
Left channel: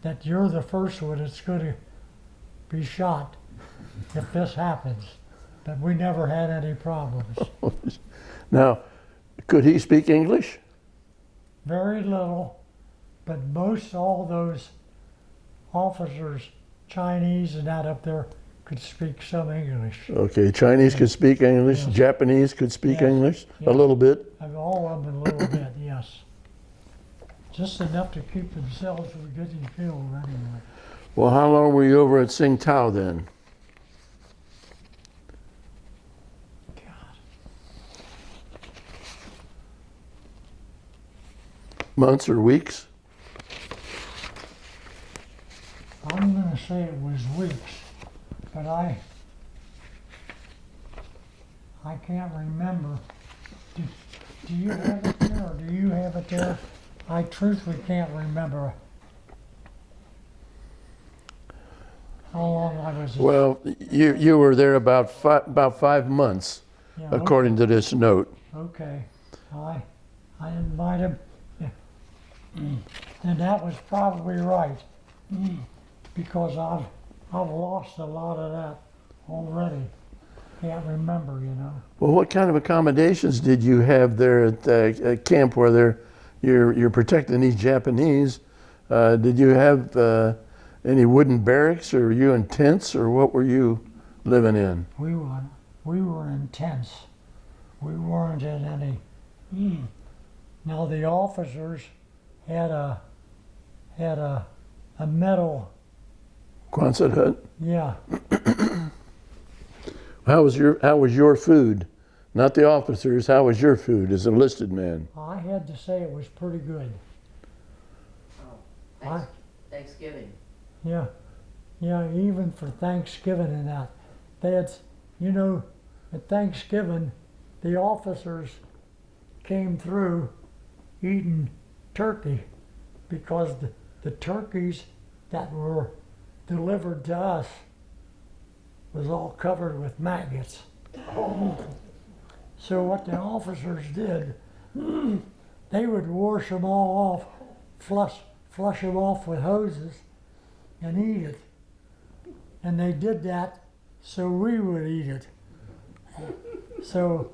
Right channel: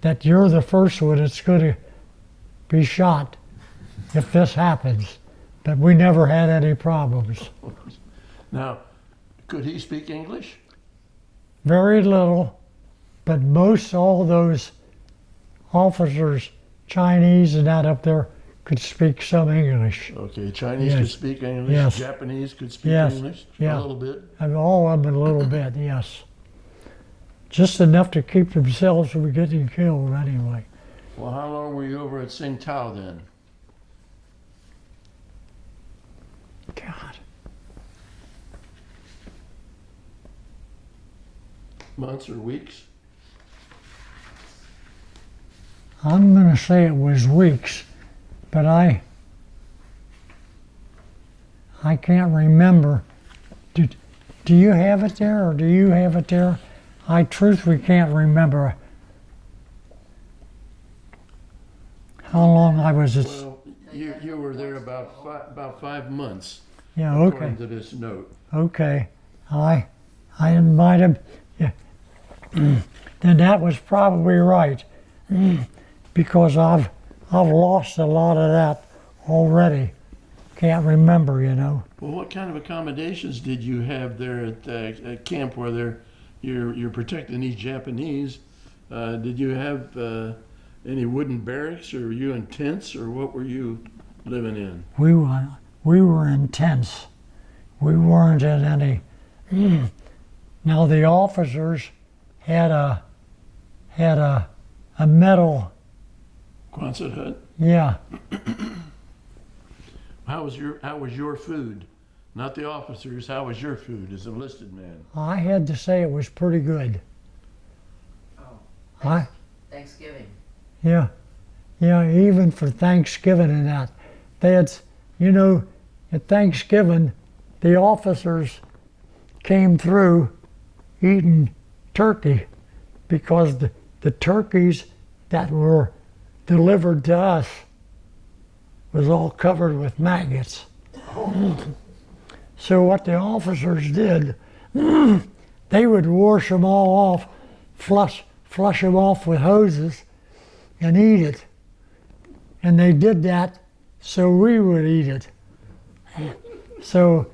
that you're the first one that's going to be shot if this happens. But we never had any problems. Now, could he speak English? Very little, but all those officers, Chinese and that up there, could speak some English. Okay, Chinese Yes. could speak English, Yes. Japanese could speak Yes. English, Yeah. a little bit. And all of them a little bit, yes. Just enough to keep themselves from getting killed anyway. Well, how long were you over at Tsingtao then? God. Months or weeks? I'm going to say it was weeks, but I can't remember. Do you have it there, or do you have it there? I truthfully can't remember how long I was. Well, you were there about 5 months, Yeah, according to this note. Okay, I might have. Yeah. Then that was probably right, because I've lost a lot of that already. Can't remember, you know. Well, what kind of accommodations did you have there at the camp where you're protecting these Japanese? Did you have any wooden barracks, or were you in tents, or what were you living in? We were in tents. We weren't in any. Now the officers had had a metal, Quonset hut. yeah. How was your food? Not the officers. How was your food as a enlisted man? I had to say it was pretty good. Oh, I, Thanksgiving. yeah, yeah, even for Thanksgiving and that. They had, you know, at Thanksgiving, the officers came through eating turkey because the turkeys that were delivered to us was all covered with maggots. So what the officers did, they would wash them all off, flush them off with hoses, and eat it. And they did that so we would eat it. So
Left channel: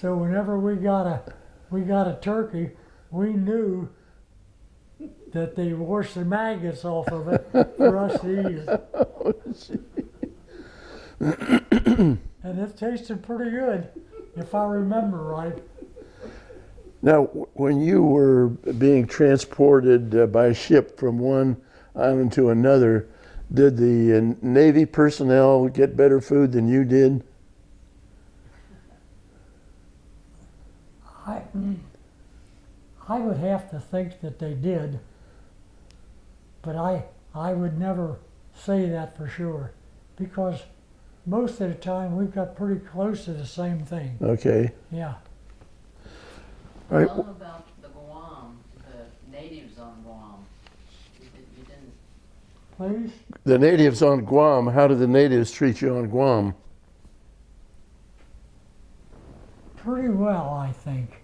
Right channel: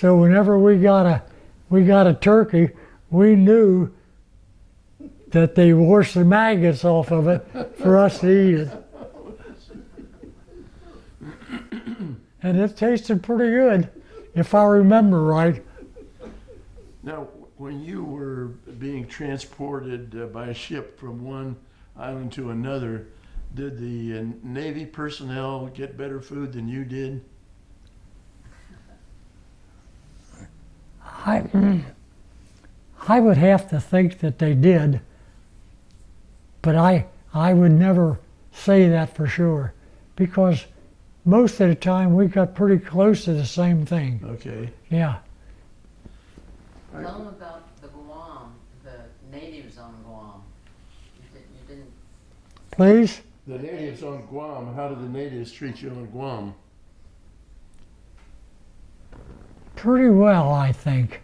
whenever we got a turkey, we knew that they washed the maggots off of it for us to eat it. And it tasted pretty good, if I remember right. Now, when you were being transported by ship from one island to another, did the Navy personnel get better food than you did? I would have to think that they did, but I would never say that for sure, because most of the time we got pretty close to the same thing. Okay. Yeah. All right. Tell them about the Guam, the natives on Guam. You didn't. Please? The natives on Guam, how did the natives treat you on Guam? Pretty well, I think.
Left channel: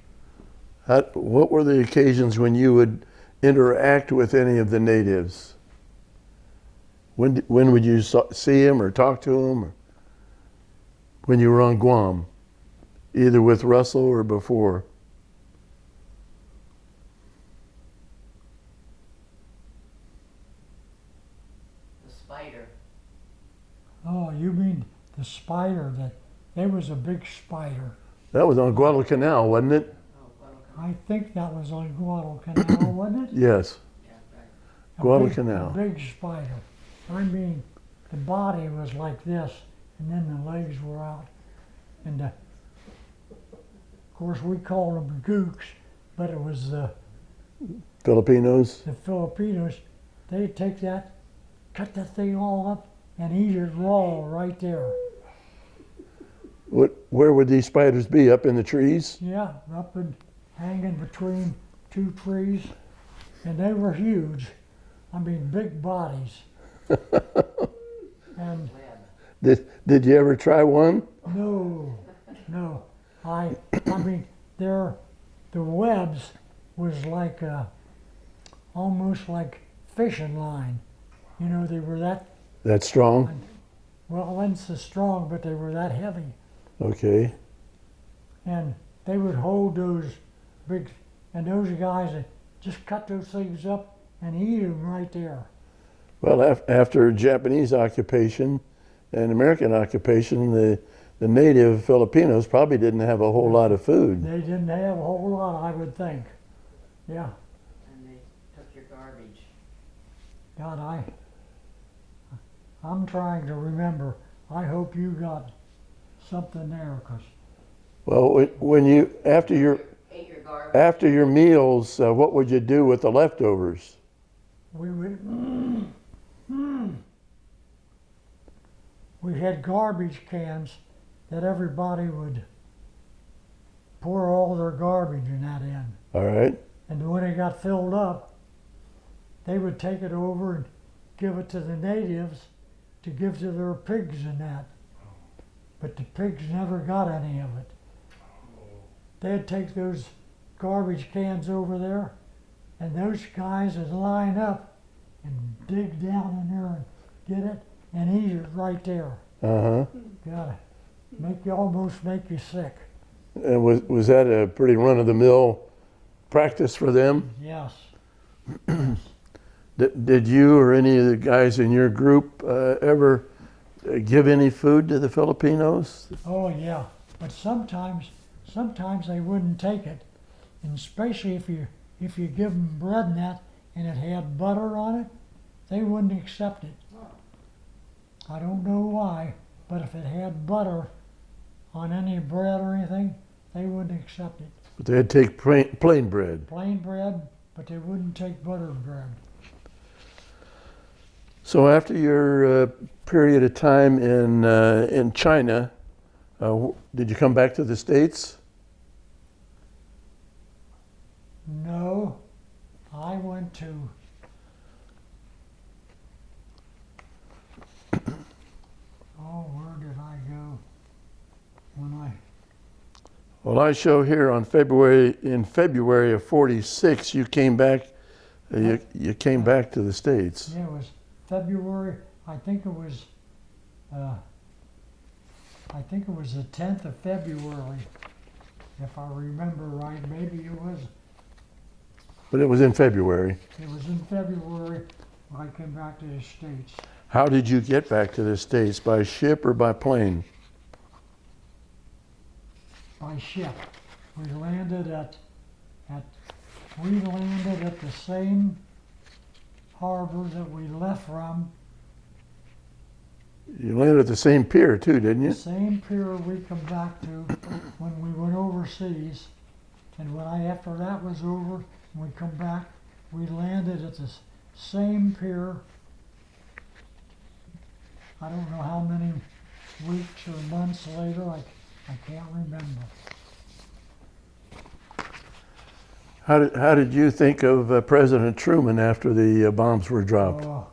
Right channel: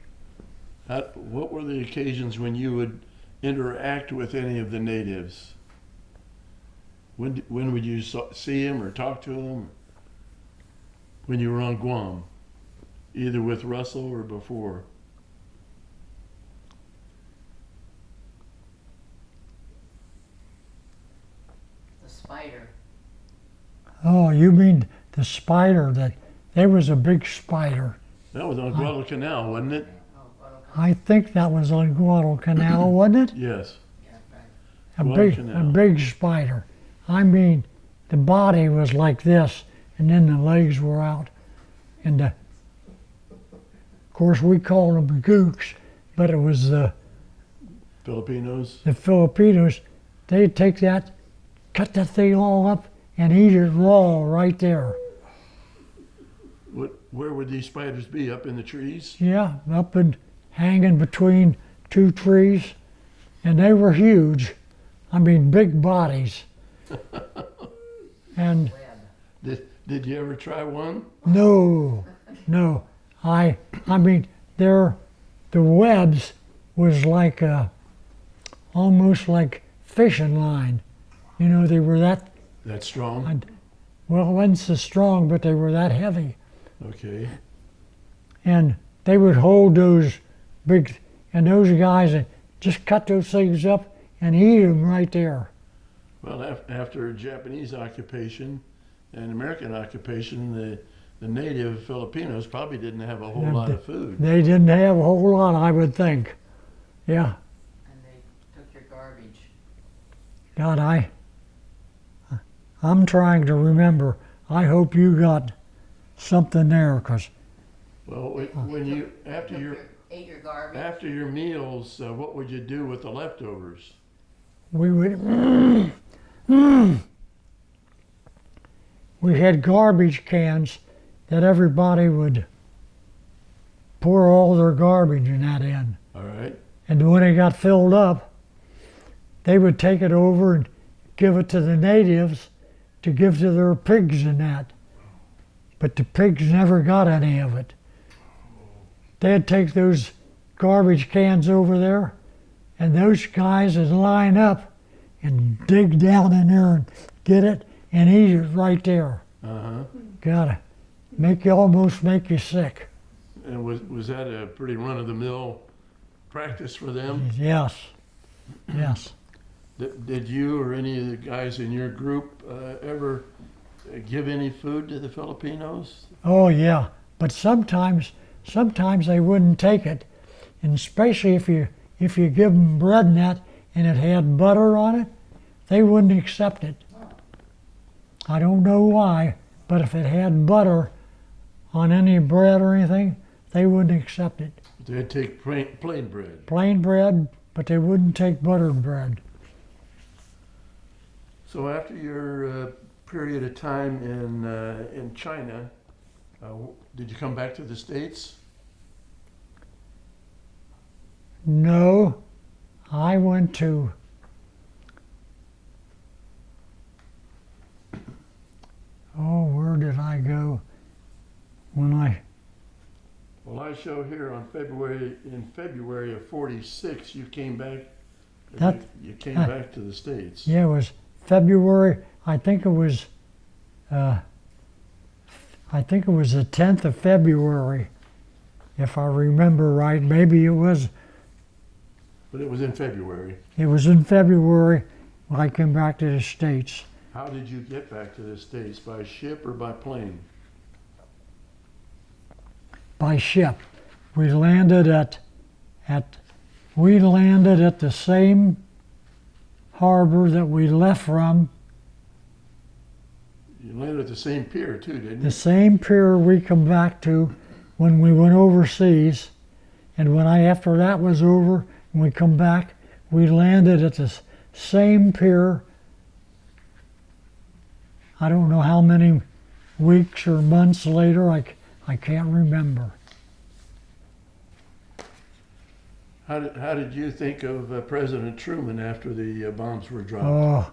What were the occasions when you would interact with any of the natives? When would you see them or talk to them? Or when you were on Guam, either with Russell or before? The spider. Oh, you mean the spider that, there was a big spider. That was on Guadalcanal, wasn't it? Oh, Guadalcanal. I think that was on Guadalcanal, wasn't it? Yes. Yeah, right. A big spider. I mean, the body was like this, and then the legs were out. And of course, we called them gooks, but it was the Filipinos? Filipinos. They'd take that, cut that thing all up, and eat it raw right there. Where would these spiders be? Up in the trees? Yeah, up and hanging between two trees, and they were huge. I mean, big bodies. And Did you ever try one? no. I mean, the webs was like almost like fishing line. You know, they were that, That strong? well, it wasn't so strong, but they were that heavy. Okay. And they would hold those big, and those guys would just cut those things up and eat them right there. Well, after Japanese occupation and American occupation, the native Filipinos probably didn't have a whole lot of food. They didn't have a whole lot, I would think. Yeah. And they took your garbage. God, I'm trying to remember. I hope you got something there, 'cause Well, when you Ate your garbage. after your meals, what would you do with the leftovers? we would. We had garbage cans that everybody would pour all their garbage in that in. All right. And when it got filled up, they would take it over and give it to the natives to give to their pigs and that. But the pigs never got any of it. They'd take those garbage cans over there, and those guys would line up and dig down in there and get it and eat it right there. Uh-huh. Gotta almost make you sick. And was that a pretty run-of-the-mill practice for them? Yes, yes. Did you or any of the guys in your group ever give any food to the Filipinos? Oh yeah, but sometimes they wouldn't take it, and especially if you give them bread and that, and it had butter on it, they wouldn't accept it. I don't know why, but if it had butter on any bread or anything, they wouldn't accept it. But they'd take plain bread. Plain bread, but they wouldn't take buttered bread. So after your period of time in China, did you come back to the States? No, I went to where did I go when I Well, I show here in February of '46, you came back. You came back to the States. yeah, it was February, I think it was the 10th of February, if I remember right. Maybe it was But it was in February. in February when I came back to the States. How did you get back to the States? By ship or by plane? By ship. We landed at the same harbor that we left from, You landed at the same pier too, didn't you? the same pier we come back to when we went overseas. And after that was over and we come back, we landed at the same pier. I don't know how many weeks or months later, I can't remember. How did you think of President Truman after the bombs were dropped? Oh,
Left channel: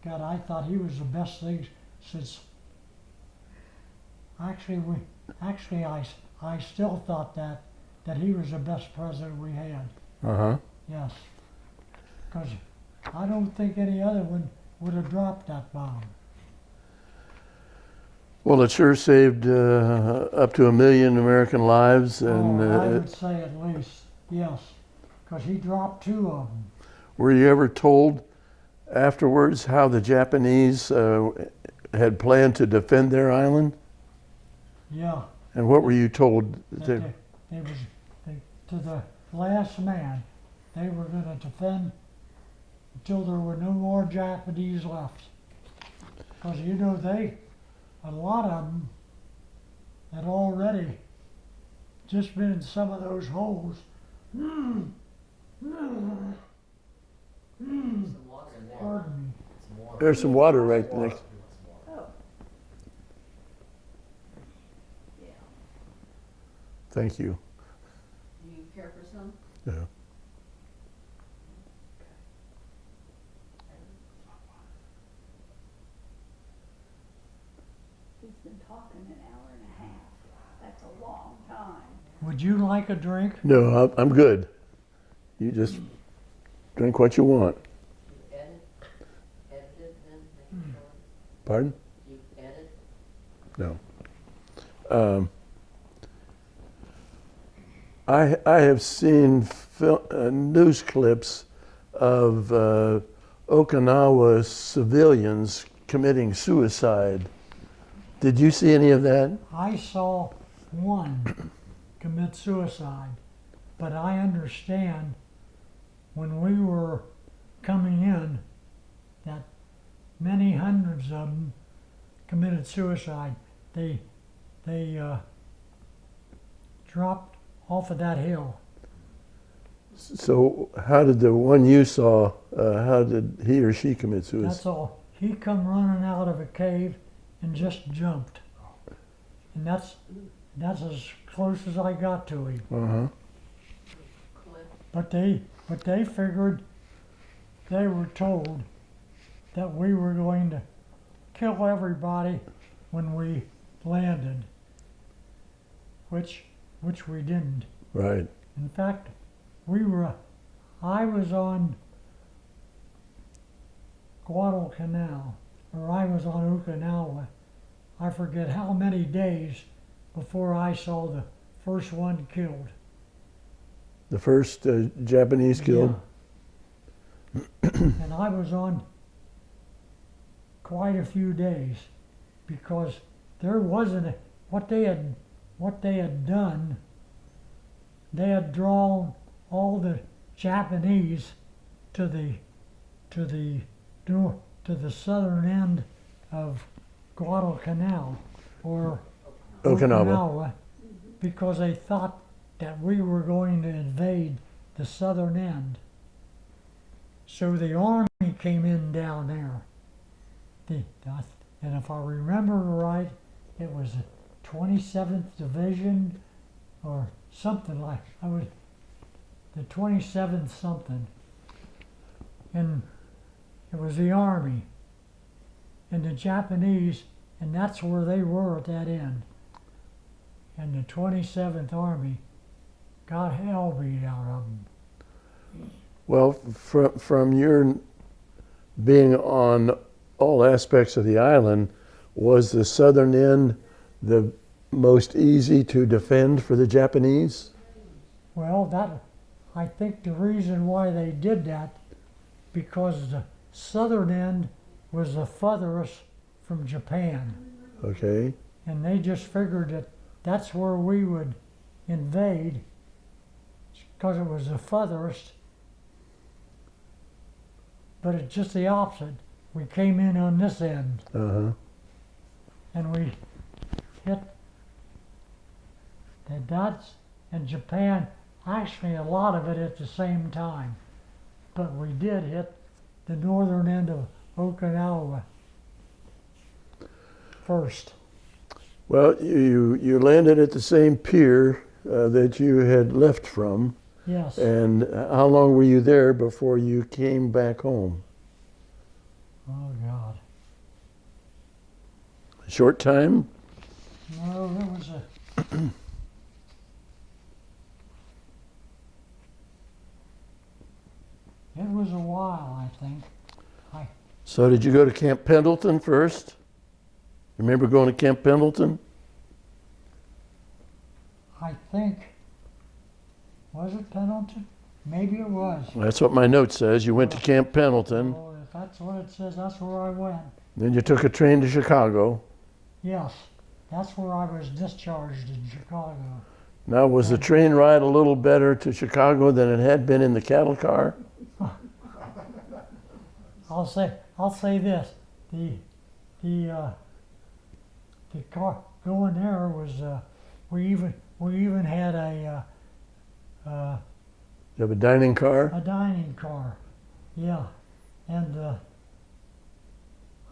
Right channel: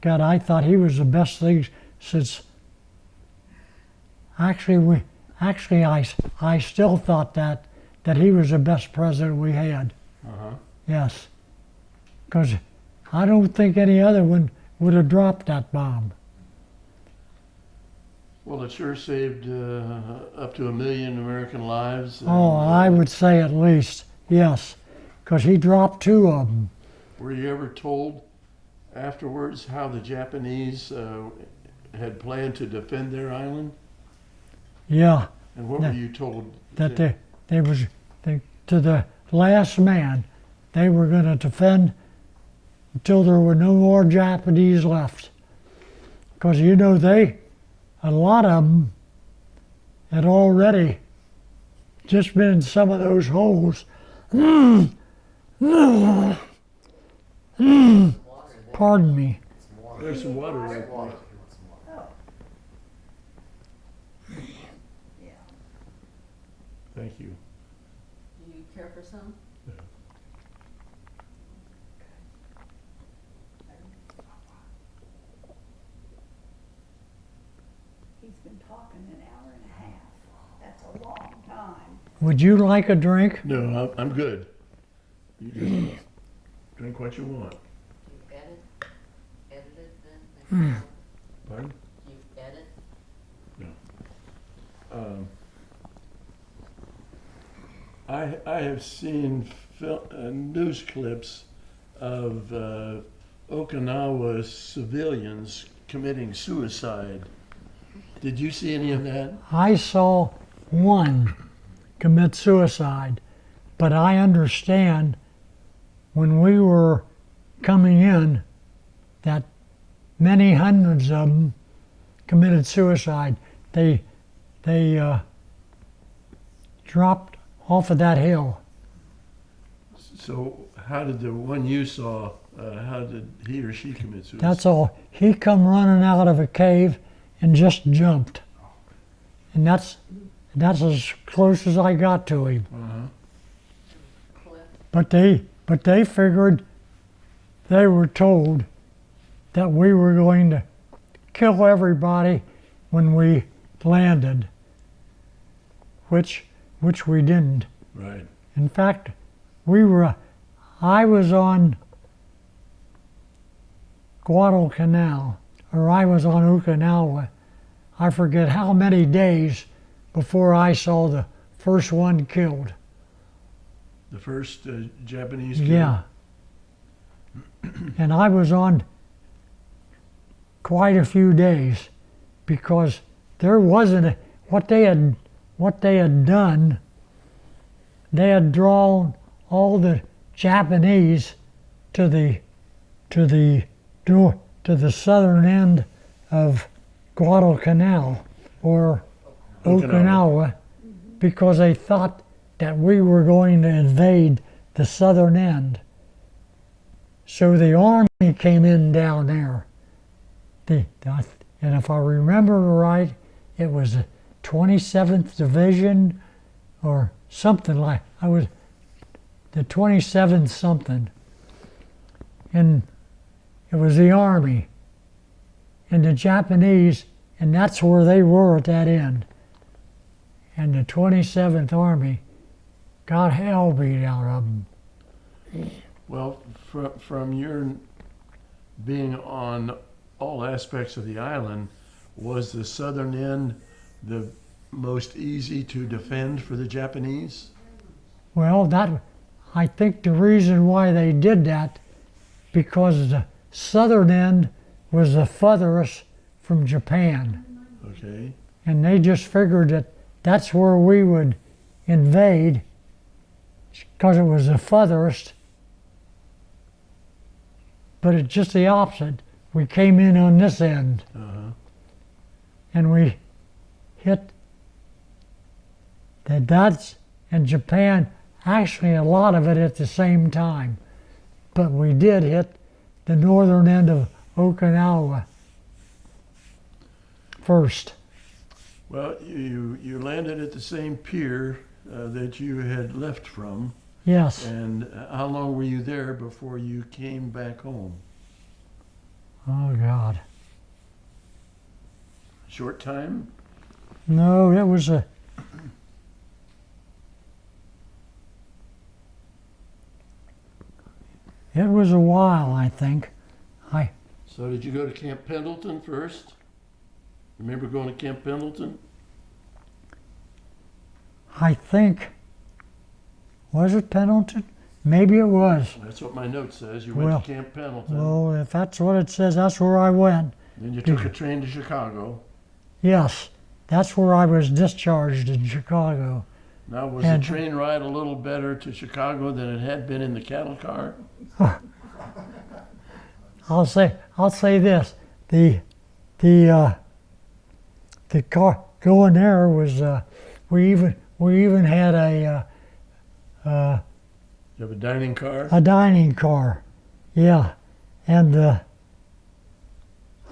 God, I thought he was the best thing since. I still thought that he was the best president we had. Uh-huh. Yes, because I don't think any other one would have dropped that bomb. Well, it sure saved up to 1 million American lives. And, I would say at least, yes, because he dropped 2 of them. Were you ever told afterwards how the Japanese had planned to defend their island? Yeah, And what were you told? that to the last man, they were going to defend until there were no more Japanese left. Because a lot of them had already just been in some of those holes. Pardon me. There's some water right next. Oh. Yeah. Thank you. Do you care for some? Yeah. He's been talking an hour and a half. That's a long time. Would you like a drink? No, I'm good. You just drink what you want. You edited then? Pardon? You edit? No. I have seen news clips of Okinawa civilians committing suicide. Did you see any of that? I saw one commit suicide, but I understand when we were coming in that many hundreds of them committed suicide. They dropped off of that hill. So how did the one you saw, how did he or she commit suicide? That's all. He come running out of a cave and just jumped. And that's as close as I got to him. Uh-huh. But they figured, they were told that we were going to kill everybody when we landed, which we didn't. Right. In fact, I was on Guadalcanal, or I was on Okinawa. I forget how many days before I saw the first one killed. The first Japanese killed? Yeah. And I was on quite a few days because there wasn't what they had done. They had drawn all the Japanese to the to the southern end of Guadalcanal or Okinawa because they thought that we were going to invade the southern end. So the Army came in down there. And if I remember right, it was the 27th Division or something like, I was the 27th something. And it was the Army and the Japanese, and that's where they were at that end. And the 27th Army got hell beat out of them. Well, from your being on all aspects of the island, was the southern end the most easy to defend for the Japanese? Well, I think the reason why they did that, because the southern end was the furthest from Japan. Okay. And they just figured that that's where we would invade because it was the furthest. But it's just the opposite. We came in on this end and we hit the Dutch and Japan, actually a lot of it at the same time. But we did hit the northern end of Okinawa first. Well, you landed at the same pier that you had left from. Yes. And how long were you there before you came back home? Oh, God. A short time? No, it was a... It was a while, I think. So did you go to Camp Pendleton first? Remember going to Camp Pendleton? I think... Was it Pendleton? Maybe it was. That's what my note says. You went Well, to Camp Pendleton. Oh, if that's what it says, that's where I went. Then you took a train to Chicago. Yes, that's where I was discharged in Chicago. Now, was the And- train ride a little better to Chicago than it had been in the cattle car? I'll say this: the car going there was we even had You have a dining car? a dining car, yeah, and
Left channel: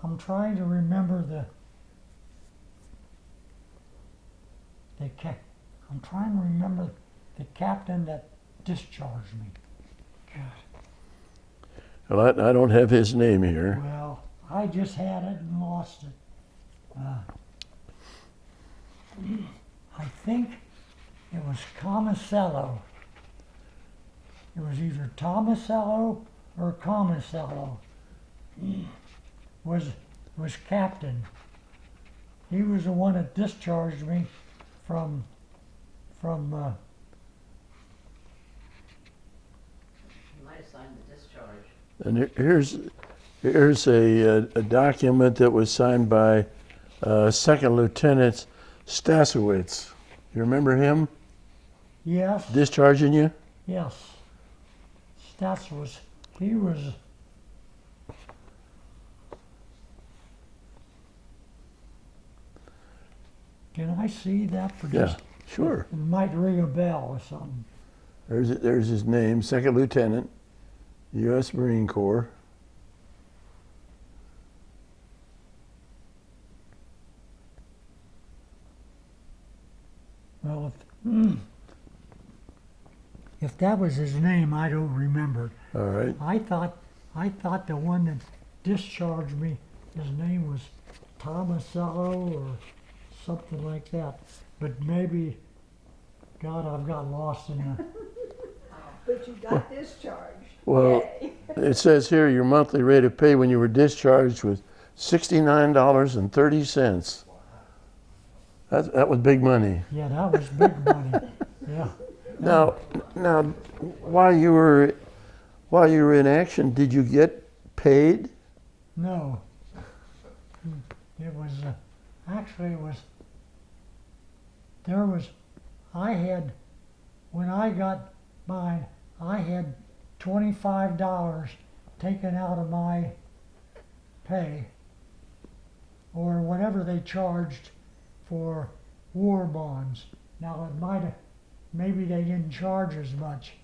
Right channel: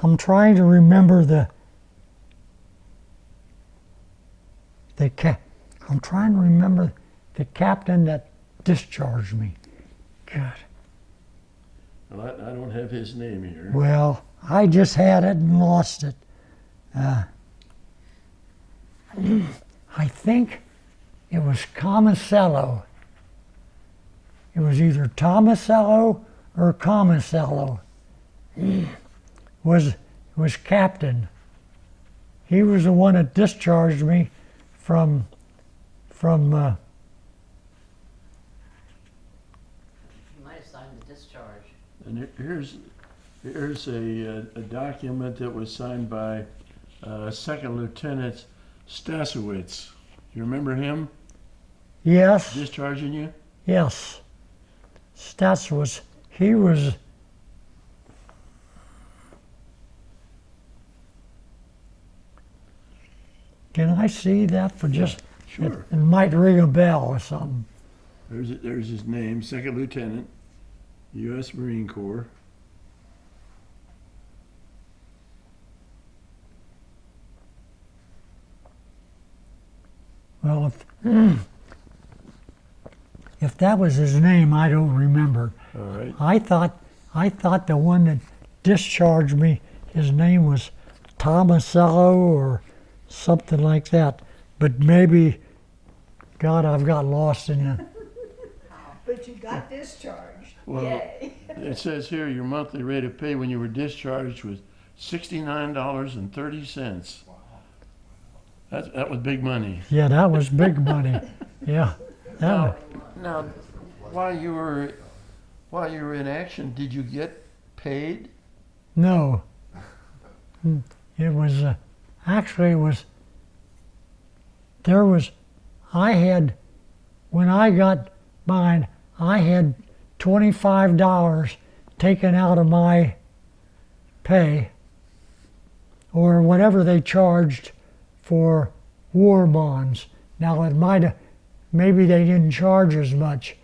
I'm trying to remember I'm trying to remember the captain that discharged me. God. Well, I don't have his name here. Well, I just had it and lost it. I think it was Comicello. It was either Tomasello or Comicello. Was captain. He was the one that discharged me from You might have signed the discharge. And here's a document that was signed by Second Lieutenant Stasowitz. You remember him yes, discharging you? yes. Stats was he was. Can I see that for just? Sure. It might ring a bell or something. There's his name, Second Lieutenant, U.S. Marine Corps. Well, if that was his name, I don't remember. All right. I thought the one that discharged me, his name was Tomasello or something like that. But maybe, God, I've got lost in it. But you got discharged. Well, Yay. it says here your monthly rate of pay when you were discharged was $69.30. That was big money. Yeah, that was big money. Yeah. Now, while you were in action, did you get paid? No. It was, actually it was, when I got mine, I had $25 to taken out of my pay or whatever they charged for war bonds. Now it might have, maybe they didn't charge as much,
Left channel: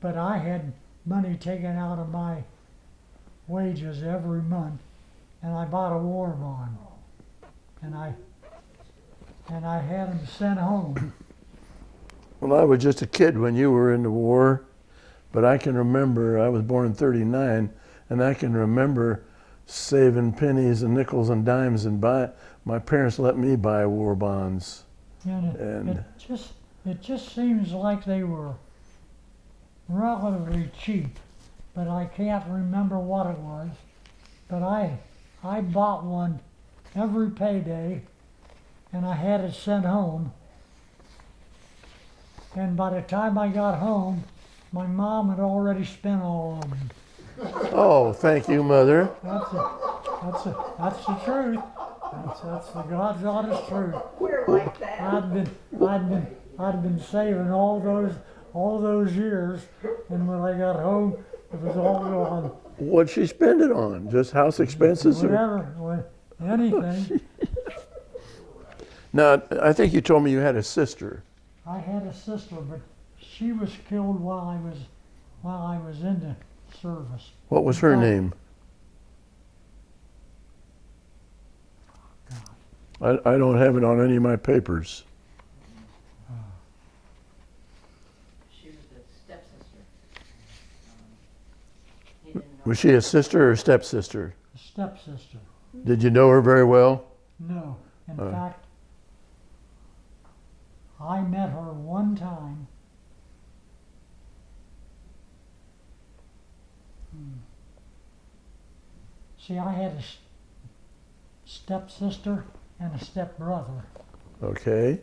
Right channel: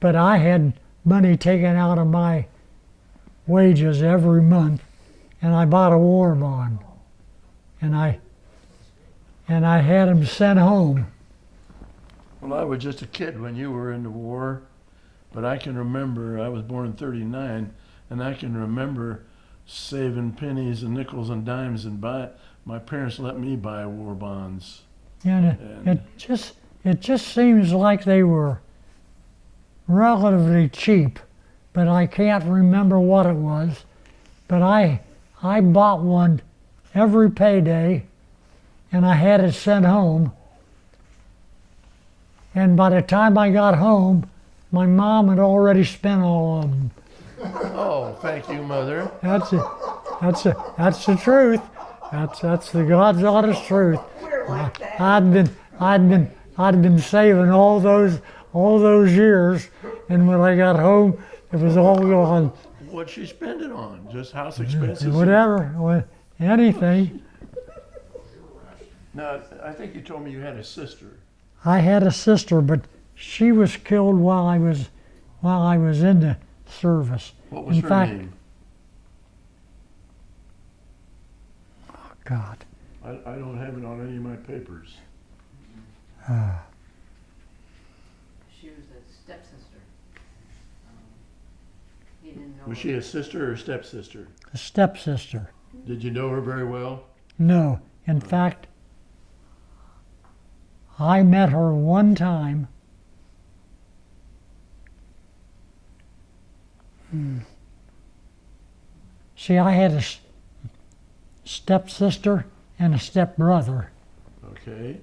but I had money taken out of my wages every month, and I bought a war bond, and I had them sent home. Well, I was just a kid when you were in the war, but I can remember, I was born in '39, and I can remember saving pennies and nickels and dimes and my parents let me buy war bonds. And And- it just seems like they were relatively cheap, but I can't remember what it was. But I bought one every payday, and I had it sent home. And by the time I got home, my mom had already spent all of them. Oh, thank you, Mother. That's it. That's the truth. That's the God's honest truth. We're like that. I'd been saving all those years, and when I got home, it was all gone. What'd she spend it on? Just house expenses? Whatever, anything. Now, I think you told me you had a sister. I had a sister, but she was killed while I was in the service. What was In her fact- name? God. I don't have it on any of my papers. She was a stepsister. He didn't know. Was she a sister or a stepsister? A stepsister. Did you know her very well? No. In fact, I met her one time. See, I had a stepsister and a stepbrother, Okay.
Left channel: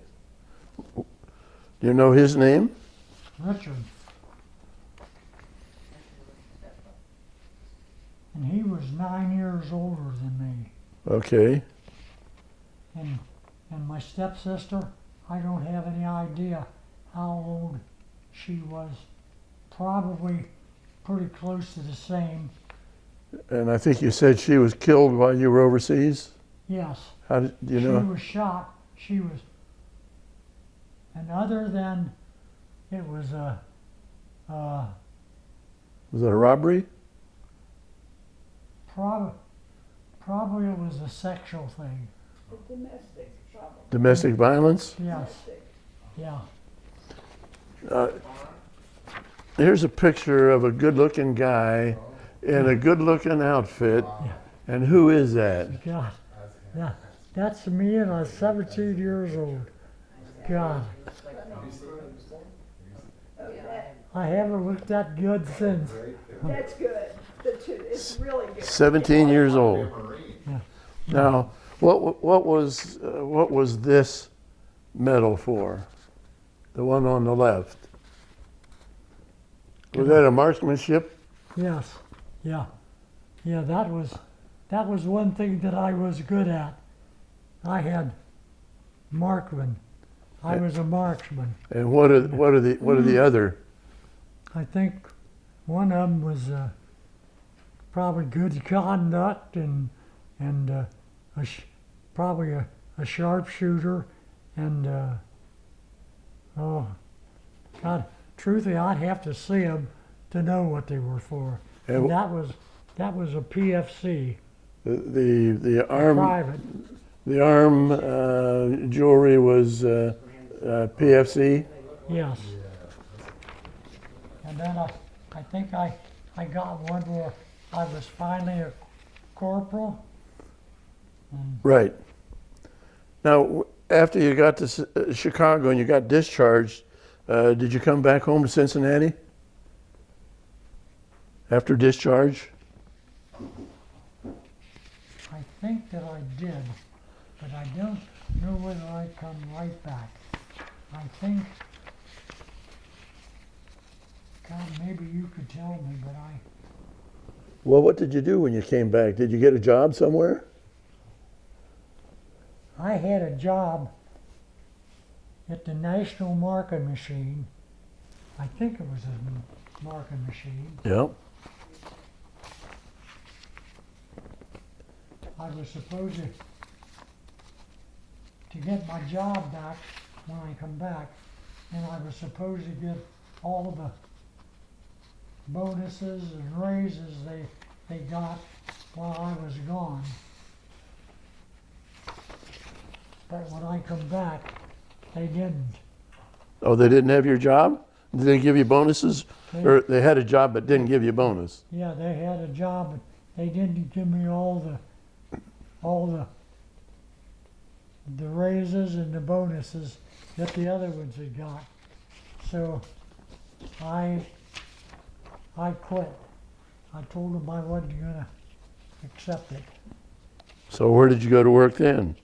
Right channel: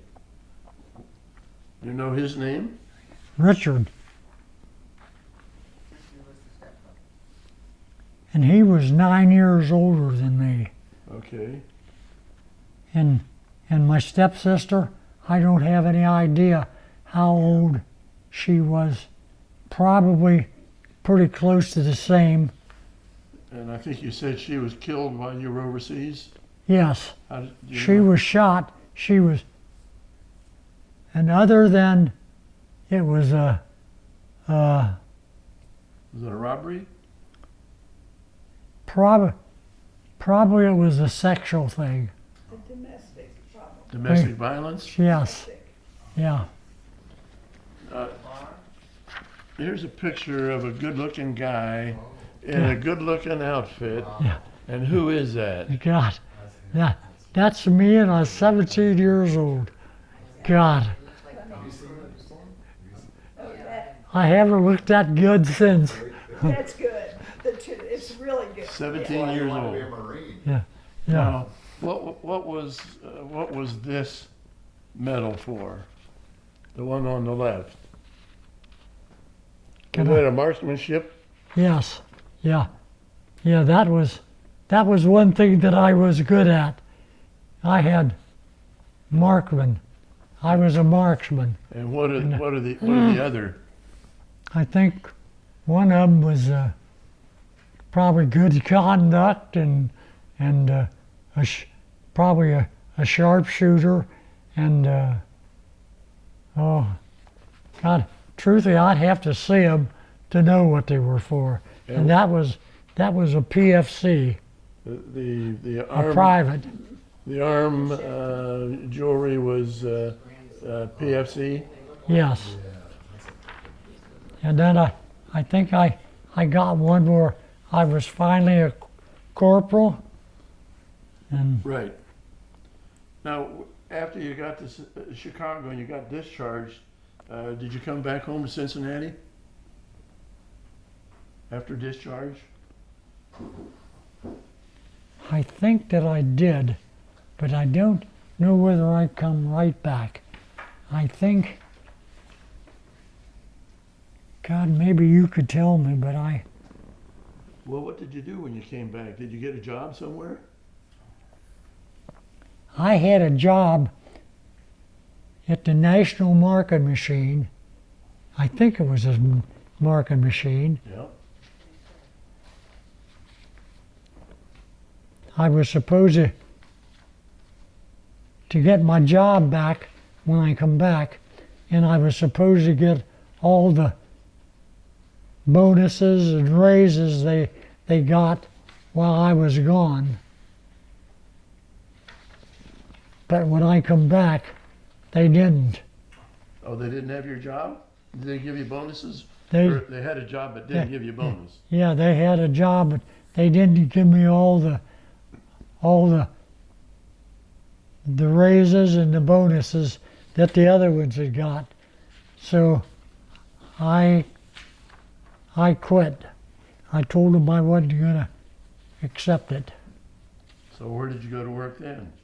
Do you know his name? Richard, and he was 9 years older than me. Okay. And my stepsister, I don't have any idea how old she was. Probably pretty close to the same. And I think you said she was killed while you were overseas? Yes, How did you she know? was shot. She was, and other than it was a, Was it a robbery? probably it was a sexual thing. The domestic problem. Domestic violence? Yes, yeah. Here's a picture of a good-looking guy in a good-looking outfit. Yeah. And who is that? God, that's me, and I was 17 years old. God, Oh, I haven't looked that good since. that's good. It's really good. 17 years old. Yeah. Now, what was this medal for? The one on the left. Was that a marksmanship? Yes, yeah, that was one thing that I was good at. I had marksman. I was a marksman. And what are the other? I think one of them was probably good conduct and probably a sharpshooter and oh God, truthfully I'd have to see them to know what they were for. And that was a PFC, The a arm private. the arm jewelry was PFC. Yes. And then I think I got one where I was finally a corporal. And Right. Now, after you got to Chicago and you got discharged, did you come back home to Cincinnati? After discharge? I think that I did, but I don't know whether I come right back. I think, God, maybe you could tell me, but Well, what did you do when you came back? Did you get a job somewhere? I had a job at the National Marking Machine. I think it was a marking machine. Yep. I was supposed to get my job back when I come back, and I was supposed to get all the bonuses and raises they got while I was gone. But when I come back, they didn't. Oh, they didn't have your job? Did they give you bonuses? Or they had a job but didn't Yeah. give you a bonus? Yeah, they had a job, but they didn't give me all the raises and the bonuses that the other ones had got. So I quit. I told them I wasn't going to accept it. So where did you go to work then?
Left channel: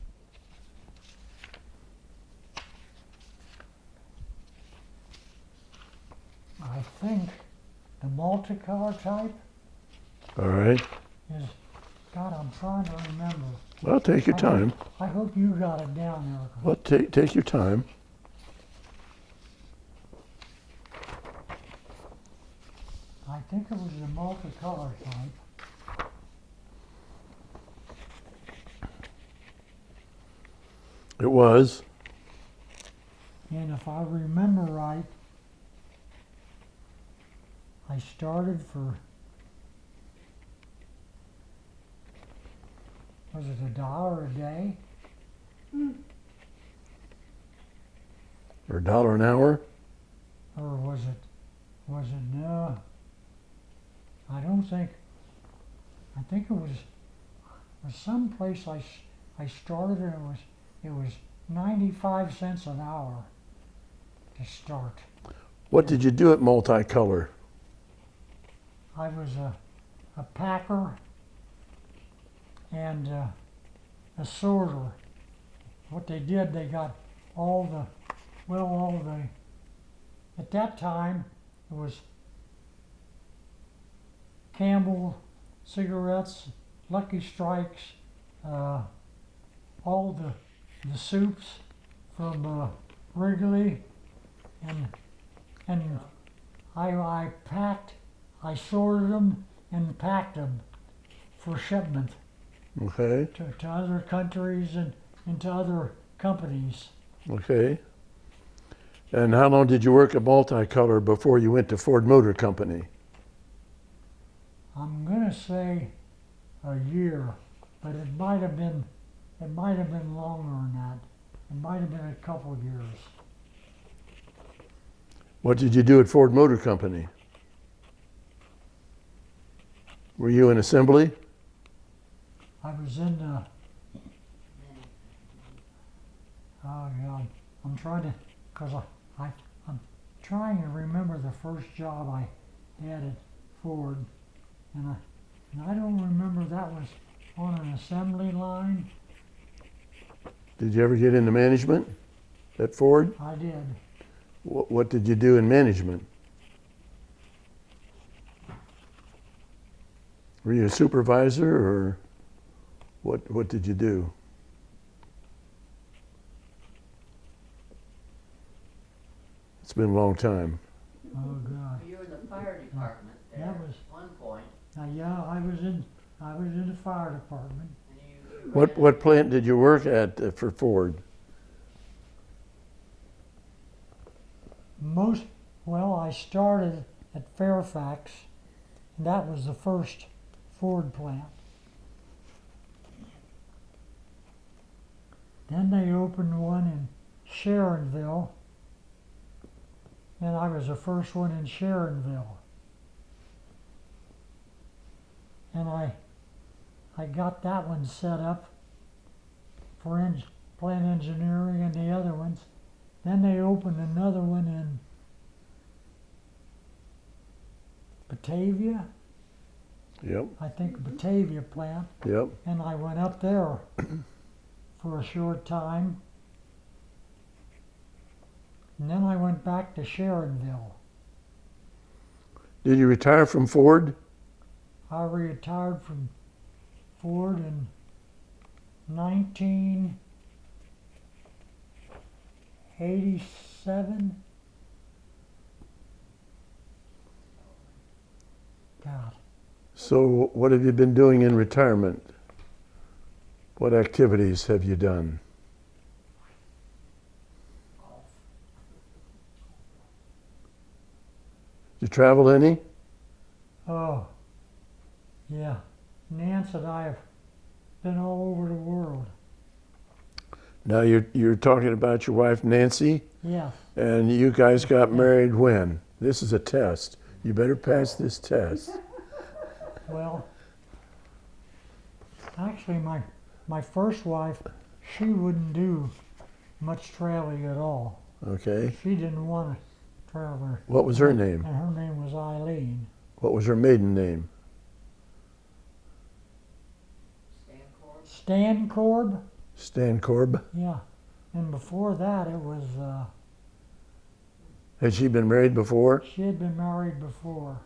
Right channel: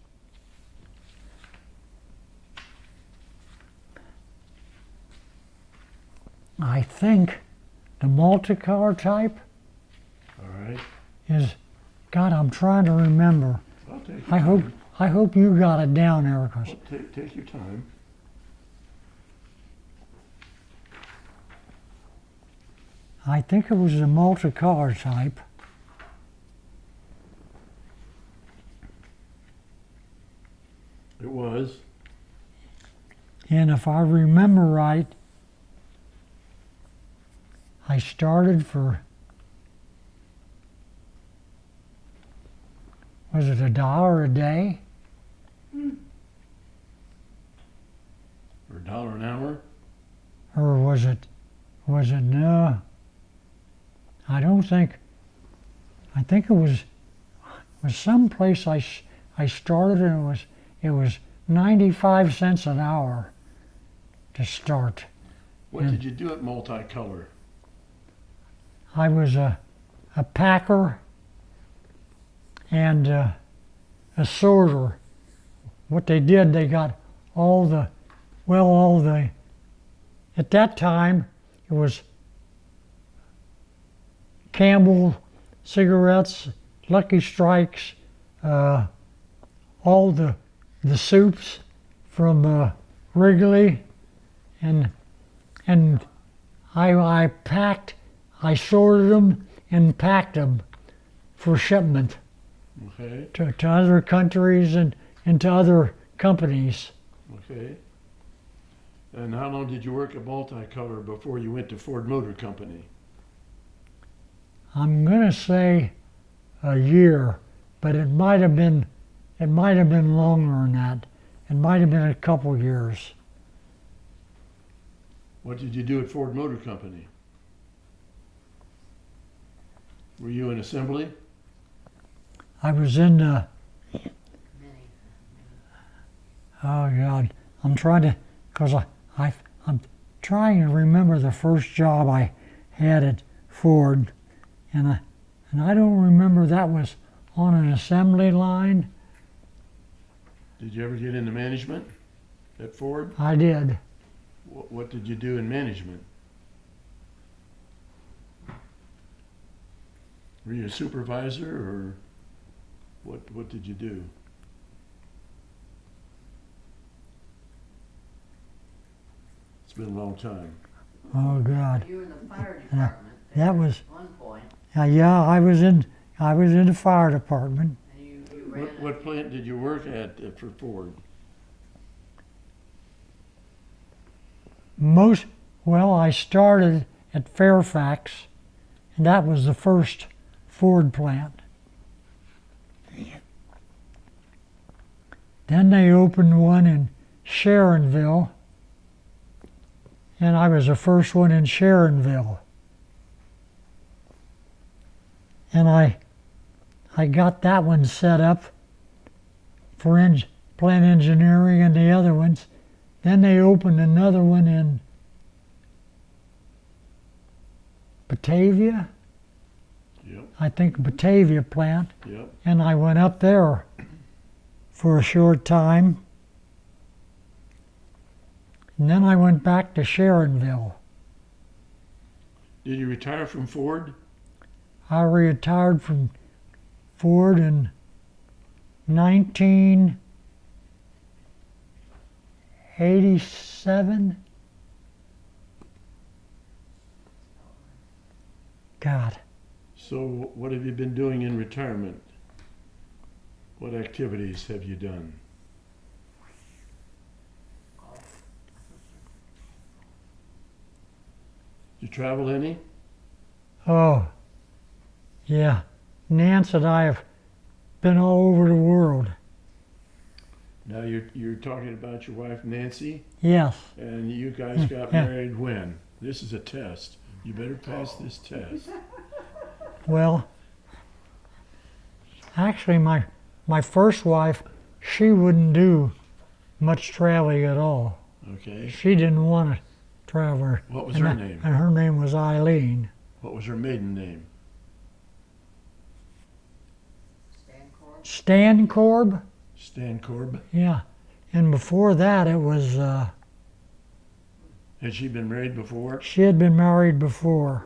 I think the multi-car type All right. is, God, I'm trying to remember. Well, take your I time. hope you got it down there. 'Cause Well, take your time. I think it was the multi-car type. It was. And if I remember right, I started for, was it $1 a day? Or $1 an hour? Or was it, no, I don't think, I think it was some place I started, and it was 95 cents an hour to start. What did you do at Multicolor? I was a packer and a sorter. What they did, they got at that time, it was Campbell cigarettes, Lucky Strikes, all the soups from Wrigley, and I sorted them and packed them for shipment Okay. to other countries and to other companies. Okay. And how long did you work at Multicolor before you went to Ford Motor Company? I'm gonna say a year, but it might have been longer than that. It might have been a couple years. What did you do at Ford Motor Company? Were you in assembly? I was in the, oh God, I'm trying to, because I'm trying to remember the first job I had at Ford, and I don't remember that was on an assembly line. Did you ever get into management at Ford? I did. What did you do in management? Were you a supervisor, or what did you do? It's been a long time. Oh God, You were in the fire department that there was, at one point, yeah, I was in the fire department. and you ran What plant did you work at for Ford? I started at Fairfax, and that was the first Ford plant. Then they opened one in Sharonville, and I was the first one in Sharonville. And I got that one set up for plant engineering and the other ones. Then they opened another one in Batavia, Yep, I think Batavia plant, yep. and I went up there for a short time. And then I went back to Sharonville. Did you retire from Ford? I retired from Ford in 1987. God, So what have you been doing in retirement? What activities have you done? You travel any? Oh, yeah. Nance and I have been all over the world. Now you're talking about your wife Nancy, Yes. and you guys got Yeah. married when? This is a test. You better pass this test. Well, actually, my first wife, she wouldn't do much traveling at all. Okay. She didn't want to travel. What was her name? And her name was Eileen. What was her maiden name? Stan Corb? Stan Corb. Yeah. And before that, it was, Had she been married before? she had been married before.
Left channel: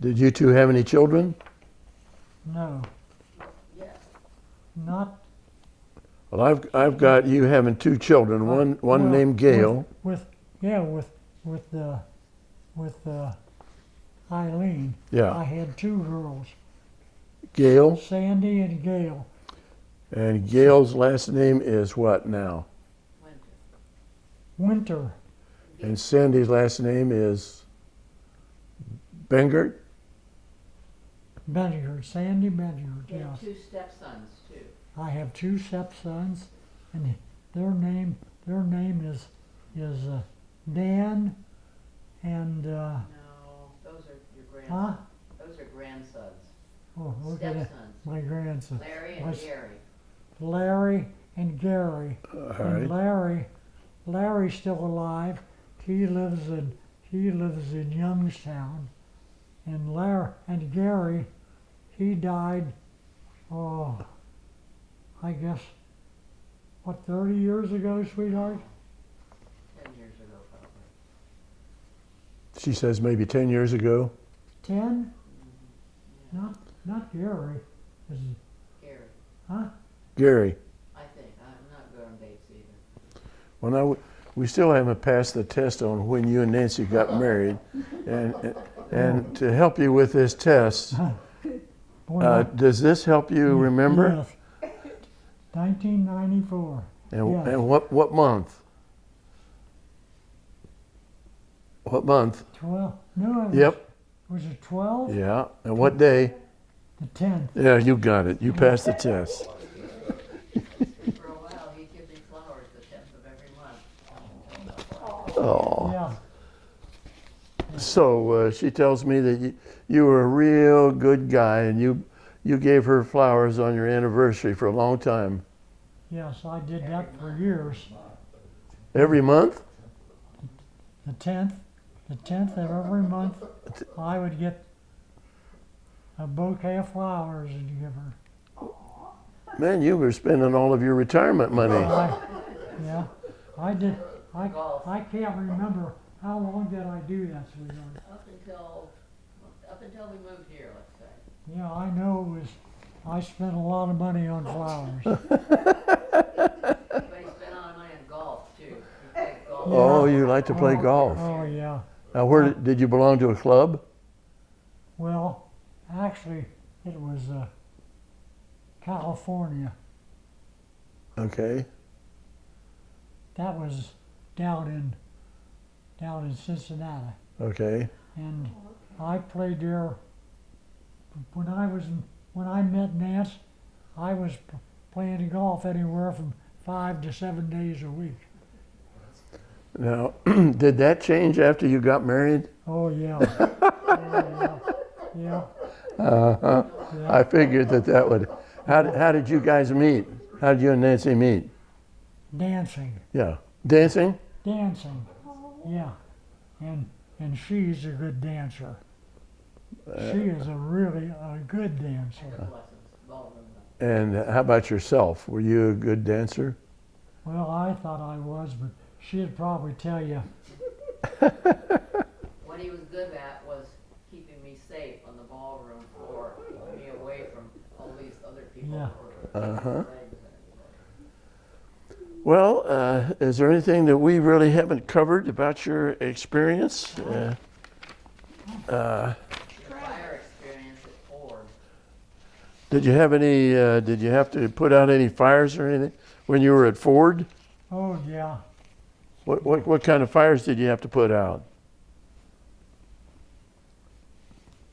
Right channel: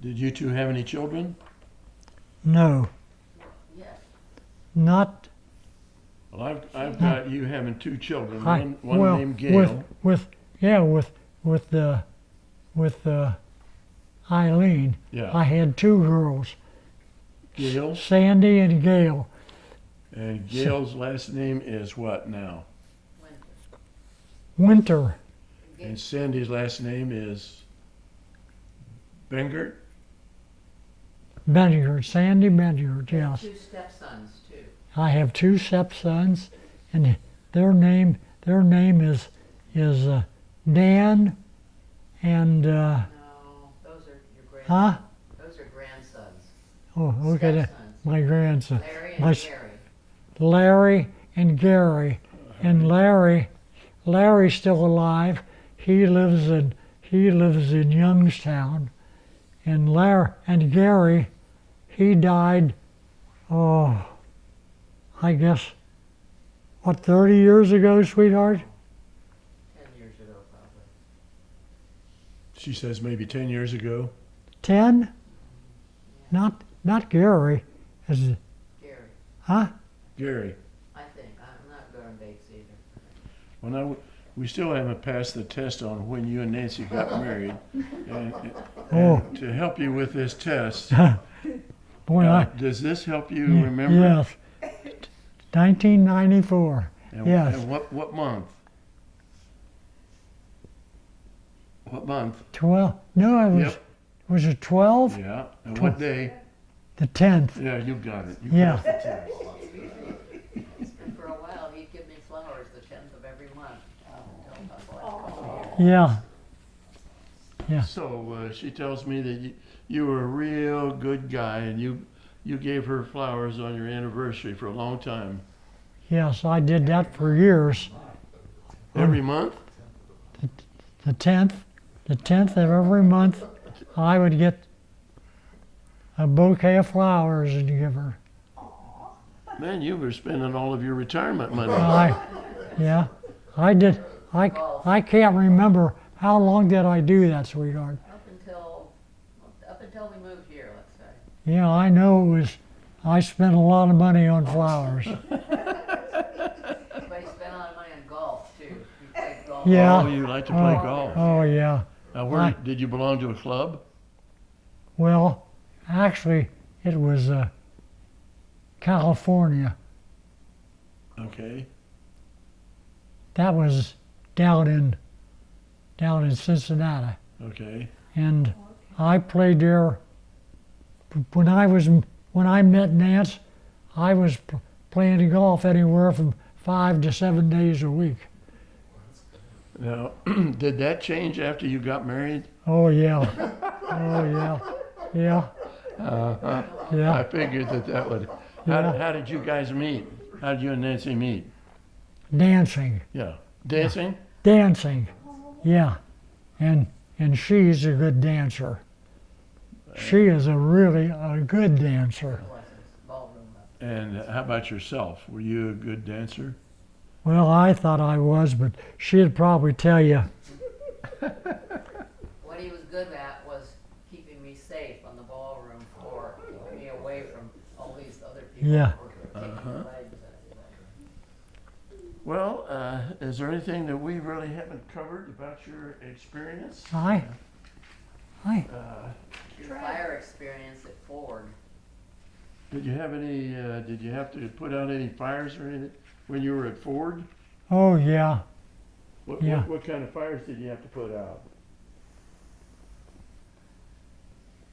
Did you two have any children? No, Yes. not. Well, I've got you having two children. One well, named Gail. With Eileen. Yeah. I had two girls, Gail. Sandy and Gail. And Gail's last name is what now? Winter. And Sandy's last name is Bengert. Benjard, Sandy Benjard, yes. Two stepsons too. I have two stepsons, and their name is Dan and No, those are your grandsons. huh? Those are grandsons. Oh, okay, Stepsons. my grandson, Larry My and s- Gary. Larry and Gary, and Larry's still alive. He lives in Youngstown, and Gary, he died. Oh, I guess, what, 30 years ago, sweetheart? 10 years ago, probably. She says maybe 10 years ago. 10? Not Gary. Is it, Gary, huh? Gary. I think. I'm not good on dates either. Well, now we still haven't passed the test on when you and Nancy got married, and to help you with this test, When does this help you remember? Yes. 1994. And, Yes. and what month? What month? 12. No, it was. Yep. Was it 12? Yeah. And what day? The 10th. Yeah, you got it. You Yeah. passed the test. For a while, he'd give me flowers the 10th of every month. Until Oh. Yeah. Yeah. So she tells me that you were a real good guy, and you gave her flowers on your anniversary for a long time. Yes, I did that for years. Every month? The 10th of every month, I would get a bouquet of flowers and give her. Man, you were spending all of your retirement money. Yeah, I did. I can't remember how long did I do that, sweetheart. Up until we moved here, let's say. Yeah, I know it was. I spent a lot of money on flowers. But he spent a lot of money on golf too. He played golf. Yeah. Oh, you like to play golf. Oh yeah. Now, where I- did you belong to a club? Well, actually, it was California. Okay. That was down in Cincinnati, Okay. and I played there. When I met Nance, I was playing golf anywhere from 5 to 7 days a week. Now, did that change after you got married? Oh yeah. Oh yeah. Yeah. I Yeah. figured that would. How did you guys meet? How did you and Nancy meet? Dancing. Yeah. Dancing? Dancing. Yeah. And she's a good dancer. She is a good dancer. Lessons, ballroom lessons. And how about yourself? Were you a good dancer? Well, I thought I was, but she'd probably tell you. What he was good at was keeping me safe on the ballroom floor, keeping me away from all these other people. Yeah. That were taking Uh-huh. legs at me. Well, is there anything that we really haven't covered about your experience? Hi. Hi. Uh, Your fire experience at Ford. Did you have any? Did you have to put out any fires or anything when you were at Ford? Oh, yeah. What Yeah. what kind of fires did you have to put out?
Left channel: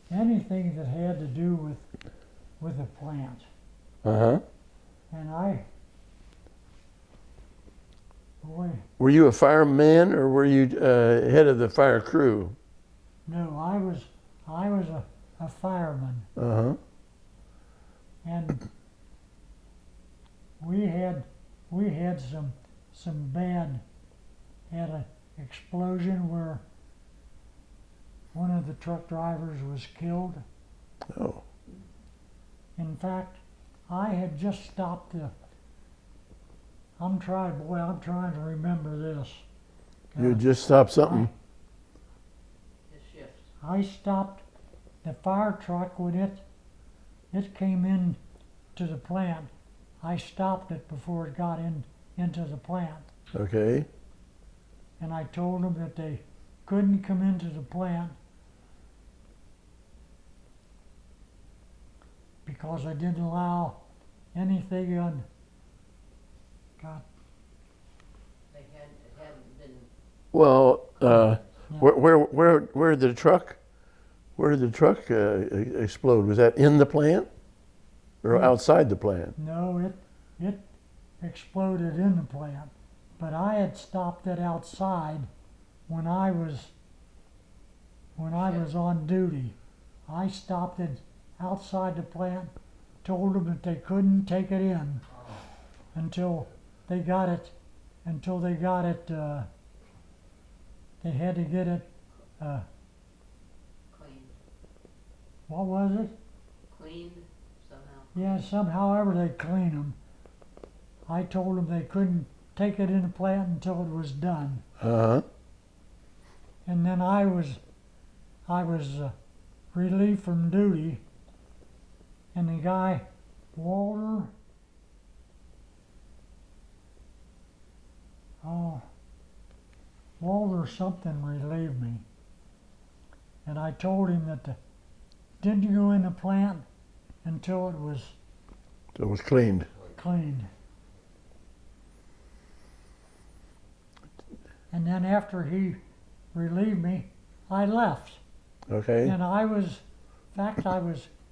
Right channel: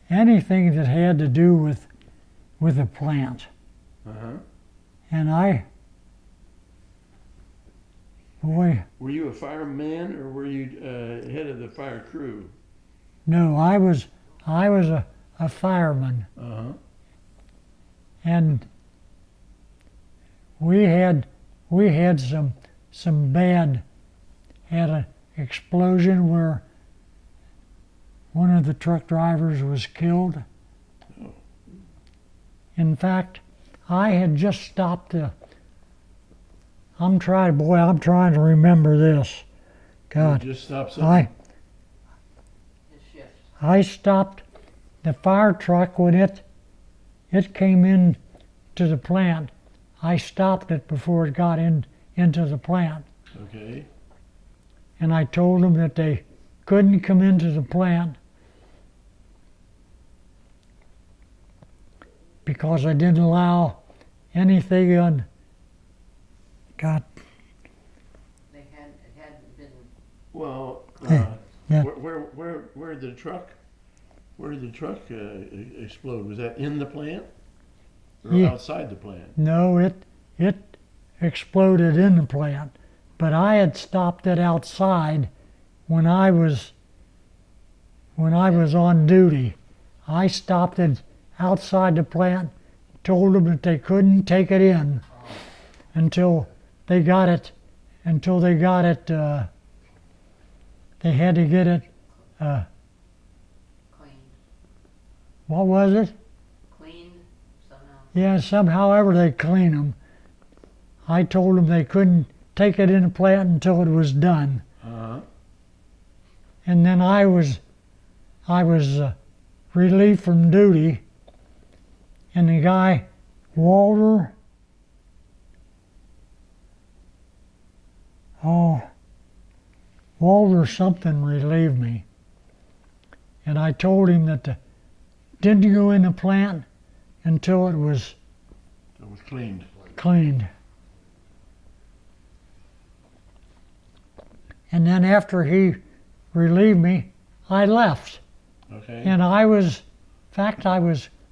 Anything that had to do with a plant. Uh-huh. And boy, Were you a fireman or were you head of the fire crew? no, I was a fireman. Uh-huh. And we had some bad, had an explosion where one of the truck drivers was killed. Oh. In fact, I had just stopped I'm trying to remember this. You God, just stopped something? His shift. I stopped the fire truck when it came in to the plant. I stopped it before it got into the plant. Okay. And I told them that they couldn't come into the plant because I didn't allow anything on. God, It hadn't been, Well, yeah. where did the truck explode? Was that in the plant or Yeah. outside the plant? No, it exploded in the plant, but I had stopped it outside when I was on duty. I stopped it outside the plant, told them that they couldn't take it in until they got it. They had to get it. cleaned, What was it? cleaned somehow. Yeah, somehow ever they clean them. I told them they couldn't take it in the plant until it was done. Uh-huh. And then I was relieved from duty, and the guy, Walter, Walter something relieved me. And I told him that didn't go in the plant until it was It was cleaned. cleaned. And then after he relieved me, I left. Okay. And I was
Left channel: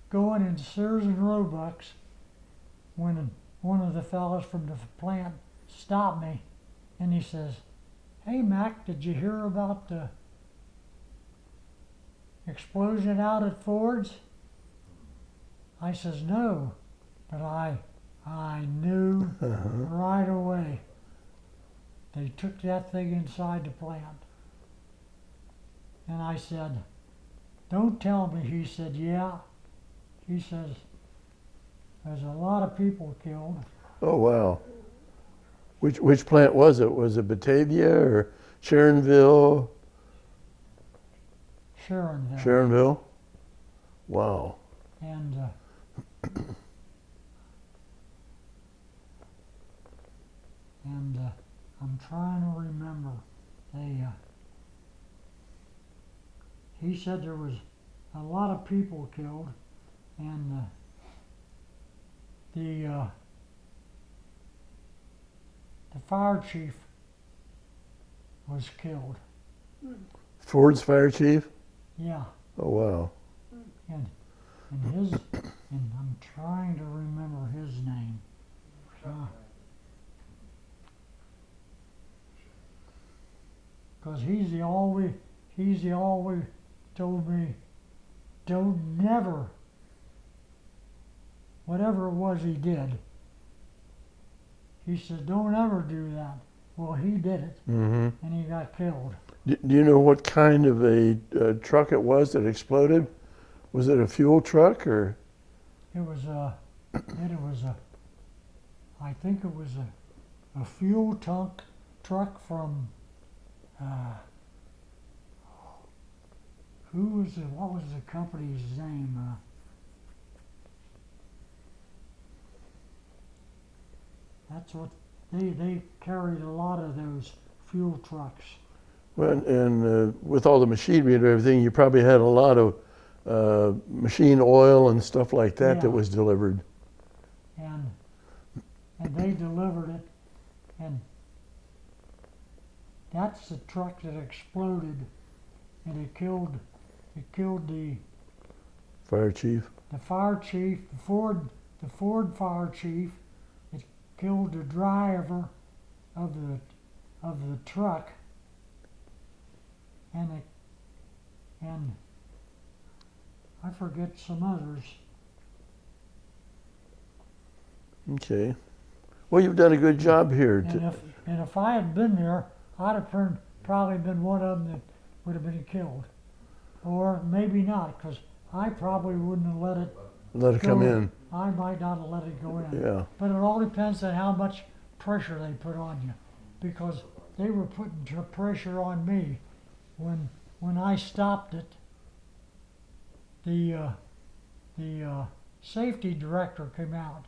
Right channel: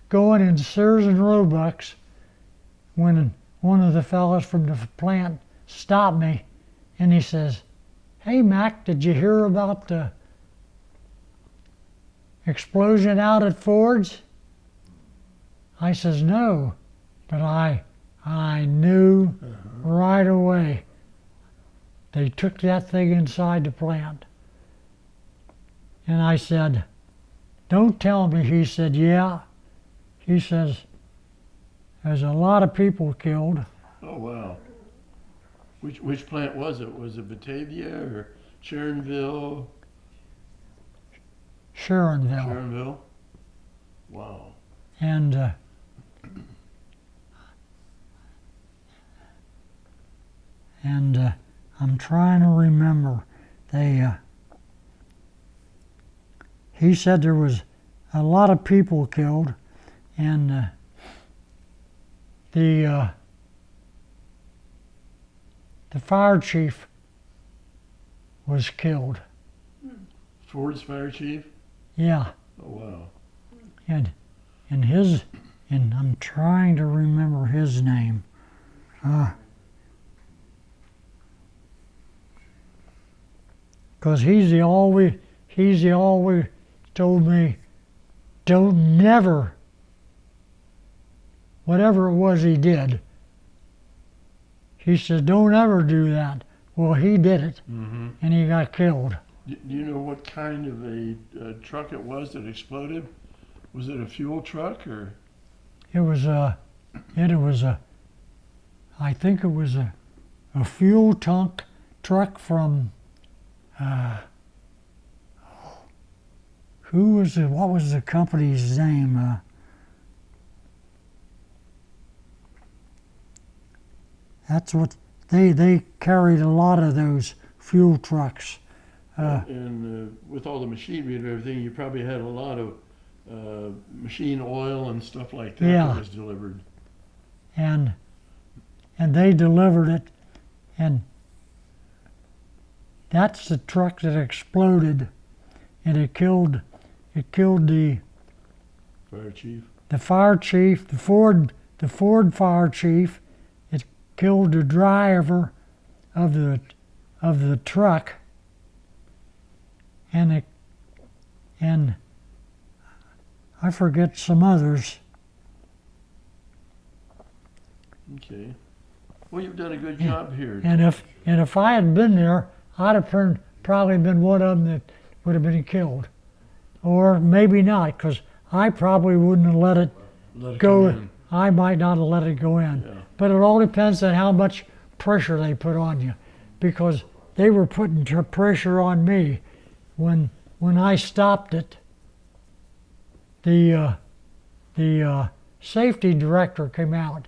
going in Sears and Roebuck's when one of the fellows from the plant stopped me, and he says, "Hey, Mack, did you hear about the explosion out at Ford's?" I says, "No," but I knew right away. They took that thing inside the plant. And I said, "Don't tell me." He said, "Yeah." He says, "There's a lot of people killed." Oh, wow. Which plant was it? Was it Batavia or Sharonville? Sharonville. Sharonville? Wow. And I'm trying to remember. He said there was a lot of people killed, and the fire chief was killed. Ford's fire chief? Yeah, Oh, wow. and I'm trying to remember his name. Because he's the always told me, don't never, whatever it was he did, he said, don't ever do that. Well, he did it, Mm-hmm. and he got killed. Do you know what kind of a truck it was that exploded? Was it a fuel truck or? I think it was a fuel truck from, what was the company's name? That's what, they carried a lot of those fuel trucks. And with all the machinery and everything, you probably had a lot of machine oil and stuff like that that Yeah. was delivered. and they delivered it, and that's the truck that exploded, and it killed the Fire chief. fire chief, the Ford fire chief. It killed the driver of the truck, and I forget some others. Okay. Well, you've done a good job here. And if I had been there, I'd have probably been one of them that would have been killed, or maybe not, because I probably wouldn't have let it Let it go come in. I might not have let it go in. Yeah. But it all depends on how much pressure they put on you, because they were putting pressure on me when I stopped it. The safety director came out,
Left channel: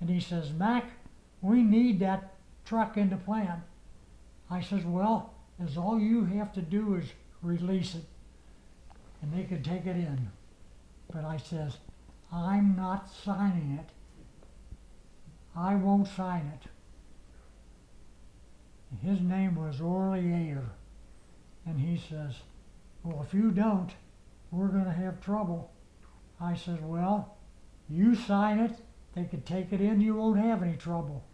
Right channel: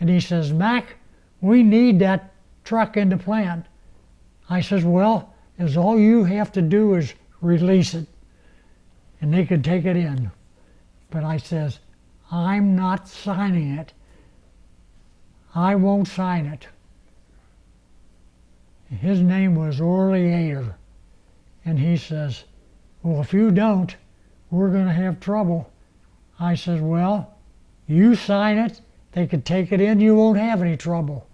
and he says, "Mack, we need that truck in the plant." I says, "Well, is all you have to do is release it, and they could take it in." But I says, "I'm not signing it. I won't sign it." His name was Orly Ader, and he says, "Well, if you don't, we're going to have trouble." I says, "Well, you sign it, they could take it in, you won't have any trouble."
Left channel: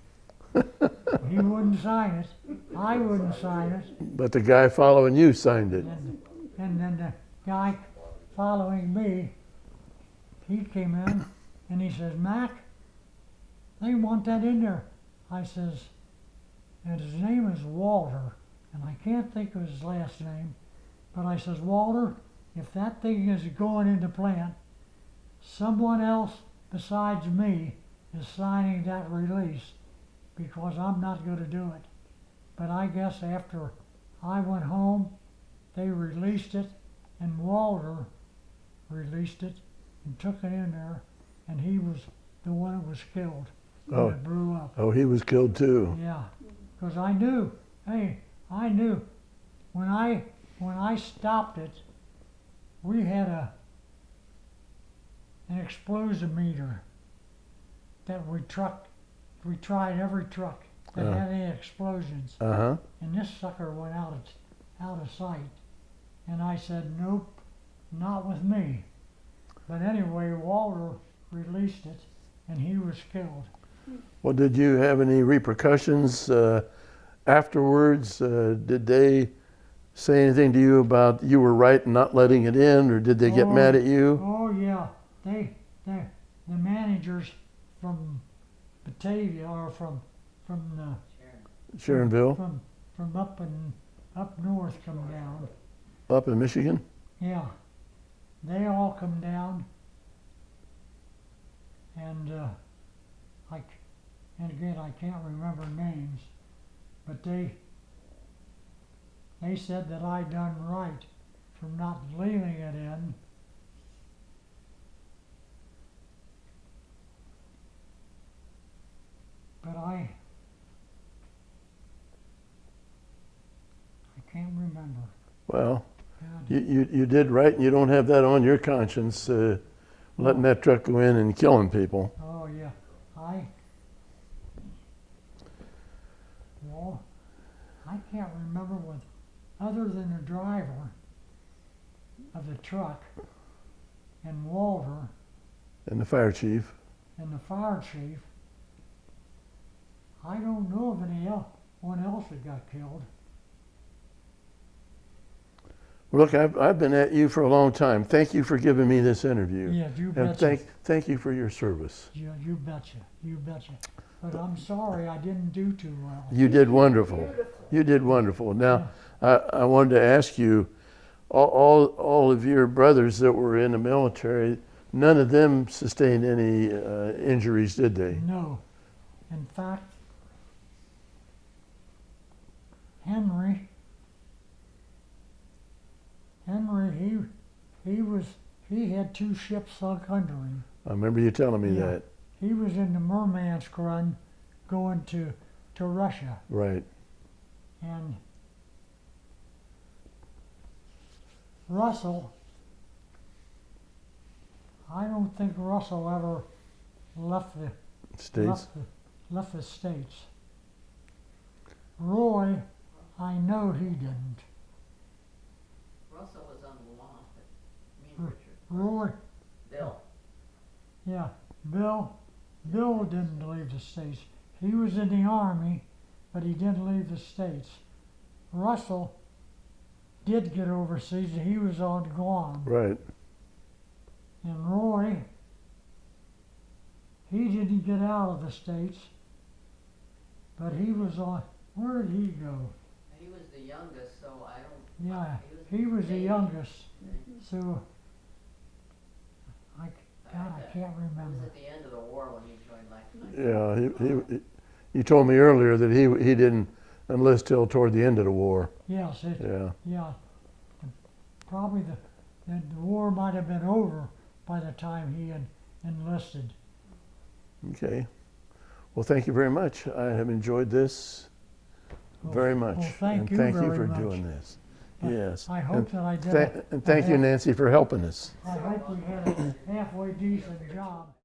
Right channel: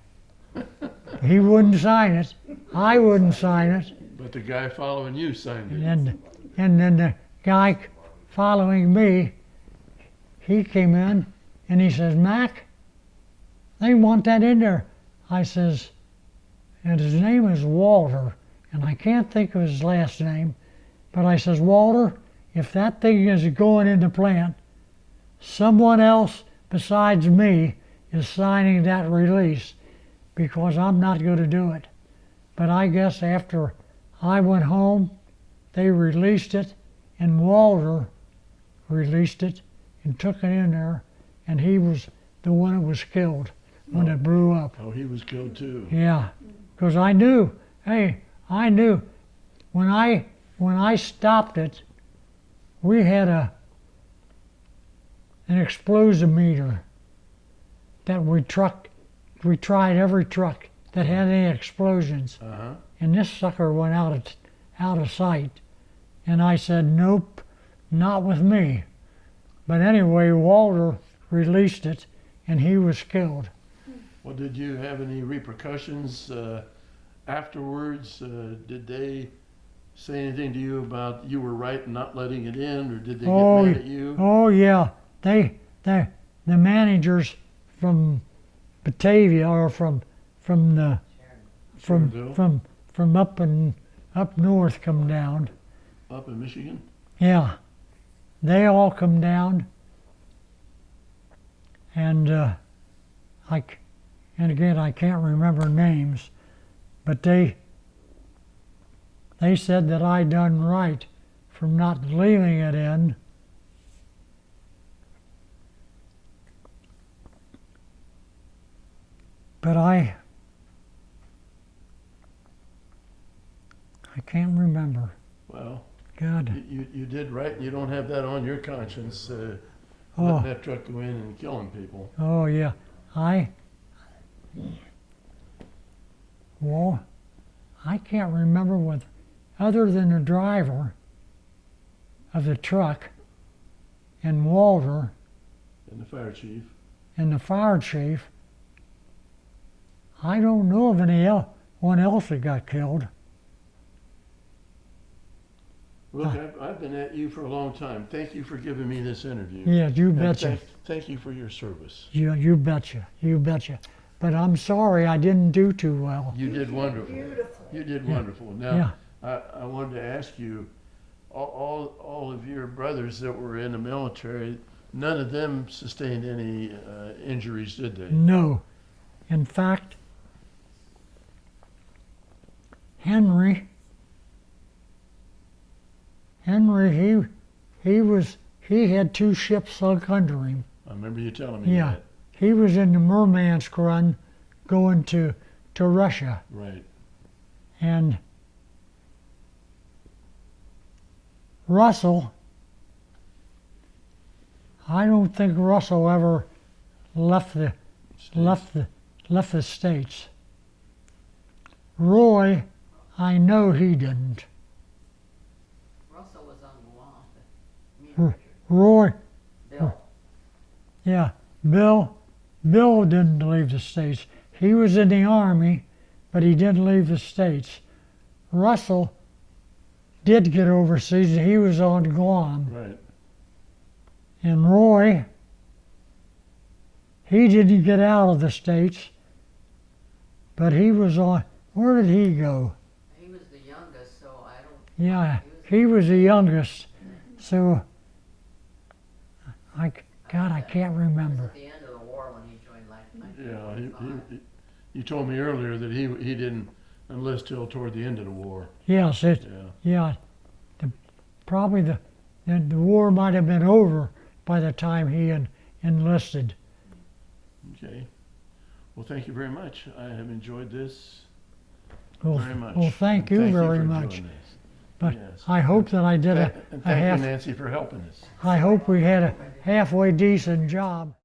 He wouldn't sign it. I wouldn't sign it. But the guy following you signed it. And then the guy following me, he came in and he says, "Mack, they want that in there." I says, and his name is Walter, and I can't think of his last name, but I says, "Walter, if that thing is going in the plant, someone else besides me is signing that release, because I'm not going to do it." But I guess after I went home, they released it, and Walter released it and took it in there, and he was the one that was killed when it blew up. Oh, he was killed too. Yeah, because I knew, I knew when I stopped it, we had an explosive meter that we tried every truck that had any explosions, Uh-huh. and this sucker went out of sight. And I said, "Nope, not with me." But anyway, Walter released it, and he was killed. Well, did you have any repercussions afterwards? Did they say anything to you about you were right in not letting it in, or did they get mad at you? Oh yeah, the managers from Batavia, or from the Sharonville, from up north, come down. up in Michigan? Yeah, they all come down, and and again I can't remember names, but they said that I done right from not leaving it in. But I can't remember. Well, God. you did right, and you don't have that on your conscience, letting Oh. that truck go in and killing people. Oh yeah, well, I can't remember what, other than the driver of the truck and Walter And the fire chief. and the fire chief. I don't know of anyone else that got killed. Look, I've been at you for a long time. Thank you for giving me this interview. Yeah, you And betcha. thank you for your service. You betcha. You betcha. But I'm sorry I didn't do too well. You did wonderful. Beautiful. You did wonderful. Now, Yeah. I wanted to ask you, all of your brothers that were in the military, none of them sustained any injuries, did they? No. In fact, Henry, he had 2 ships sunk under him. I remember you telling me Yeah. that. He was in the Murmansk run going to Russia. Right. And Russell, I don't think Russell ever left the States? left the States. Roy, I know he didn't. Russell was on the lawn, but me and Richard. Roy, Bill. yeah, Bill didn't leave the States. He was in the Army, but he didn't leave the States. Russell did get overseas. He was on Guam. Right. And Roy, he didn't get out of the States, but he was on, where did he go? He was the youngest, so I don't. Yeah, he was the youngest, so I can't It was remember. at the end of the war when he joined Lifetime. Yeah, you told me earlier that he didn't enlist till toward the end of the war. Yes, Yeah. Probably the war might have been over by the time he enlisted. Okay. Well, thank you very much. I have enjoyed this Well, very much. Well, thank And you very for much. doing this. But Yes. I hope that I did And thank you, Nancy, for helping us. I hope we had a halfway decent job.